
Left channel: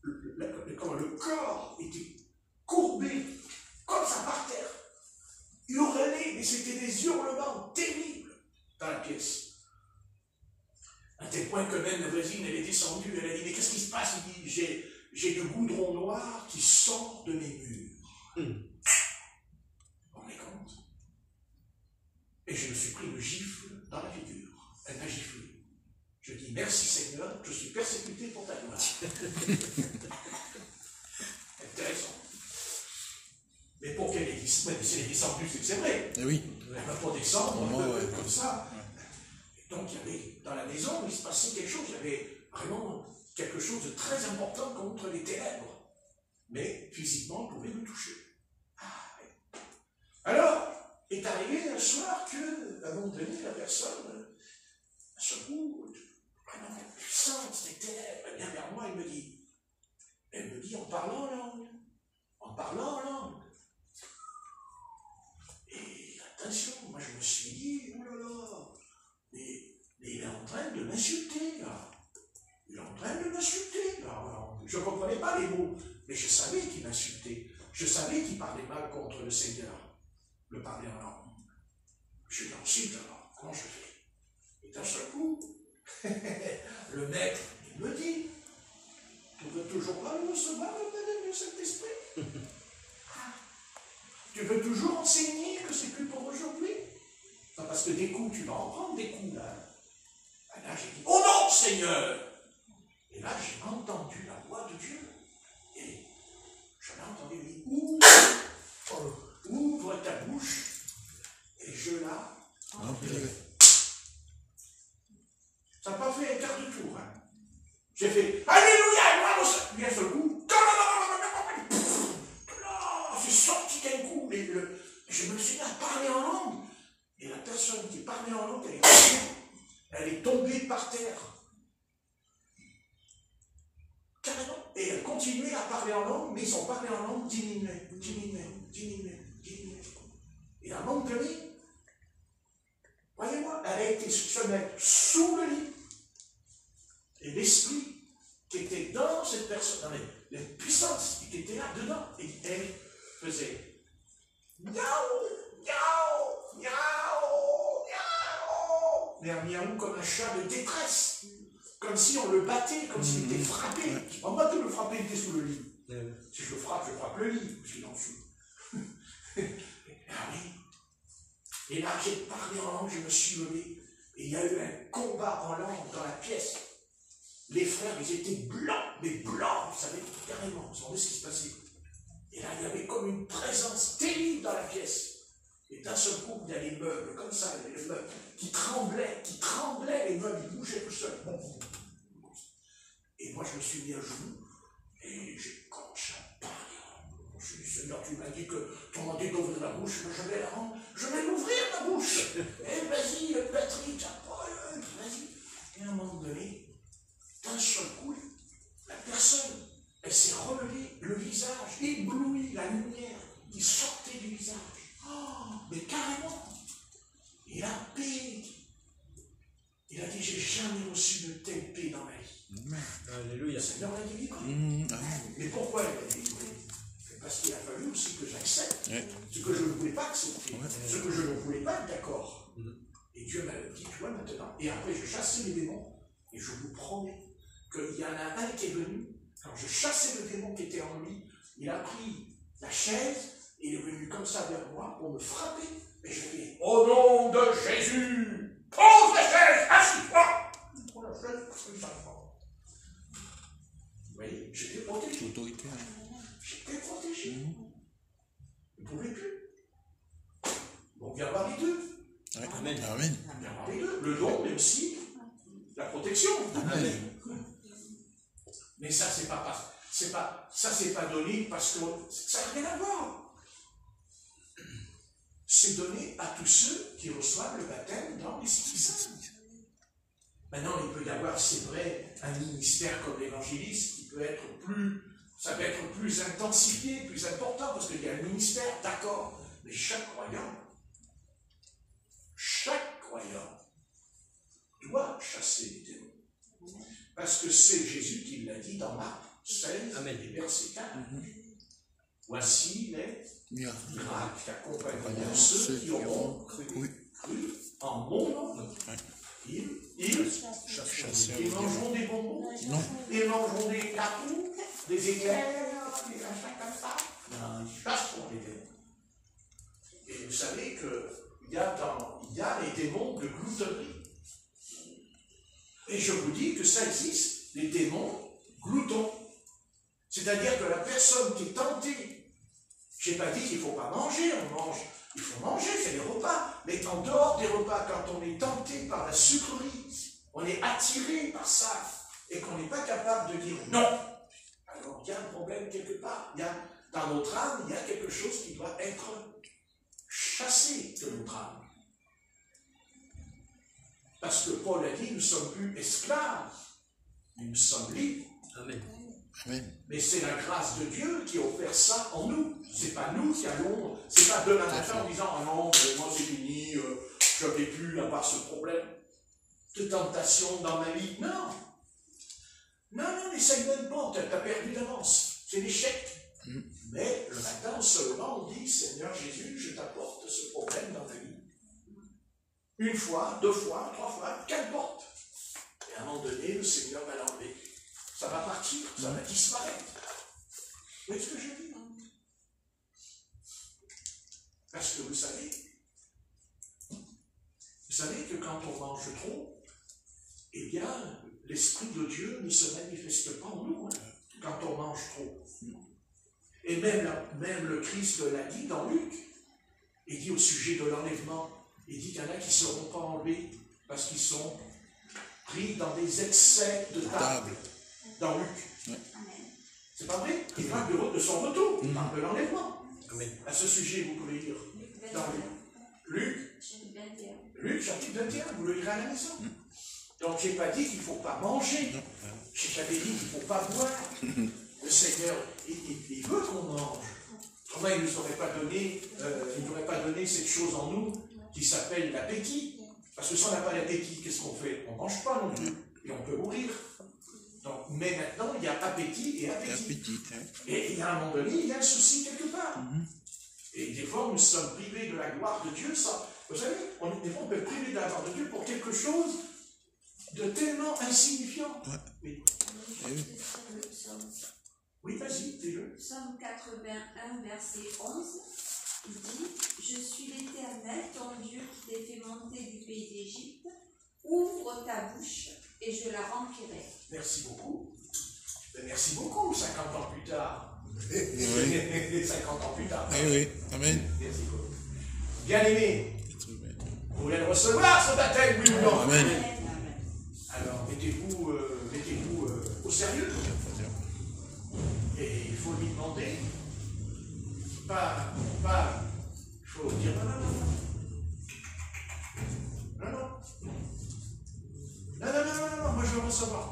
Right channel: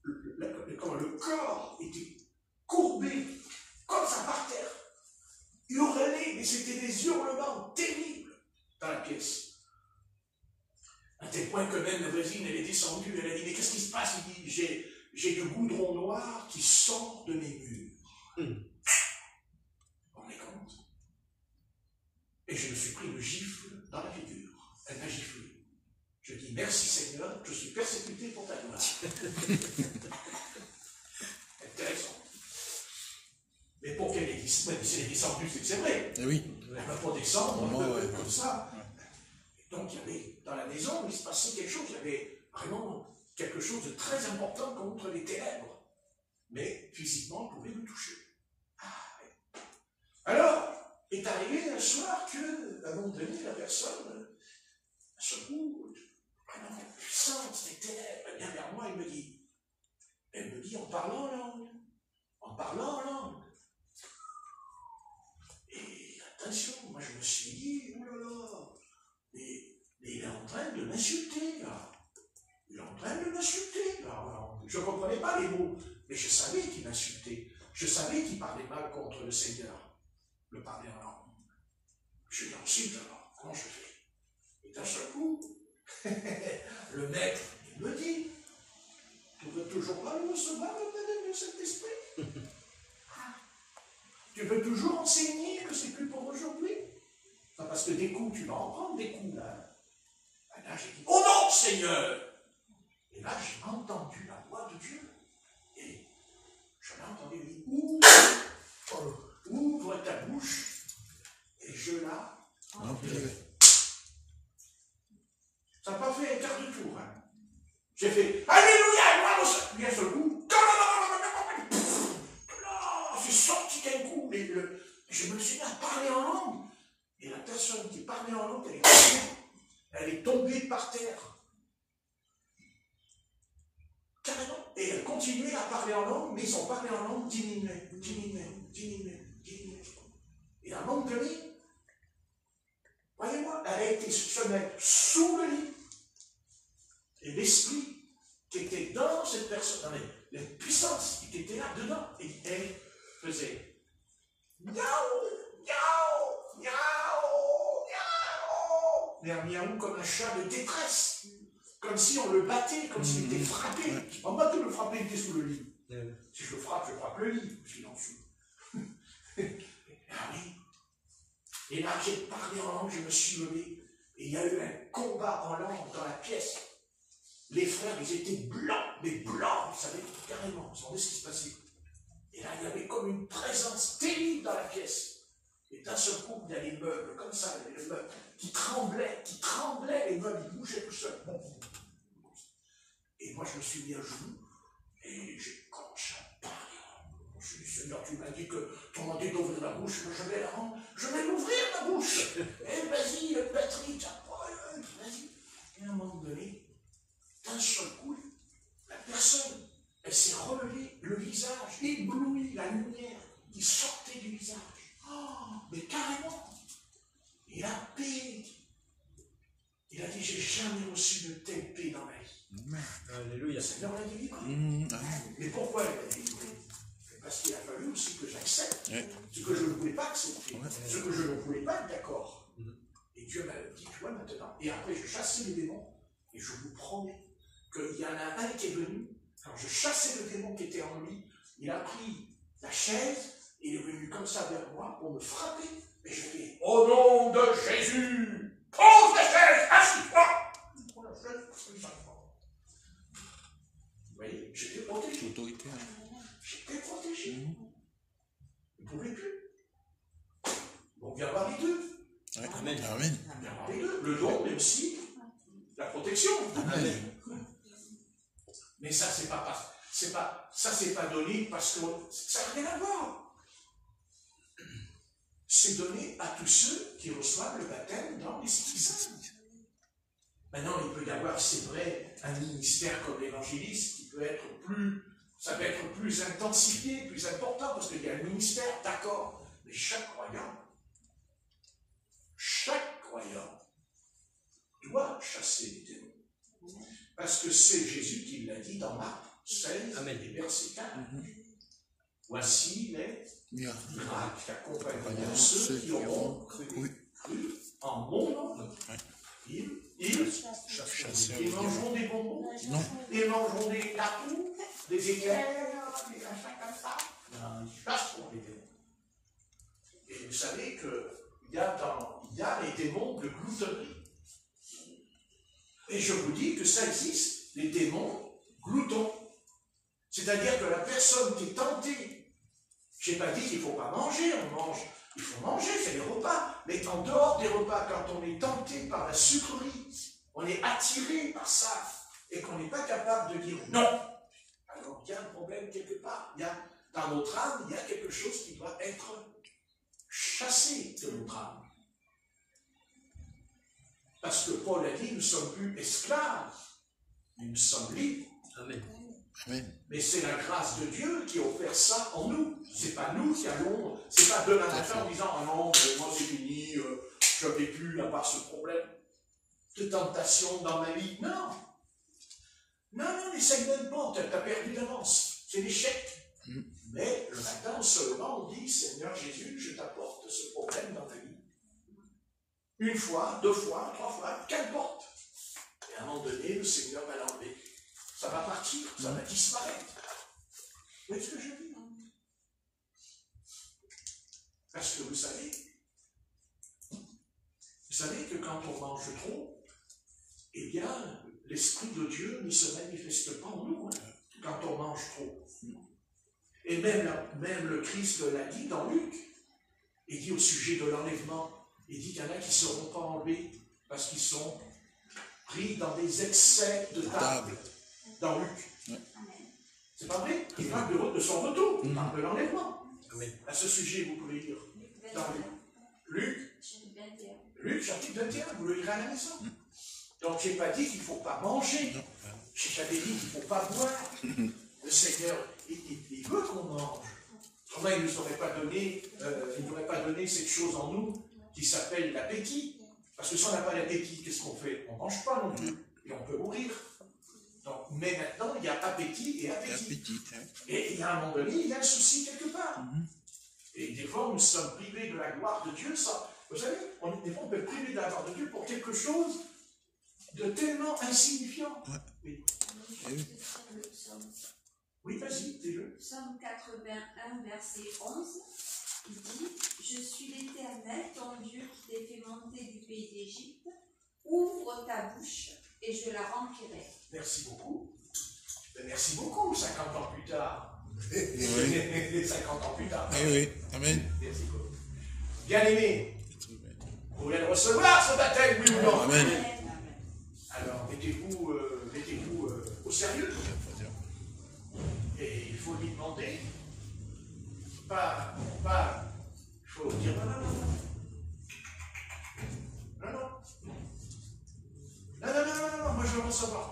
Le corps était courbé, comme ça par terre. Hurlé, et c'était des hurlements terribles dans la pièce. À tel point que même la voisine, elle est descendue, elle a dit, mais qu'est-ce qui se passe? Il dit, j'ai du goudron noir qui sort de mes murs. Vous vous rendez compte? Et je me suis pris le gifle dans la figure. Elle m'a giflé. Je dis, merci Seigneur, je suis persécuté pour ta gloire. Intéressant. Mais pour qu'elle ait descendu, c'est que c'est vrai. Oui. Elle ne va pas descendre comme ça. Et donc, il y avait, dans la maison, il se passait quelque chose. Il y avait vraiment quelque chose de très important contre les ténèbres. Mais physiquement, on pouvait nous toucher. Alors, est arrivé un soir que, à un moment donné, la personne, à ce coup, vraiment la puissance des ténèbres, elle vient vers moi, elle me dit en parlant en langue. Et attention, moi je me suis dit, oh là là, mais il est en train de m'insulter, là. Il est en train de m'insulter, là. Je ne comprenais pas les mots, mais je savais qu'il m'insultait. Je savais qu'il parlait mal contre le Seigneur, le parler en langue. Je dis ensuite, alors, comment je fais? Et d'un seul coup, le maître, il me dit, tu veux toujours pas le recevoir, le baptême du Saint-Esprit? Tu veux toujours enseigner que c'est plus pour aujourd'hui? Parce que des coups, tu vas en prendre des coups, là. Et là, j'ai dit, oh non, Seigneur! Et là, j'ai entendu la voix de Dieu. Et je l'ai entendu dire, ouvre ta bouche. Et je la remplis. Ça n'a pas fait un quart de tour. Hein. J'ai fait Alléluia, puis à ce coup, j'ai sorti d'un coup, et je me suis mis à parler en langue. Et la personne qui parlait en langue, elle est tombée par terre. Carrément. Et elle continuait à parler en langue, mais son parler en langue diminuait. Et à un moment donné, voyez-moi, elle a été se mettre sous le lit. Et l'esprit qui était dans cette personne, la puissance qui était là dedans, et elle faisait miaou, miaou, miaou, miaou. Mais un miaou comme un chat de détresse. Comme si on le battait, comme s'il était frappé. On va pas le frapper, il était sous le lit. Si je le frappe, je frappe le lit, parce qu'il est en dessous. Ah oui. Et là, j'ai parlé en langue, je me suis levé. Et il y a eu un combat en langue dans la pièce. Les frères, ils étaient blancs, mais blancs, vous savez, carrément, vous savez ce qui se passait. Et là, il y avait comme une présence terrible dans la pièce. Et d'un seul coup, il y a les meubles, comme ça, il y avait les meubles qui tremblaient, les meubles, ils bougeaient tout seuls. Et moi, je me suis mis à genoux, et j'ai commencé à parler. Je me suis dit, Seigneur, tu m'as dit que ton nom dit d'ouvrir la bouche, moi je vais l'ouvrir la bouche. Et vas-y, Patrick, vas-y. Et à un moment donné, d'un seul coup, la personne, elle s'est relevée, le visage ébloui, la lumière qui sortait du visage. Oh, mais carrément, il a paix. Il a dit, j'ai jamais reçu de telle paix dans ma vie. Alléluia. Le Seigneur l'a délivré. Mais pourquoi il l'a délivré? Parce qu'il a fallu aussi que j'accepte ce que je ne voulais pas accepter, ce que je ne voulais pas être d'accord. Et Et Dieu m'a dit, tu vois, maintenant, et après je chassais les démons, et je vous promets qu'il y en a un qui est venu, quand je chassais le démon qui était en lui, il a pris la chaise, et il est venu comme ça vers moi pour me frapper. Et j'ai dit, au nom de Jésus, pose la chaise, assis-toi. Prends la chaise, parce que ça va. Vous voyez, j'étais protégé. Autorité. J'étais protégé. Vous ne pouvez plus. Donc, il y avoir les deux. Ouais. Amen. Amen. Il y avoir les deux. Le don, mais aussi la protection. Amen. Mais ça, c'est pas donné parce que ça n'a rien à voir. C'est donné à tous ceux qui reçoivent le baptême dans l'Esprit Saint. Maintenant, il peut y avoir, c'est vrai, un ministère comme l'évangéliste qui peut être ça peut être plus intensifié, plus important, parce qu'il y a le ministère, d'accord. Mais chaque croyant doit chasser les démons. Parce que c'est Jésus qui l'a dit dans Marc 16, Amen. et verset 4. Voici les Miracles. miracles qui accompagneront ceux qui auront cru en mon nom. Ils mangeront des bonbons, ils mangeront des cartons, des éclairs, des machins comme ça. Non, ils chasseront les démons. Et vous savez qu'il y a les démons de gloutonnerie. Et je vous dis que ça existe, les démons gloutons. C'est-à-dire que la personne qui est tentée, je n'ai pas dit qu'il ne faut pas manger, il faut manger, c'est les repas. Mais en dehors des repas, quand on est tenté par la sucrerie, on est attiré par ça, et qu'on n'est pas capable de dire non. Alors il y a un problème quelque part. Dans notre âme, il y a quelque chose qui doit être chassé de notre âme. Parce que Paul a dit, nous ne sommes plus esclaves, mais nous sommes libres. Amen. Amen. Mais c'est la grâce de Dieu qui a offert ça en nous. C'est pas nous qui allons, c'est pas demain matin en disant, ah non, mais moi c'est fini, je n'avais plus à part ce problème de tentation dans ma vie. Non. Non, n'essaye même pas, tu as perdu d'avance. C'est l'échec. Mais le matin, en se levant, on dit, Seigneur Jésus, je t'apporte ce problème dans ma vie. Une fois, 2 fois, 3 fois, qu'importe. Et à un moment donné, le Seigneur va l'enlever. Ça va partir, ça va disparaître. Vous voyez ce que je dis? Parce que vous savez que quand on mange trop, eh bien, l'Esprit de Dieu ne se manifeste pas en nous, quand on mange trop. Et même le Christ l'a dit dans Luc. Il dit au sujet de l'enlèvement, il dit qu'il y en a qui ne seront pas enlevés parce qu'ils sont pris dans des excès de table. Dans Luc. Ouais. C'est pas vrai? Il parle de son retour, il parle de l'enlèvement. À ce sujet, vous pouvez lire dans Luc chapitre 21, vous le lirez à la maison. Donc, je n'ai pas dit qu'il ne faut pas manger. J'avais dit qu'il ne faut pas boire. Le Seigneur, il veut qu'on mange. Autrement, il ne nous aurait pas donné cette chose en nous qui s'appelle l'appétit. Parce que si on n'a pas l'appétit, qu'est-ce qu'on fait? On ne mange pas non plus. Et on peut mourir. Donc, mais maintenant, il y a appétit et appétit. Et il y a un moment donné, il y a un souci quelque part. Et des fois, nous sommes privés de la gloire de Dieu. Vous savez, des fois, on peut être privé de la gloire de Dieu pour quelque chose de tellement insignifiant. Oui, vas-y, dis-le. Psaume 81, verset 11, il dit « Je suis l'Éternel, ton Dieu, qui t'ai fait monter du pays d'Égypte. Ouvre ta bouche et je la remplirai. » Merci beaucoup. Merci beaucoup, 50 ans plus tard. 50 ans plus tard. Oui, Amen. Merci beaucoup. Bien-aimés, vous voulez recevoir ce baptême, oui ou non? Amen. Alors, mettez-vous au sérieux. Et il faut lui demander. Il faut dire non, moi je veux recevoir.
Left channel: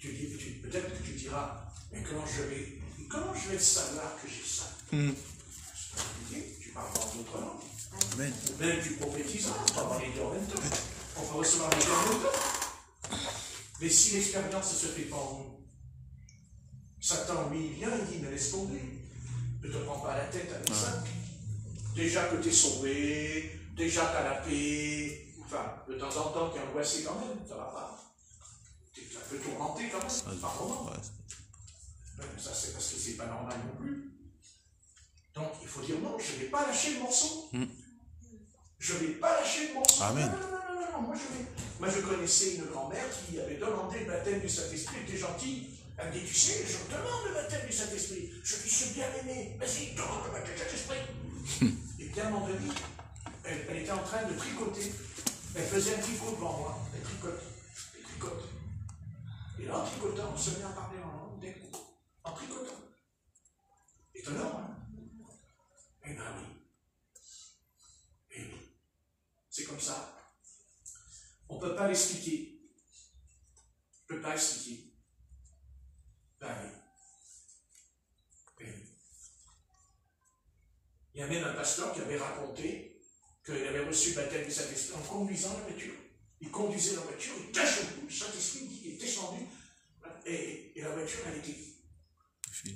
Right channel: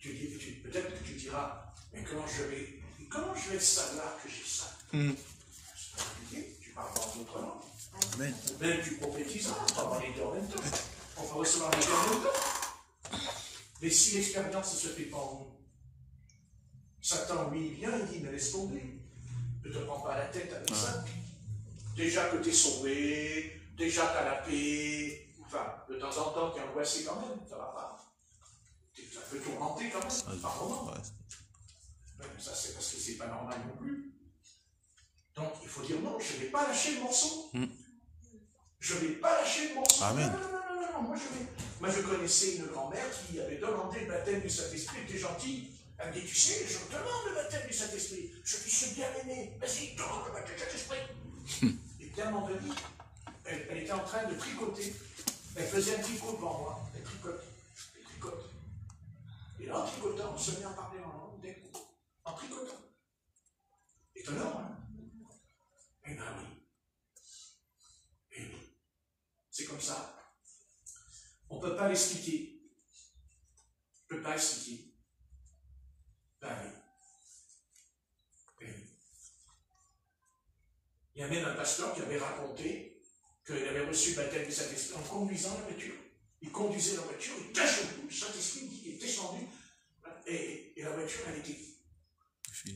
Peut-être que tu diras, mais comment je vais savoir que j'ai ça? Tu parles dans d'autres langues. Amen. Ou même tu prophétiseras, on va voir les deux en même temps. On peut recevoir les deux en même temps. Mais si l'expérience ne se fait pas en nous, Satan, lui, il vient, il dit, mais laisse tomber. Ne te prends pas la tête avec ça. Déjà que tu es sauvé, déjà tu as la paix, enfin, de temps en temps, tu es angoissé quand même, ça va pas. Ça peut tourmenter quand même, par moment. Ça, c'est parce que c'est pas normal non plus. Donc, il faut dire non, je ne vais pas lâcher le morceau. Je ne vais pas lâcher le morceau. Amen. Non, moi, je connaissais une grand-mère qui avait demandé le baptême du Saint-Esprit, elle était gentille. Elle me dit, tu sais, je demande le baptême du Saint-Esprit. Je dis, je suis bien aimé. Vas-y, demande le baptême du Saint-Esprit. Et bien, mon ami, elle était en train de tricoter. Elle faisait un tricot devant moi. Elle tricote. Elle tricote. Et là, en tricotant, on se met à parler en langue d'un coup. En tricotant. Étonnant, hein? Eh bien oui. Eh oui. C'est comme ça. On ne peut pas l'expliquer. On ne peut pas l'expliquer. Ben oui. Ben oui. Il y a même un pasteur qui avait raconté qu'il avait reçu le baptême du Saint-Esprit en conduisant la voiture. Il conduisait la voiture, et d'un coup, le Saint-Esprit est descendu, et la voiture, elle était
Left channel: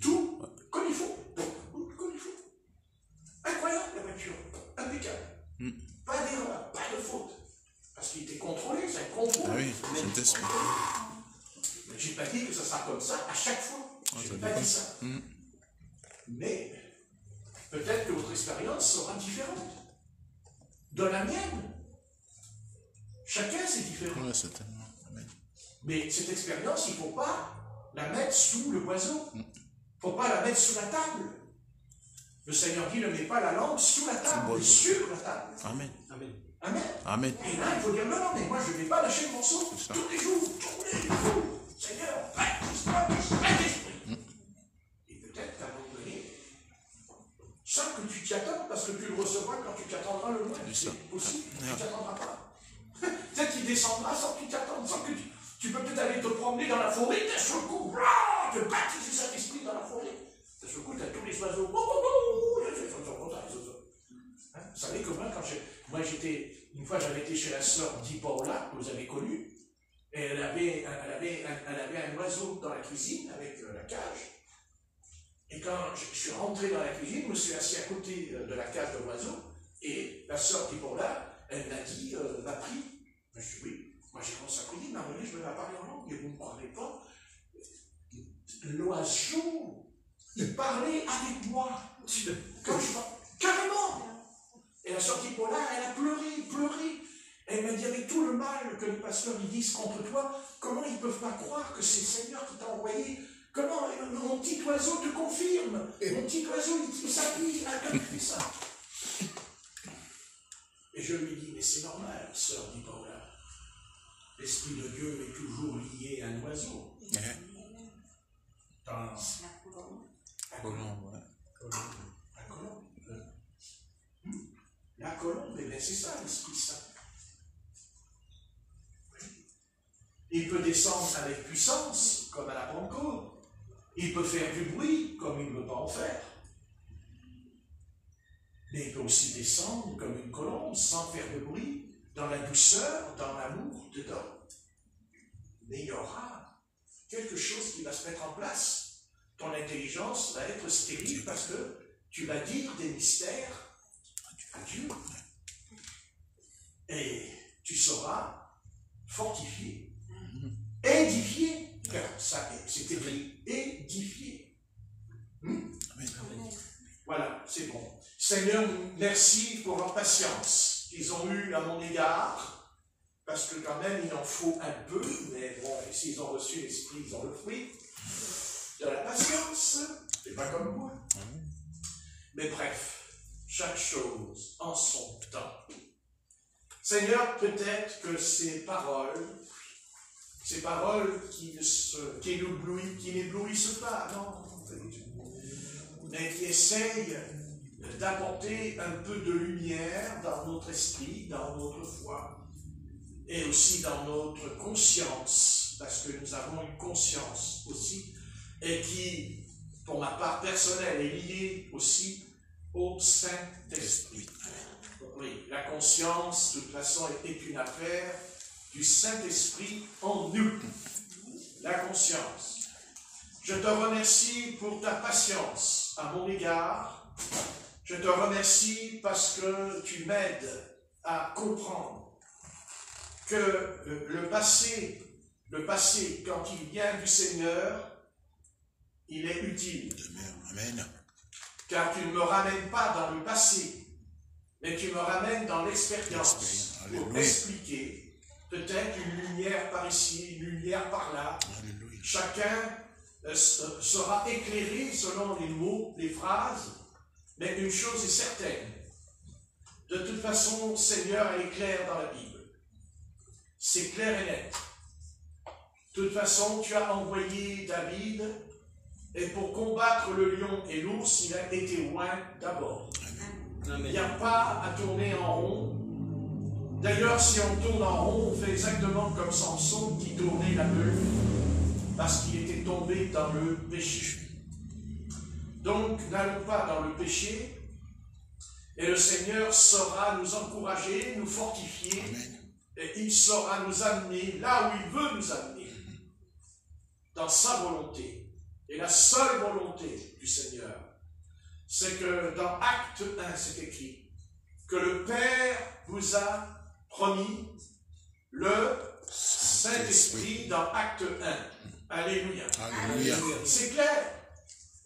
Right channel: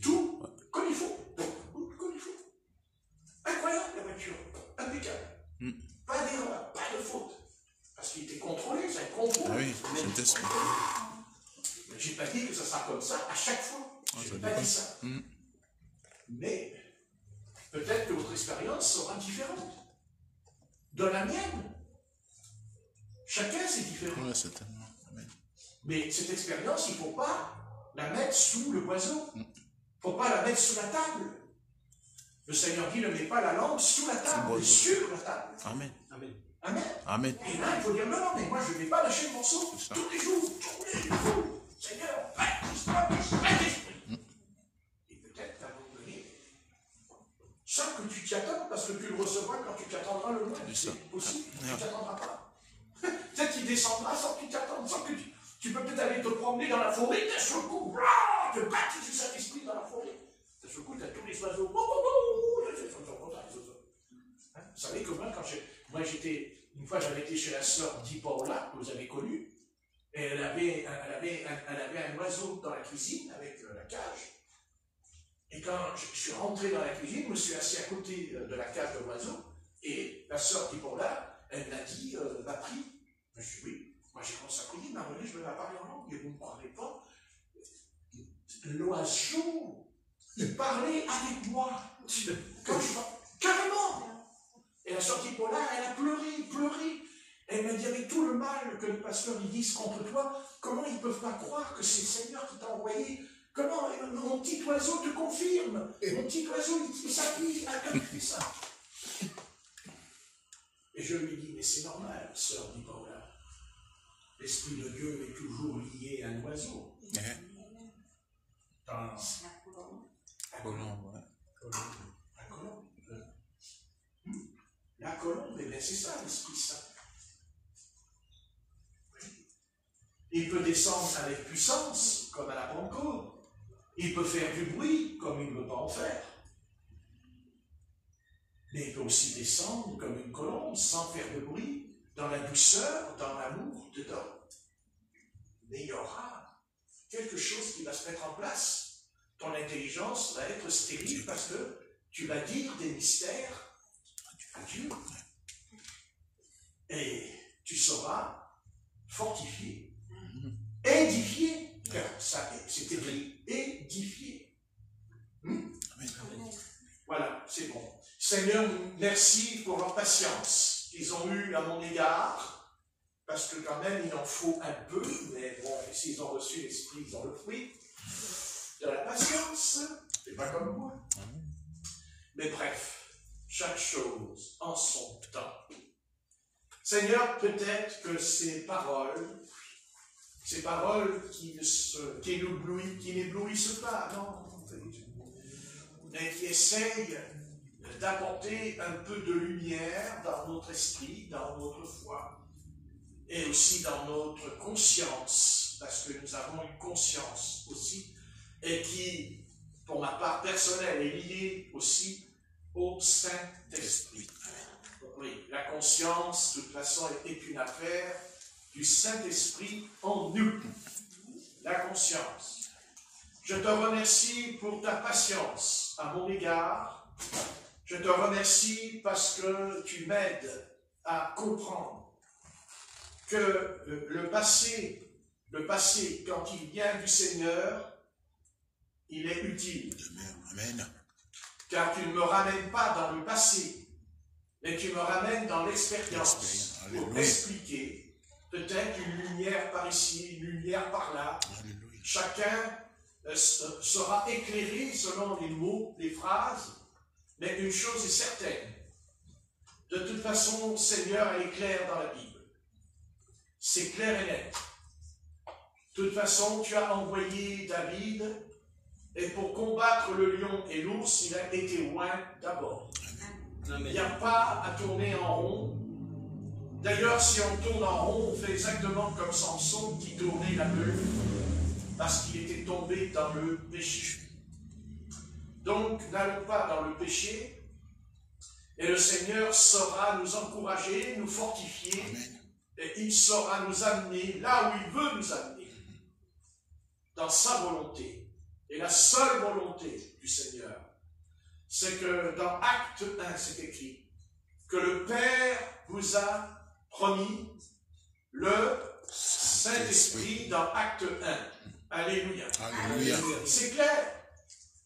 tout comme il faut. Comme il faut. Incroyable, la voiture. Impeccable. Pas d'erreur, pas de faute. Parce qu'il était contrôlé, c'est un contrôle. Ah oui, Saint-Esprit. Mais je n'ai pas dit que ça sera comme ça à chaque fois. Je n'ai pas dit ça. Mais peut-être que votre expérience sera différente. Dans la mienne, chacun c'est différent. Oui, certainement. Amen. Mais cette expérience, il ne faut pas la mettre sous le poison. Il ne faut pas la mettre sous la table. Le Seigneur dit, ne mets pas la langue sous la table, mais sur la table. Amen. Amen. Amen. Amen. Et là, il faut dire, non, mais moi, je ne vais pas lâcher le morceau. Tous les jours, Seigneur, Saint-Esprit. Et peut-être qu'à un moment donné, sans que tu t'y attends, parce que tu le recevras quand tu t'attendras le moins. C'est possible, tu ne t'attendras pas. Peut-être qu'il descendra sans que tu t'attendes, sans que tu peux peut-être aller te promener dans la forêt, d'un seul coup, te baptiser Saint-Esprit dans la forêt. D'un seul coup, tu as tous les oiseaux. Vous savez que moi, j'étais, une fois, j'avais été chez la sœur Di Paola, que vous avez connue, et elle avait un oiseau dans la cuisine avec la cage. Et quand je suis rentré dans la cuisine, je me suis assis à côté de la cage de l'oiseau, et la sœur Di Paola, elle m'a dit, m'a pris. Je dis oui, moi j'ai commencé à prier, mais je vais parler en langue, et vous ne parlez pas. L'oiseau, il parlait avec moi. Quand carrément. Et la sœur Di Paola, elle a pleuré. Elle m'a dit, avec tout le mal que les pasteurs ils disent contre toi, comment ils ne peuvent pas croire que c'est le Seigneur qui t'a envoyé? Comment mon petit oiseau te confirme? Mon petit oiseau, il s'appuie, il fait ça. Et je lui dis, mais c'est normal, sœur Di Paola. L'Esprit de Dieu est toujours lié à un oiseau. Dans la colombe. La colombe, eh bien c'est ça l'Esprit Saint. Il peut descendre avec puissance, comme à la Pentecôte. Il peut faire du bruit, comme il ne veut pas en faire. Mais il peut aussi descendre comme une colombe, sans faire de bruit, dans la douceur, dans l'amour, dedans. Mais il y aura quelque chose qui va se mettre en place. Ton intelligence va être stérile parce que tu vas dire des mystères à Dieu. Et tu seras fortifié, édifié. Ça, c'est écrit, édifié. Voilà, c'est bon. Seigneur, merci pour leur patience qu'ils ont eue à mon égard, parce que quand même, il en faut un peu, mais bon, s'ils ont reçu l'Esprit, ils ont le fruit de la patience. C'est pas comme moi. Mais bref, chaque chose en son temps. Seigneur, peut-être que ces paroles qui n'éblouissent pas, non, mais qui essayent d'apporter un peu de lumière dans notre esprit, dans notre foi, et aussi dans notre conscience, parce que nous avons une conscience aussi, et qui, pour ma part personnelle, est liée aussi au Saint-Esprit. Oui, la conscience, de toute façon, est une affaire du Saint-Esprit en nous. La conscience. Je te remercie pour ta patience à mon égard. Je te remercie parce que tu m'aides à comprendre que le passé, quand il vient du Seigneur, il est utile. Amen. Car tu ne me ramènes pas dans le passé, mais tu me ramènes dans l'expérience pour expliquer peut-être une lumière par ici, une lumière par là. Alléluia. Chacun sera éclairé selon les mots, les phrases, mais une chose est certaine. De toute façon, Seigneur est clair dans la Bible. C'est clair et net. De toute façon, tu as envoyé David, et pour combattre le lion et l'ours, il a été loin d'abord. Il n'y a pas à tourner en rond. D'ailleurs, si on tourne en rond, on fait exactement comme Samson qui tournait la meule, parce qu'il était tombé dans le péché. Donc, n'allons pas dans le péché, et le Seigneur saura nous encourager, nous fortifier, et il saura nous amener là où il veut nous amener, dans sa volonté. Et la seule volonté du Seigneur, c'est que dans Acte 1, c'est écrit que le Père vous a promis le Saint-Esprit dans Acte 1. Alléluia. Alléluia. C'est clair.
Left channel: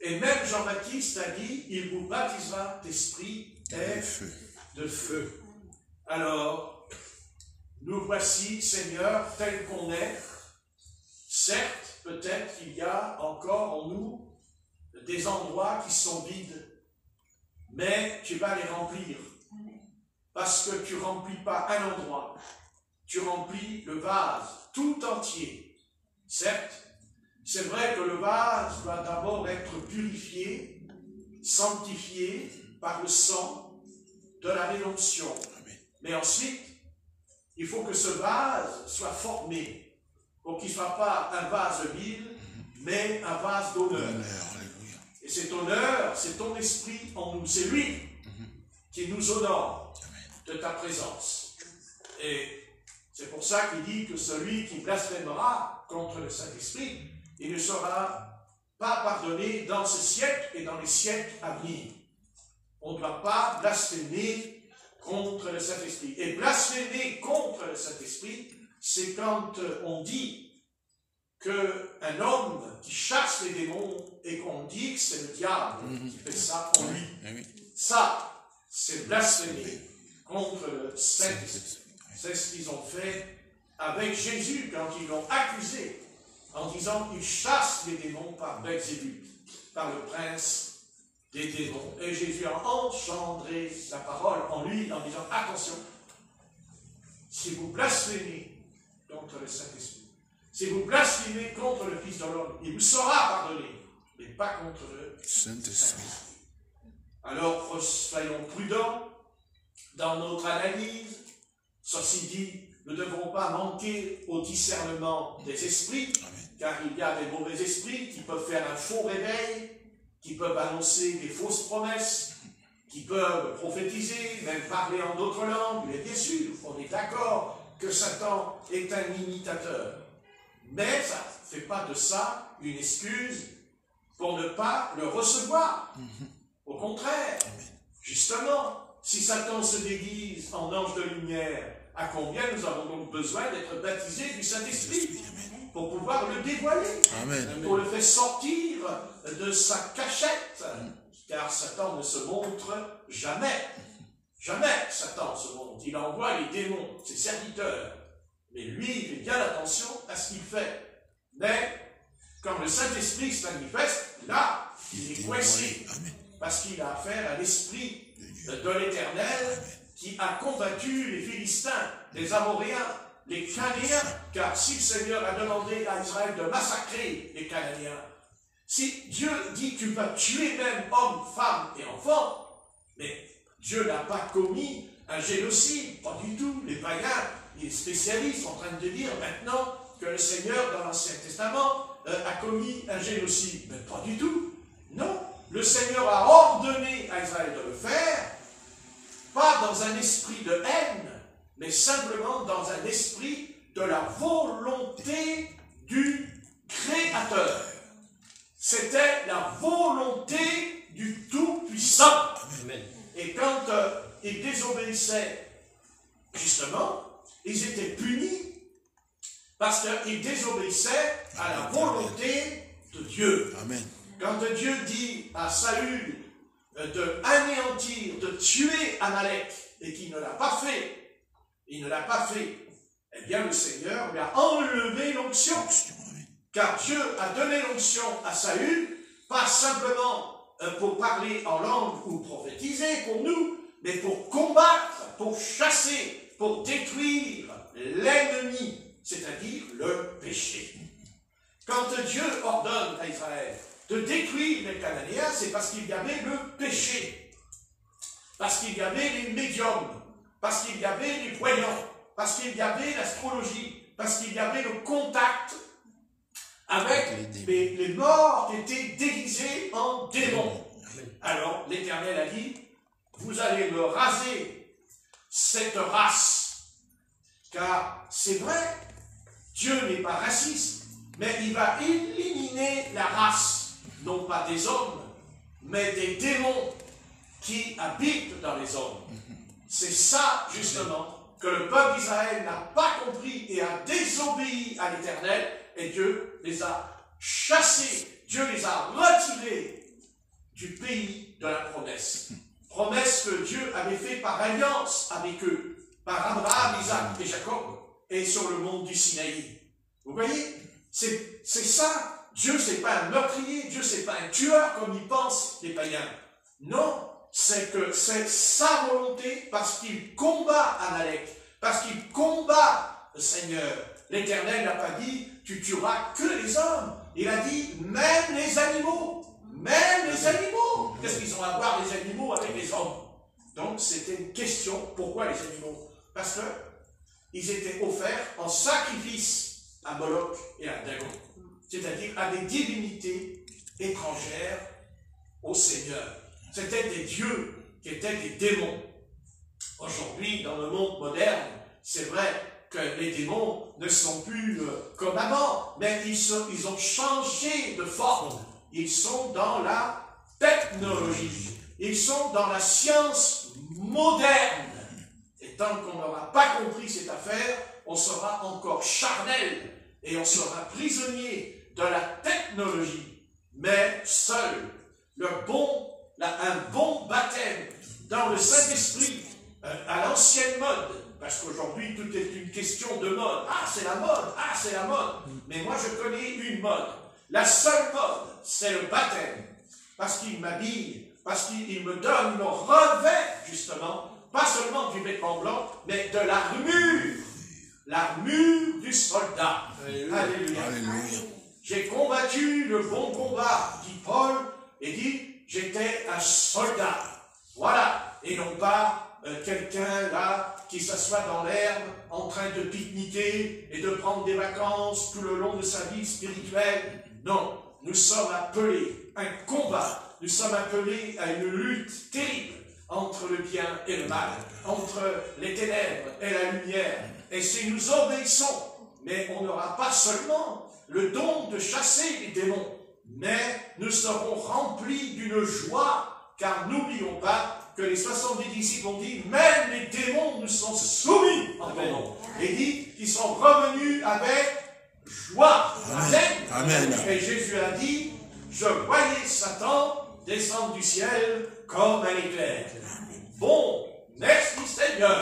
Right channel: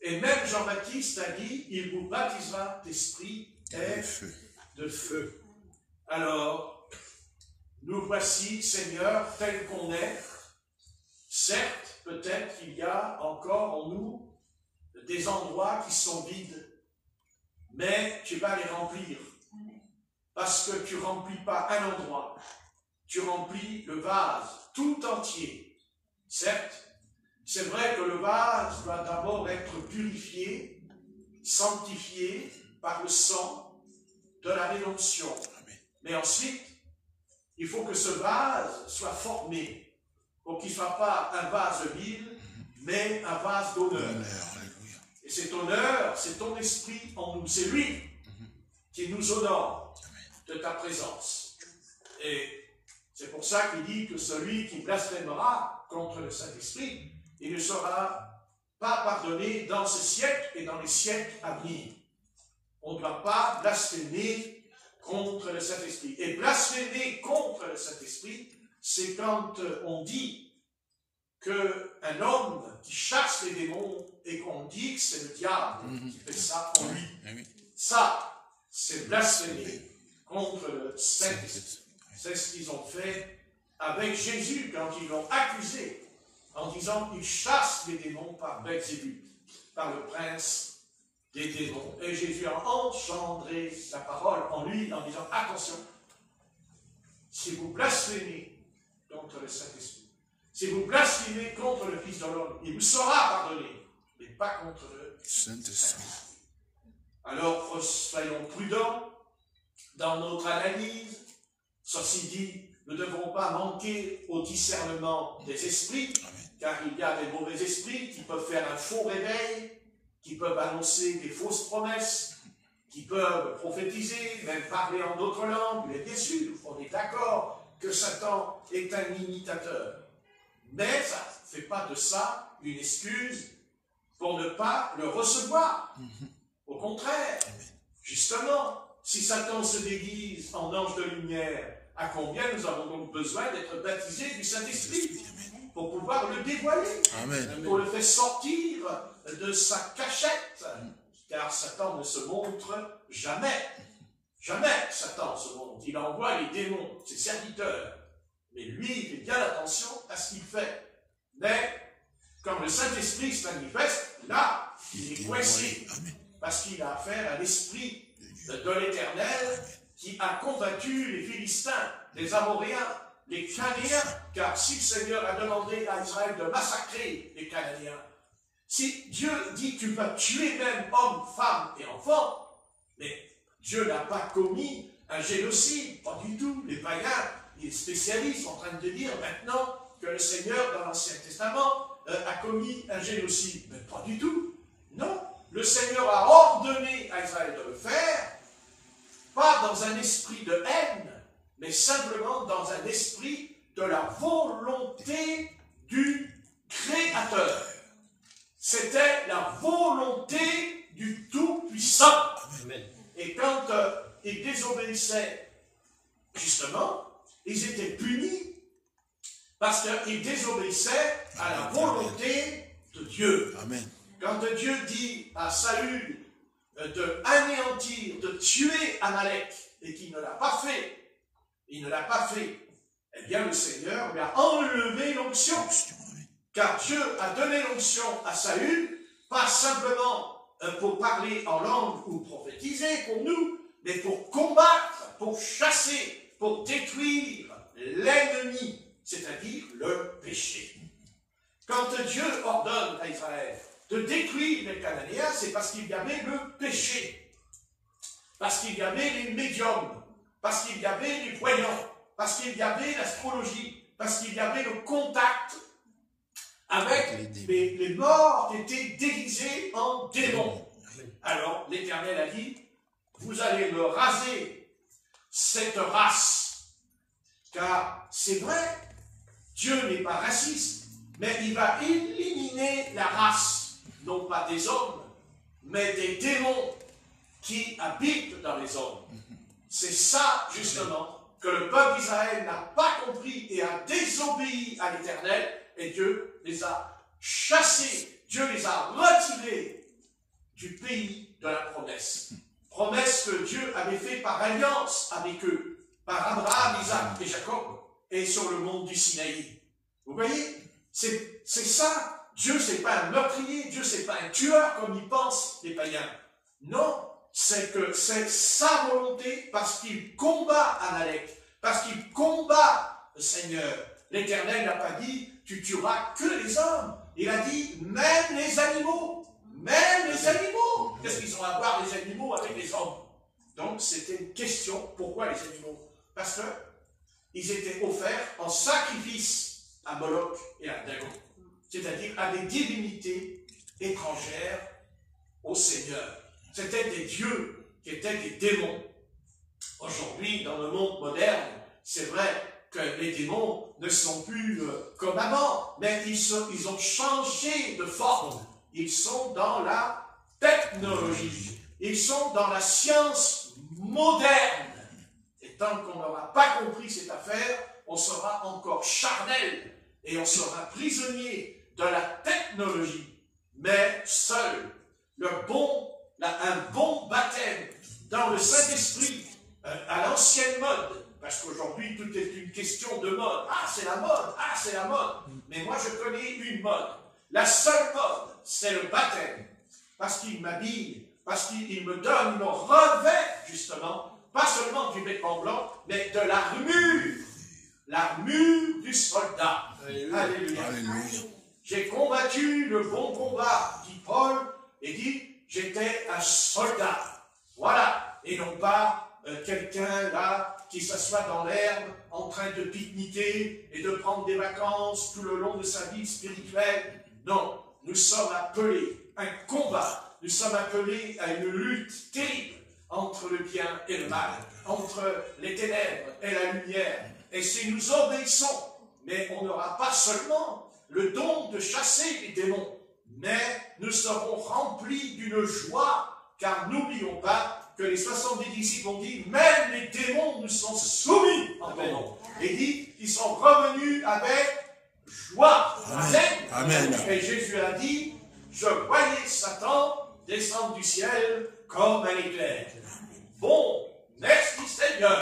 Et même Jean-Baptiste a dit, il vous baptisera d'esprit et de feu. Alors, nous voici, Seigneur, tels qu'on est. Certes, peut-être qu'il y a encore en nous des endroits qui sont vides, mais tu vas les remplir. Parce que tu ne remplis pas un endroit, tu remplis le vase tout entier. Certes, c'est vrai que le vase doit d'abord être purifié, sanctifié par le sang de la rédemption. Mais ensuite, il faut que ce vase soit formé pour qu'il ne soit pas un vase vide, mais un vase d'honneur. Et cet honneur, c'est ton esprit en nous. C'est lui qui nous honore de ta présence. Et c'est pour ça qu'il dit que celui qui blasphémera contre le Saint-Esprit, il ne sera pas pardonné dans ce siècle et dans les siècles à venir. On ne doit pas blasphémer contre le Saint-Esprit. Et blasphémer contre le Saint-Esprit, c'est quand on dit qu'un homme qui chasse les démons et qu'on dit que c'est le diable qui fait ça en lui. Ça, c'est blasphémer contre le Saint-Esprit. C'est ce qu'ils ont fait avec Jésus quand ils l'ont accusé en disant qu'il chasse les démons par Belzébuth, par le prince des démons. Et Jésus a engendré sa parole en lui en disant attention, si vous blasphémez contre le Saint-Esprit, si vous blasphémez contre le Fils de l'homme, il vous sera pardonné, mais pas contre le Saint-Esprit. Alors, soyons prudents dans notre analyse. Ceci dit, nous ne devrons pas manquer au discernement des esprits, car il y a des mauvais esprits qui peuvent faire un faux réveil, qui peuvent annoncer des fausses promesses, qui peuvent prophétiser, même parler en d'autres langues. Mais bien sûr, on est d'accord que Satan est un imitateur. Mais ça ne fait pas de ça une excuse pour ne pas le recevoir. Au contraire, justement, si Satan se déguise en ange de lumière, à combien nous avons donc besoin d'être baptisés du Saint-Esprit pour pouvoir le dévoiler, pour le faire sortir de sa cachette, car Satan ne se montre jamais. Jamais Satan se montre. Il envoie les démons, ses serviteurs. Mais lui, il fait bien attention à ce qu'il fait. Mais quand le Saint-Esprit se manifeste, là, il est coincé. Parce qu'il a affaire à l'Esprit de l'Éternel qui a combattu les Philistins, les Amoréens, les Cananéens. Car si le Seigneur a demandé à Israël de massacrer les Cananéens, si Dieu dit que tu vas tuer même hommes, femmes et enfants, mais Dieu n'a pas commis un génocide, pas du tout. Les païens, les spécialistes sont en train de dire maintenant que le Seigneur, dans l'Ancien Testament, a commis un génocide. Mais pas du tout. Non. Le Seigneur a ordonné à Israël de le faire, pas dans un esprit de haine, mais simplement dans un esprit de la volonté du Créateur. C'était la volonté du Tout-Puissant. Et quand il désobéissait Parce qu'il désobéissait à la volonté de Dieu. Amen. Quand Dieu dit à Saül de anéantir, de tuer Amalek, et qu'il ne l'a pas fait, eh bien le Seigneur lui a enlevé l'onction. Car Dieu a donné l'onction à Saül, pas simplement pour parler en langue ou prophétiser comme nous, mais pour combattre, pour chasser, pour détruire l'ennemi, c'est-à-dire le péché. Quand Dieu ordonne à Israël de détruire les Cananéens, c'est parce qu'il y avait le péché, parce qu'il y avait les médiums, parce qu'il y avait les voyants, parce qu'il y avait l'astrologie, parce qu'il y avait le contact avec les morts qui étaient déguisés en démons. Alors l'Éternel a dit, vous allez me raser cette race, car c'est vrai, Dieu n'est pas raciste, mais il va éliminer la race, non pas des hommes, mais des démons qui habitent dans les hommes. C'est ça, justement, que le peuple d'Israël n'a pas compris et a désobéi à l'Éternel, et Dieu les a chassés, Dieu les a retirés du pays de la promesse. Promesse que Dieu avait faite par alliance avec eux, par Abraham, Isaac et Jacob, et sur le mont du Sinaï. Vous voyez, c'est ça. Dieu, c'est pas un meurtrier, Dieu, c'est pas un tueur comme ils pensent les païens. Non, c'est que c'est sa volonté parce qu'il combat Amalek, parce qu'il combat le Seigneur. L'Éternel n'a pas dit, tu tueras que les hommes. Il a dit, même les animaux. Même les animaux. Qu'est-ce qu'ils ont à voir les animaux avec les hommes? Donc, c'était une question, pourquoi les animaux? Parce que ils étaient offerts en sacrifice à Moloch et à Dagon. C'est-à-dire à des divinités étrangères au Seigneur. C'était des dieux qui étaient des démons. Aujourd'hui, dans le monde moderne, c'est vrai que les démons ne sont plus comme avant, mais ils ont changé de forme. Ils sont dans la technologie. Ils sont dans la science moderne. Et tant qu'on n'aura pas compris cette affaire, on sera encore charnel et on sera prisonnier de la technologie. Mais seul, un bon baptême dans le Saint-Esprit, à l'ancienne mode, parce qu'aujourd'hui tout est une question de mode. Ah, c'est la mode, ah, c'est la mode. Mais moi je connais une mode. La seule mode, c'est le baptême. Parce qu'il m'habille, parce qu'il me donne le revêt, justement, pas seulement du vêtement blanc, mais de l'armure du soldat. Alléluia. Alléluia. J'ai combattu le bon combat, dit Paul, et dit, j'étais un soldat. Voilà. Et non pas quelqu'un là qui s'assoit dans l'herbe en train de pique-niquer et de prendre des vacances tout le long de sa vie spirituelle. Non, nous sommes appelés à un combat, nous sommes appelés à une lutte terrible entre le bien et le mal, entre les ténèbres et la lumière. Et si nous obéissons, mais on n'aura pas seulement le don de chasser les démons, mais nous serons remplis d'une joie, car n'oublions pas que les 70 disciples ont dit, même les démons nous sont soumis en ton nom. Et dit qu'ils sont revenus avec joie. Amen. Amen. Et Jésus a dit, je voyais Satan descendre du ciel comme un éclair. Bon, merci Seigneur.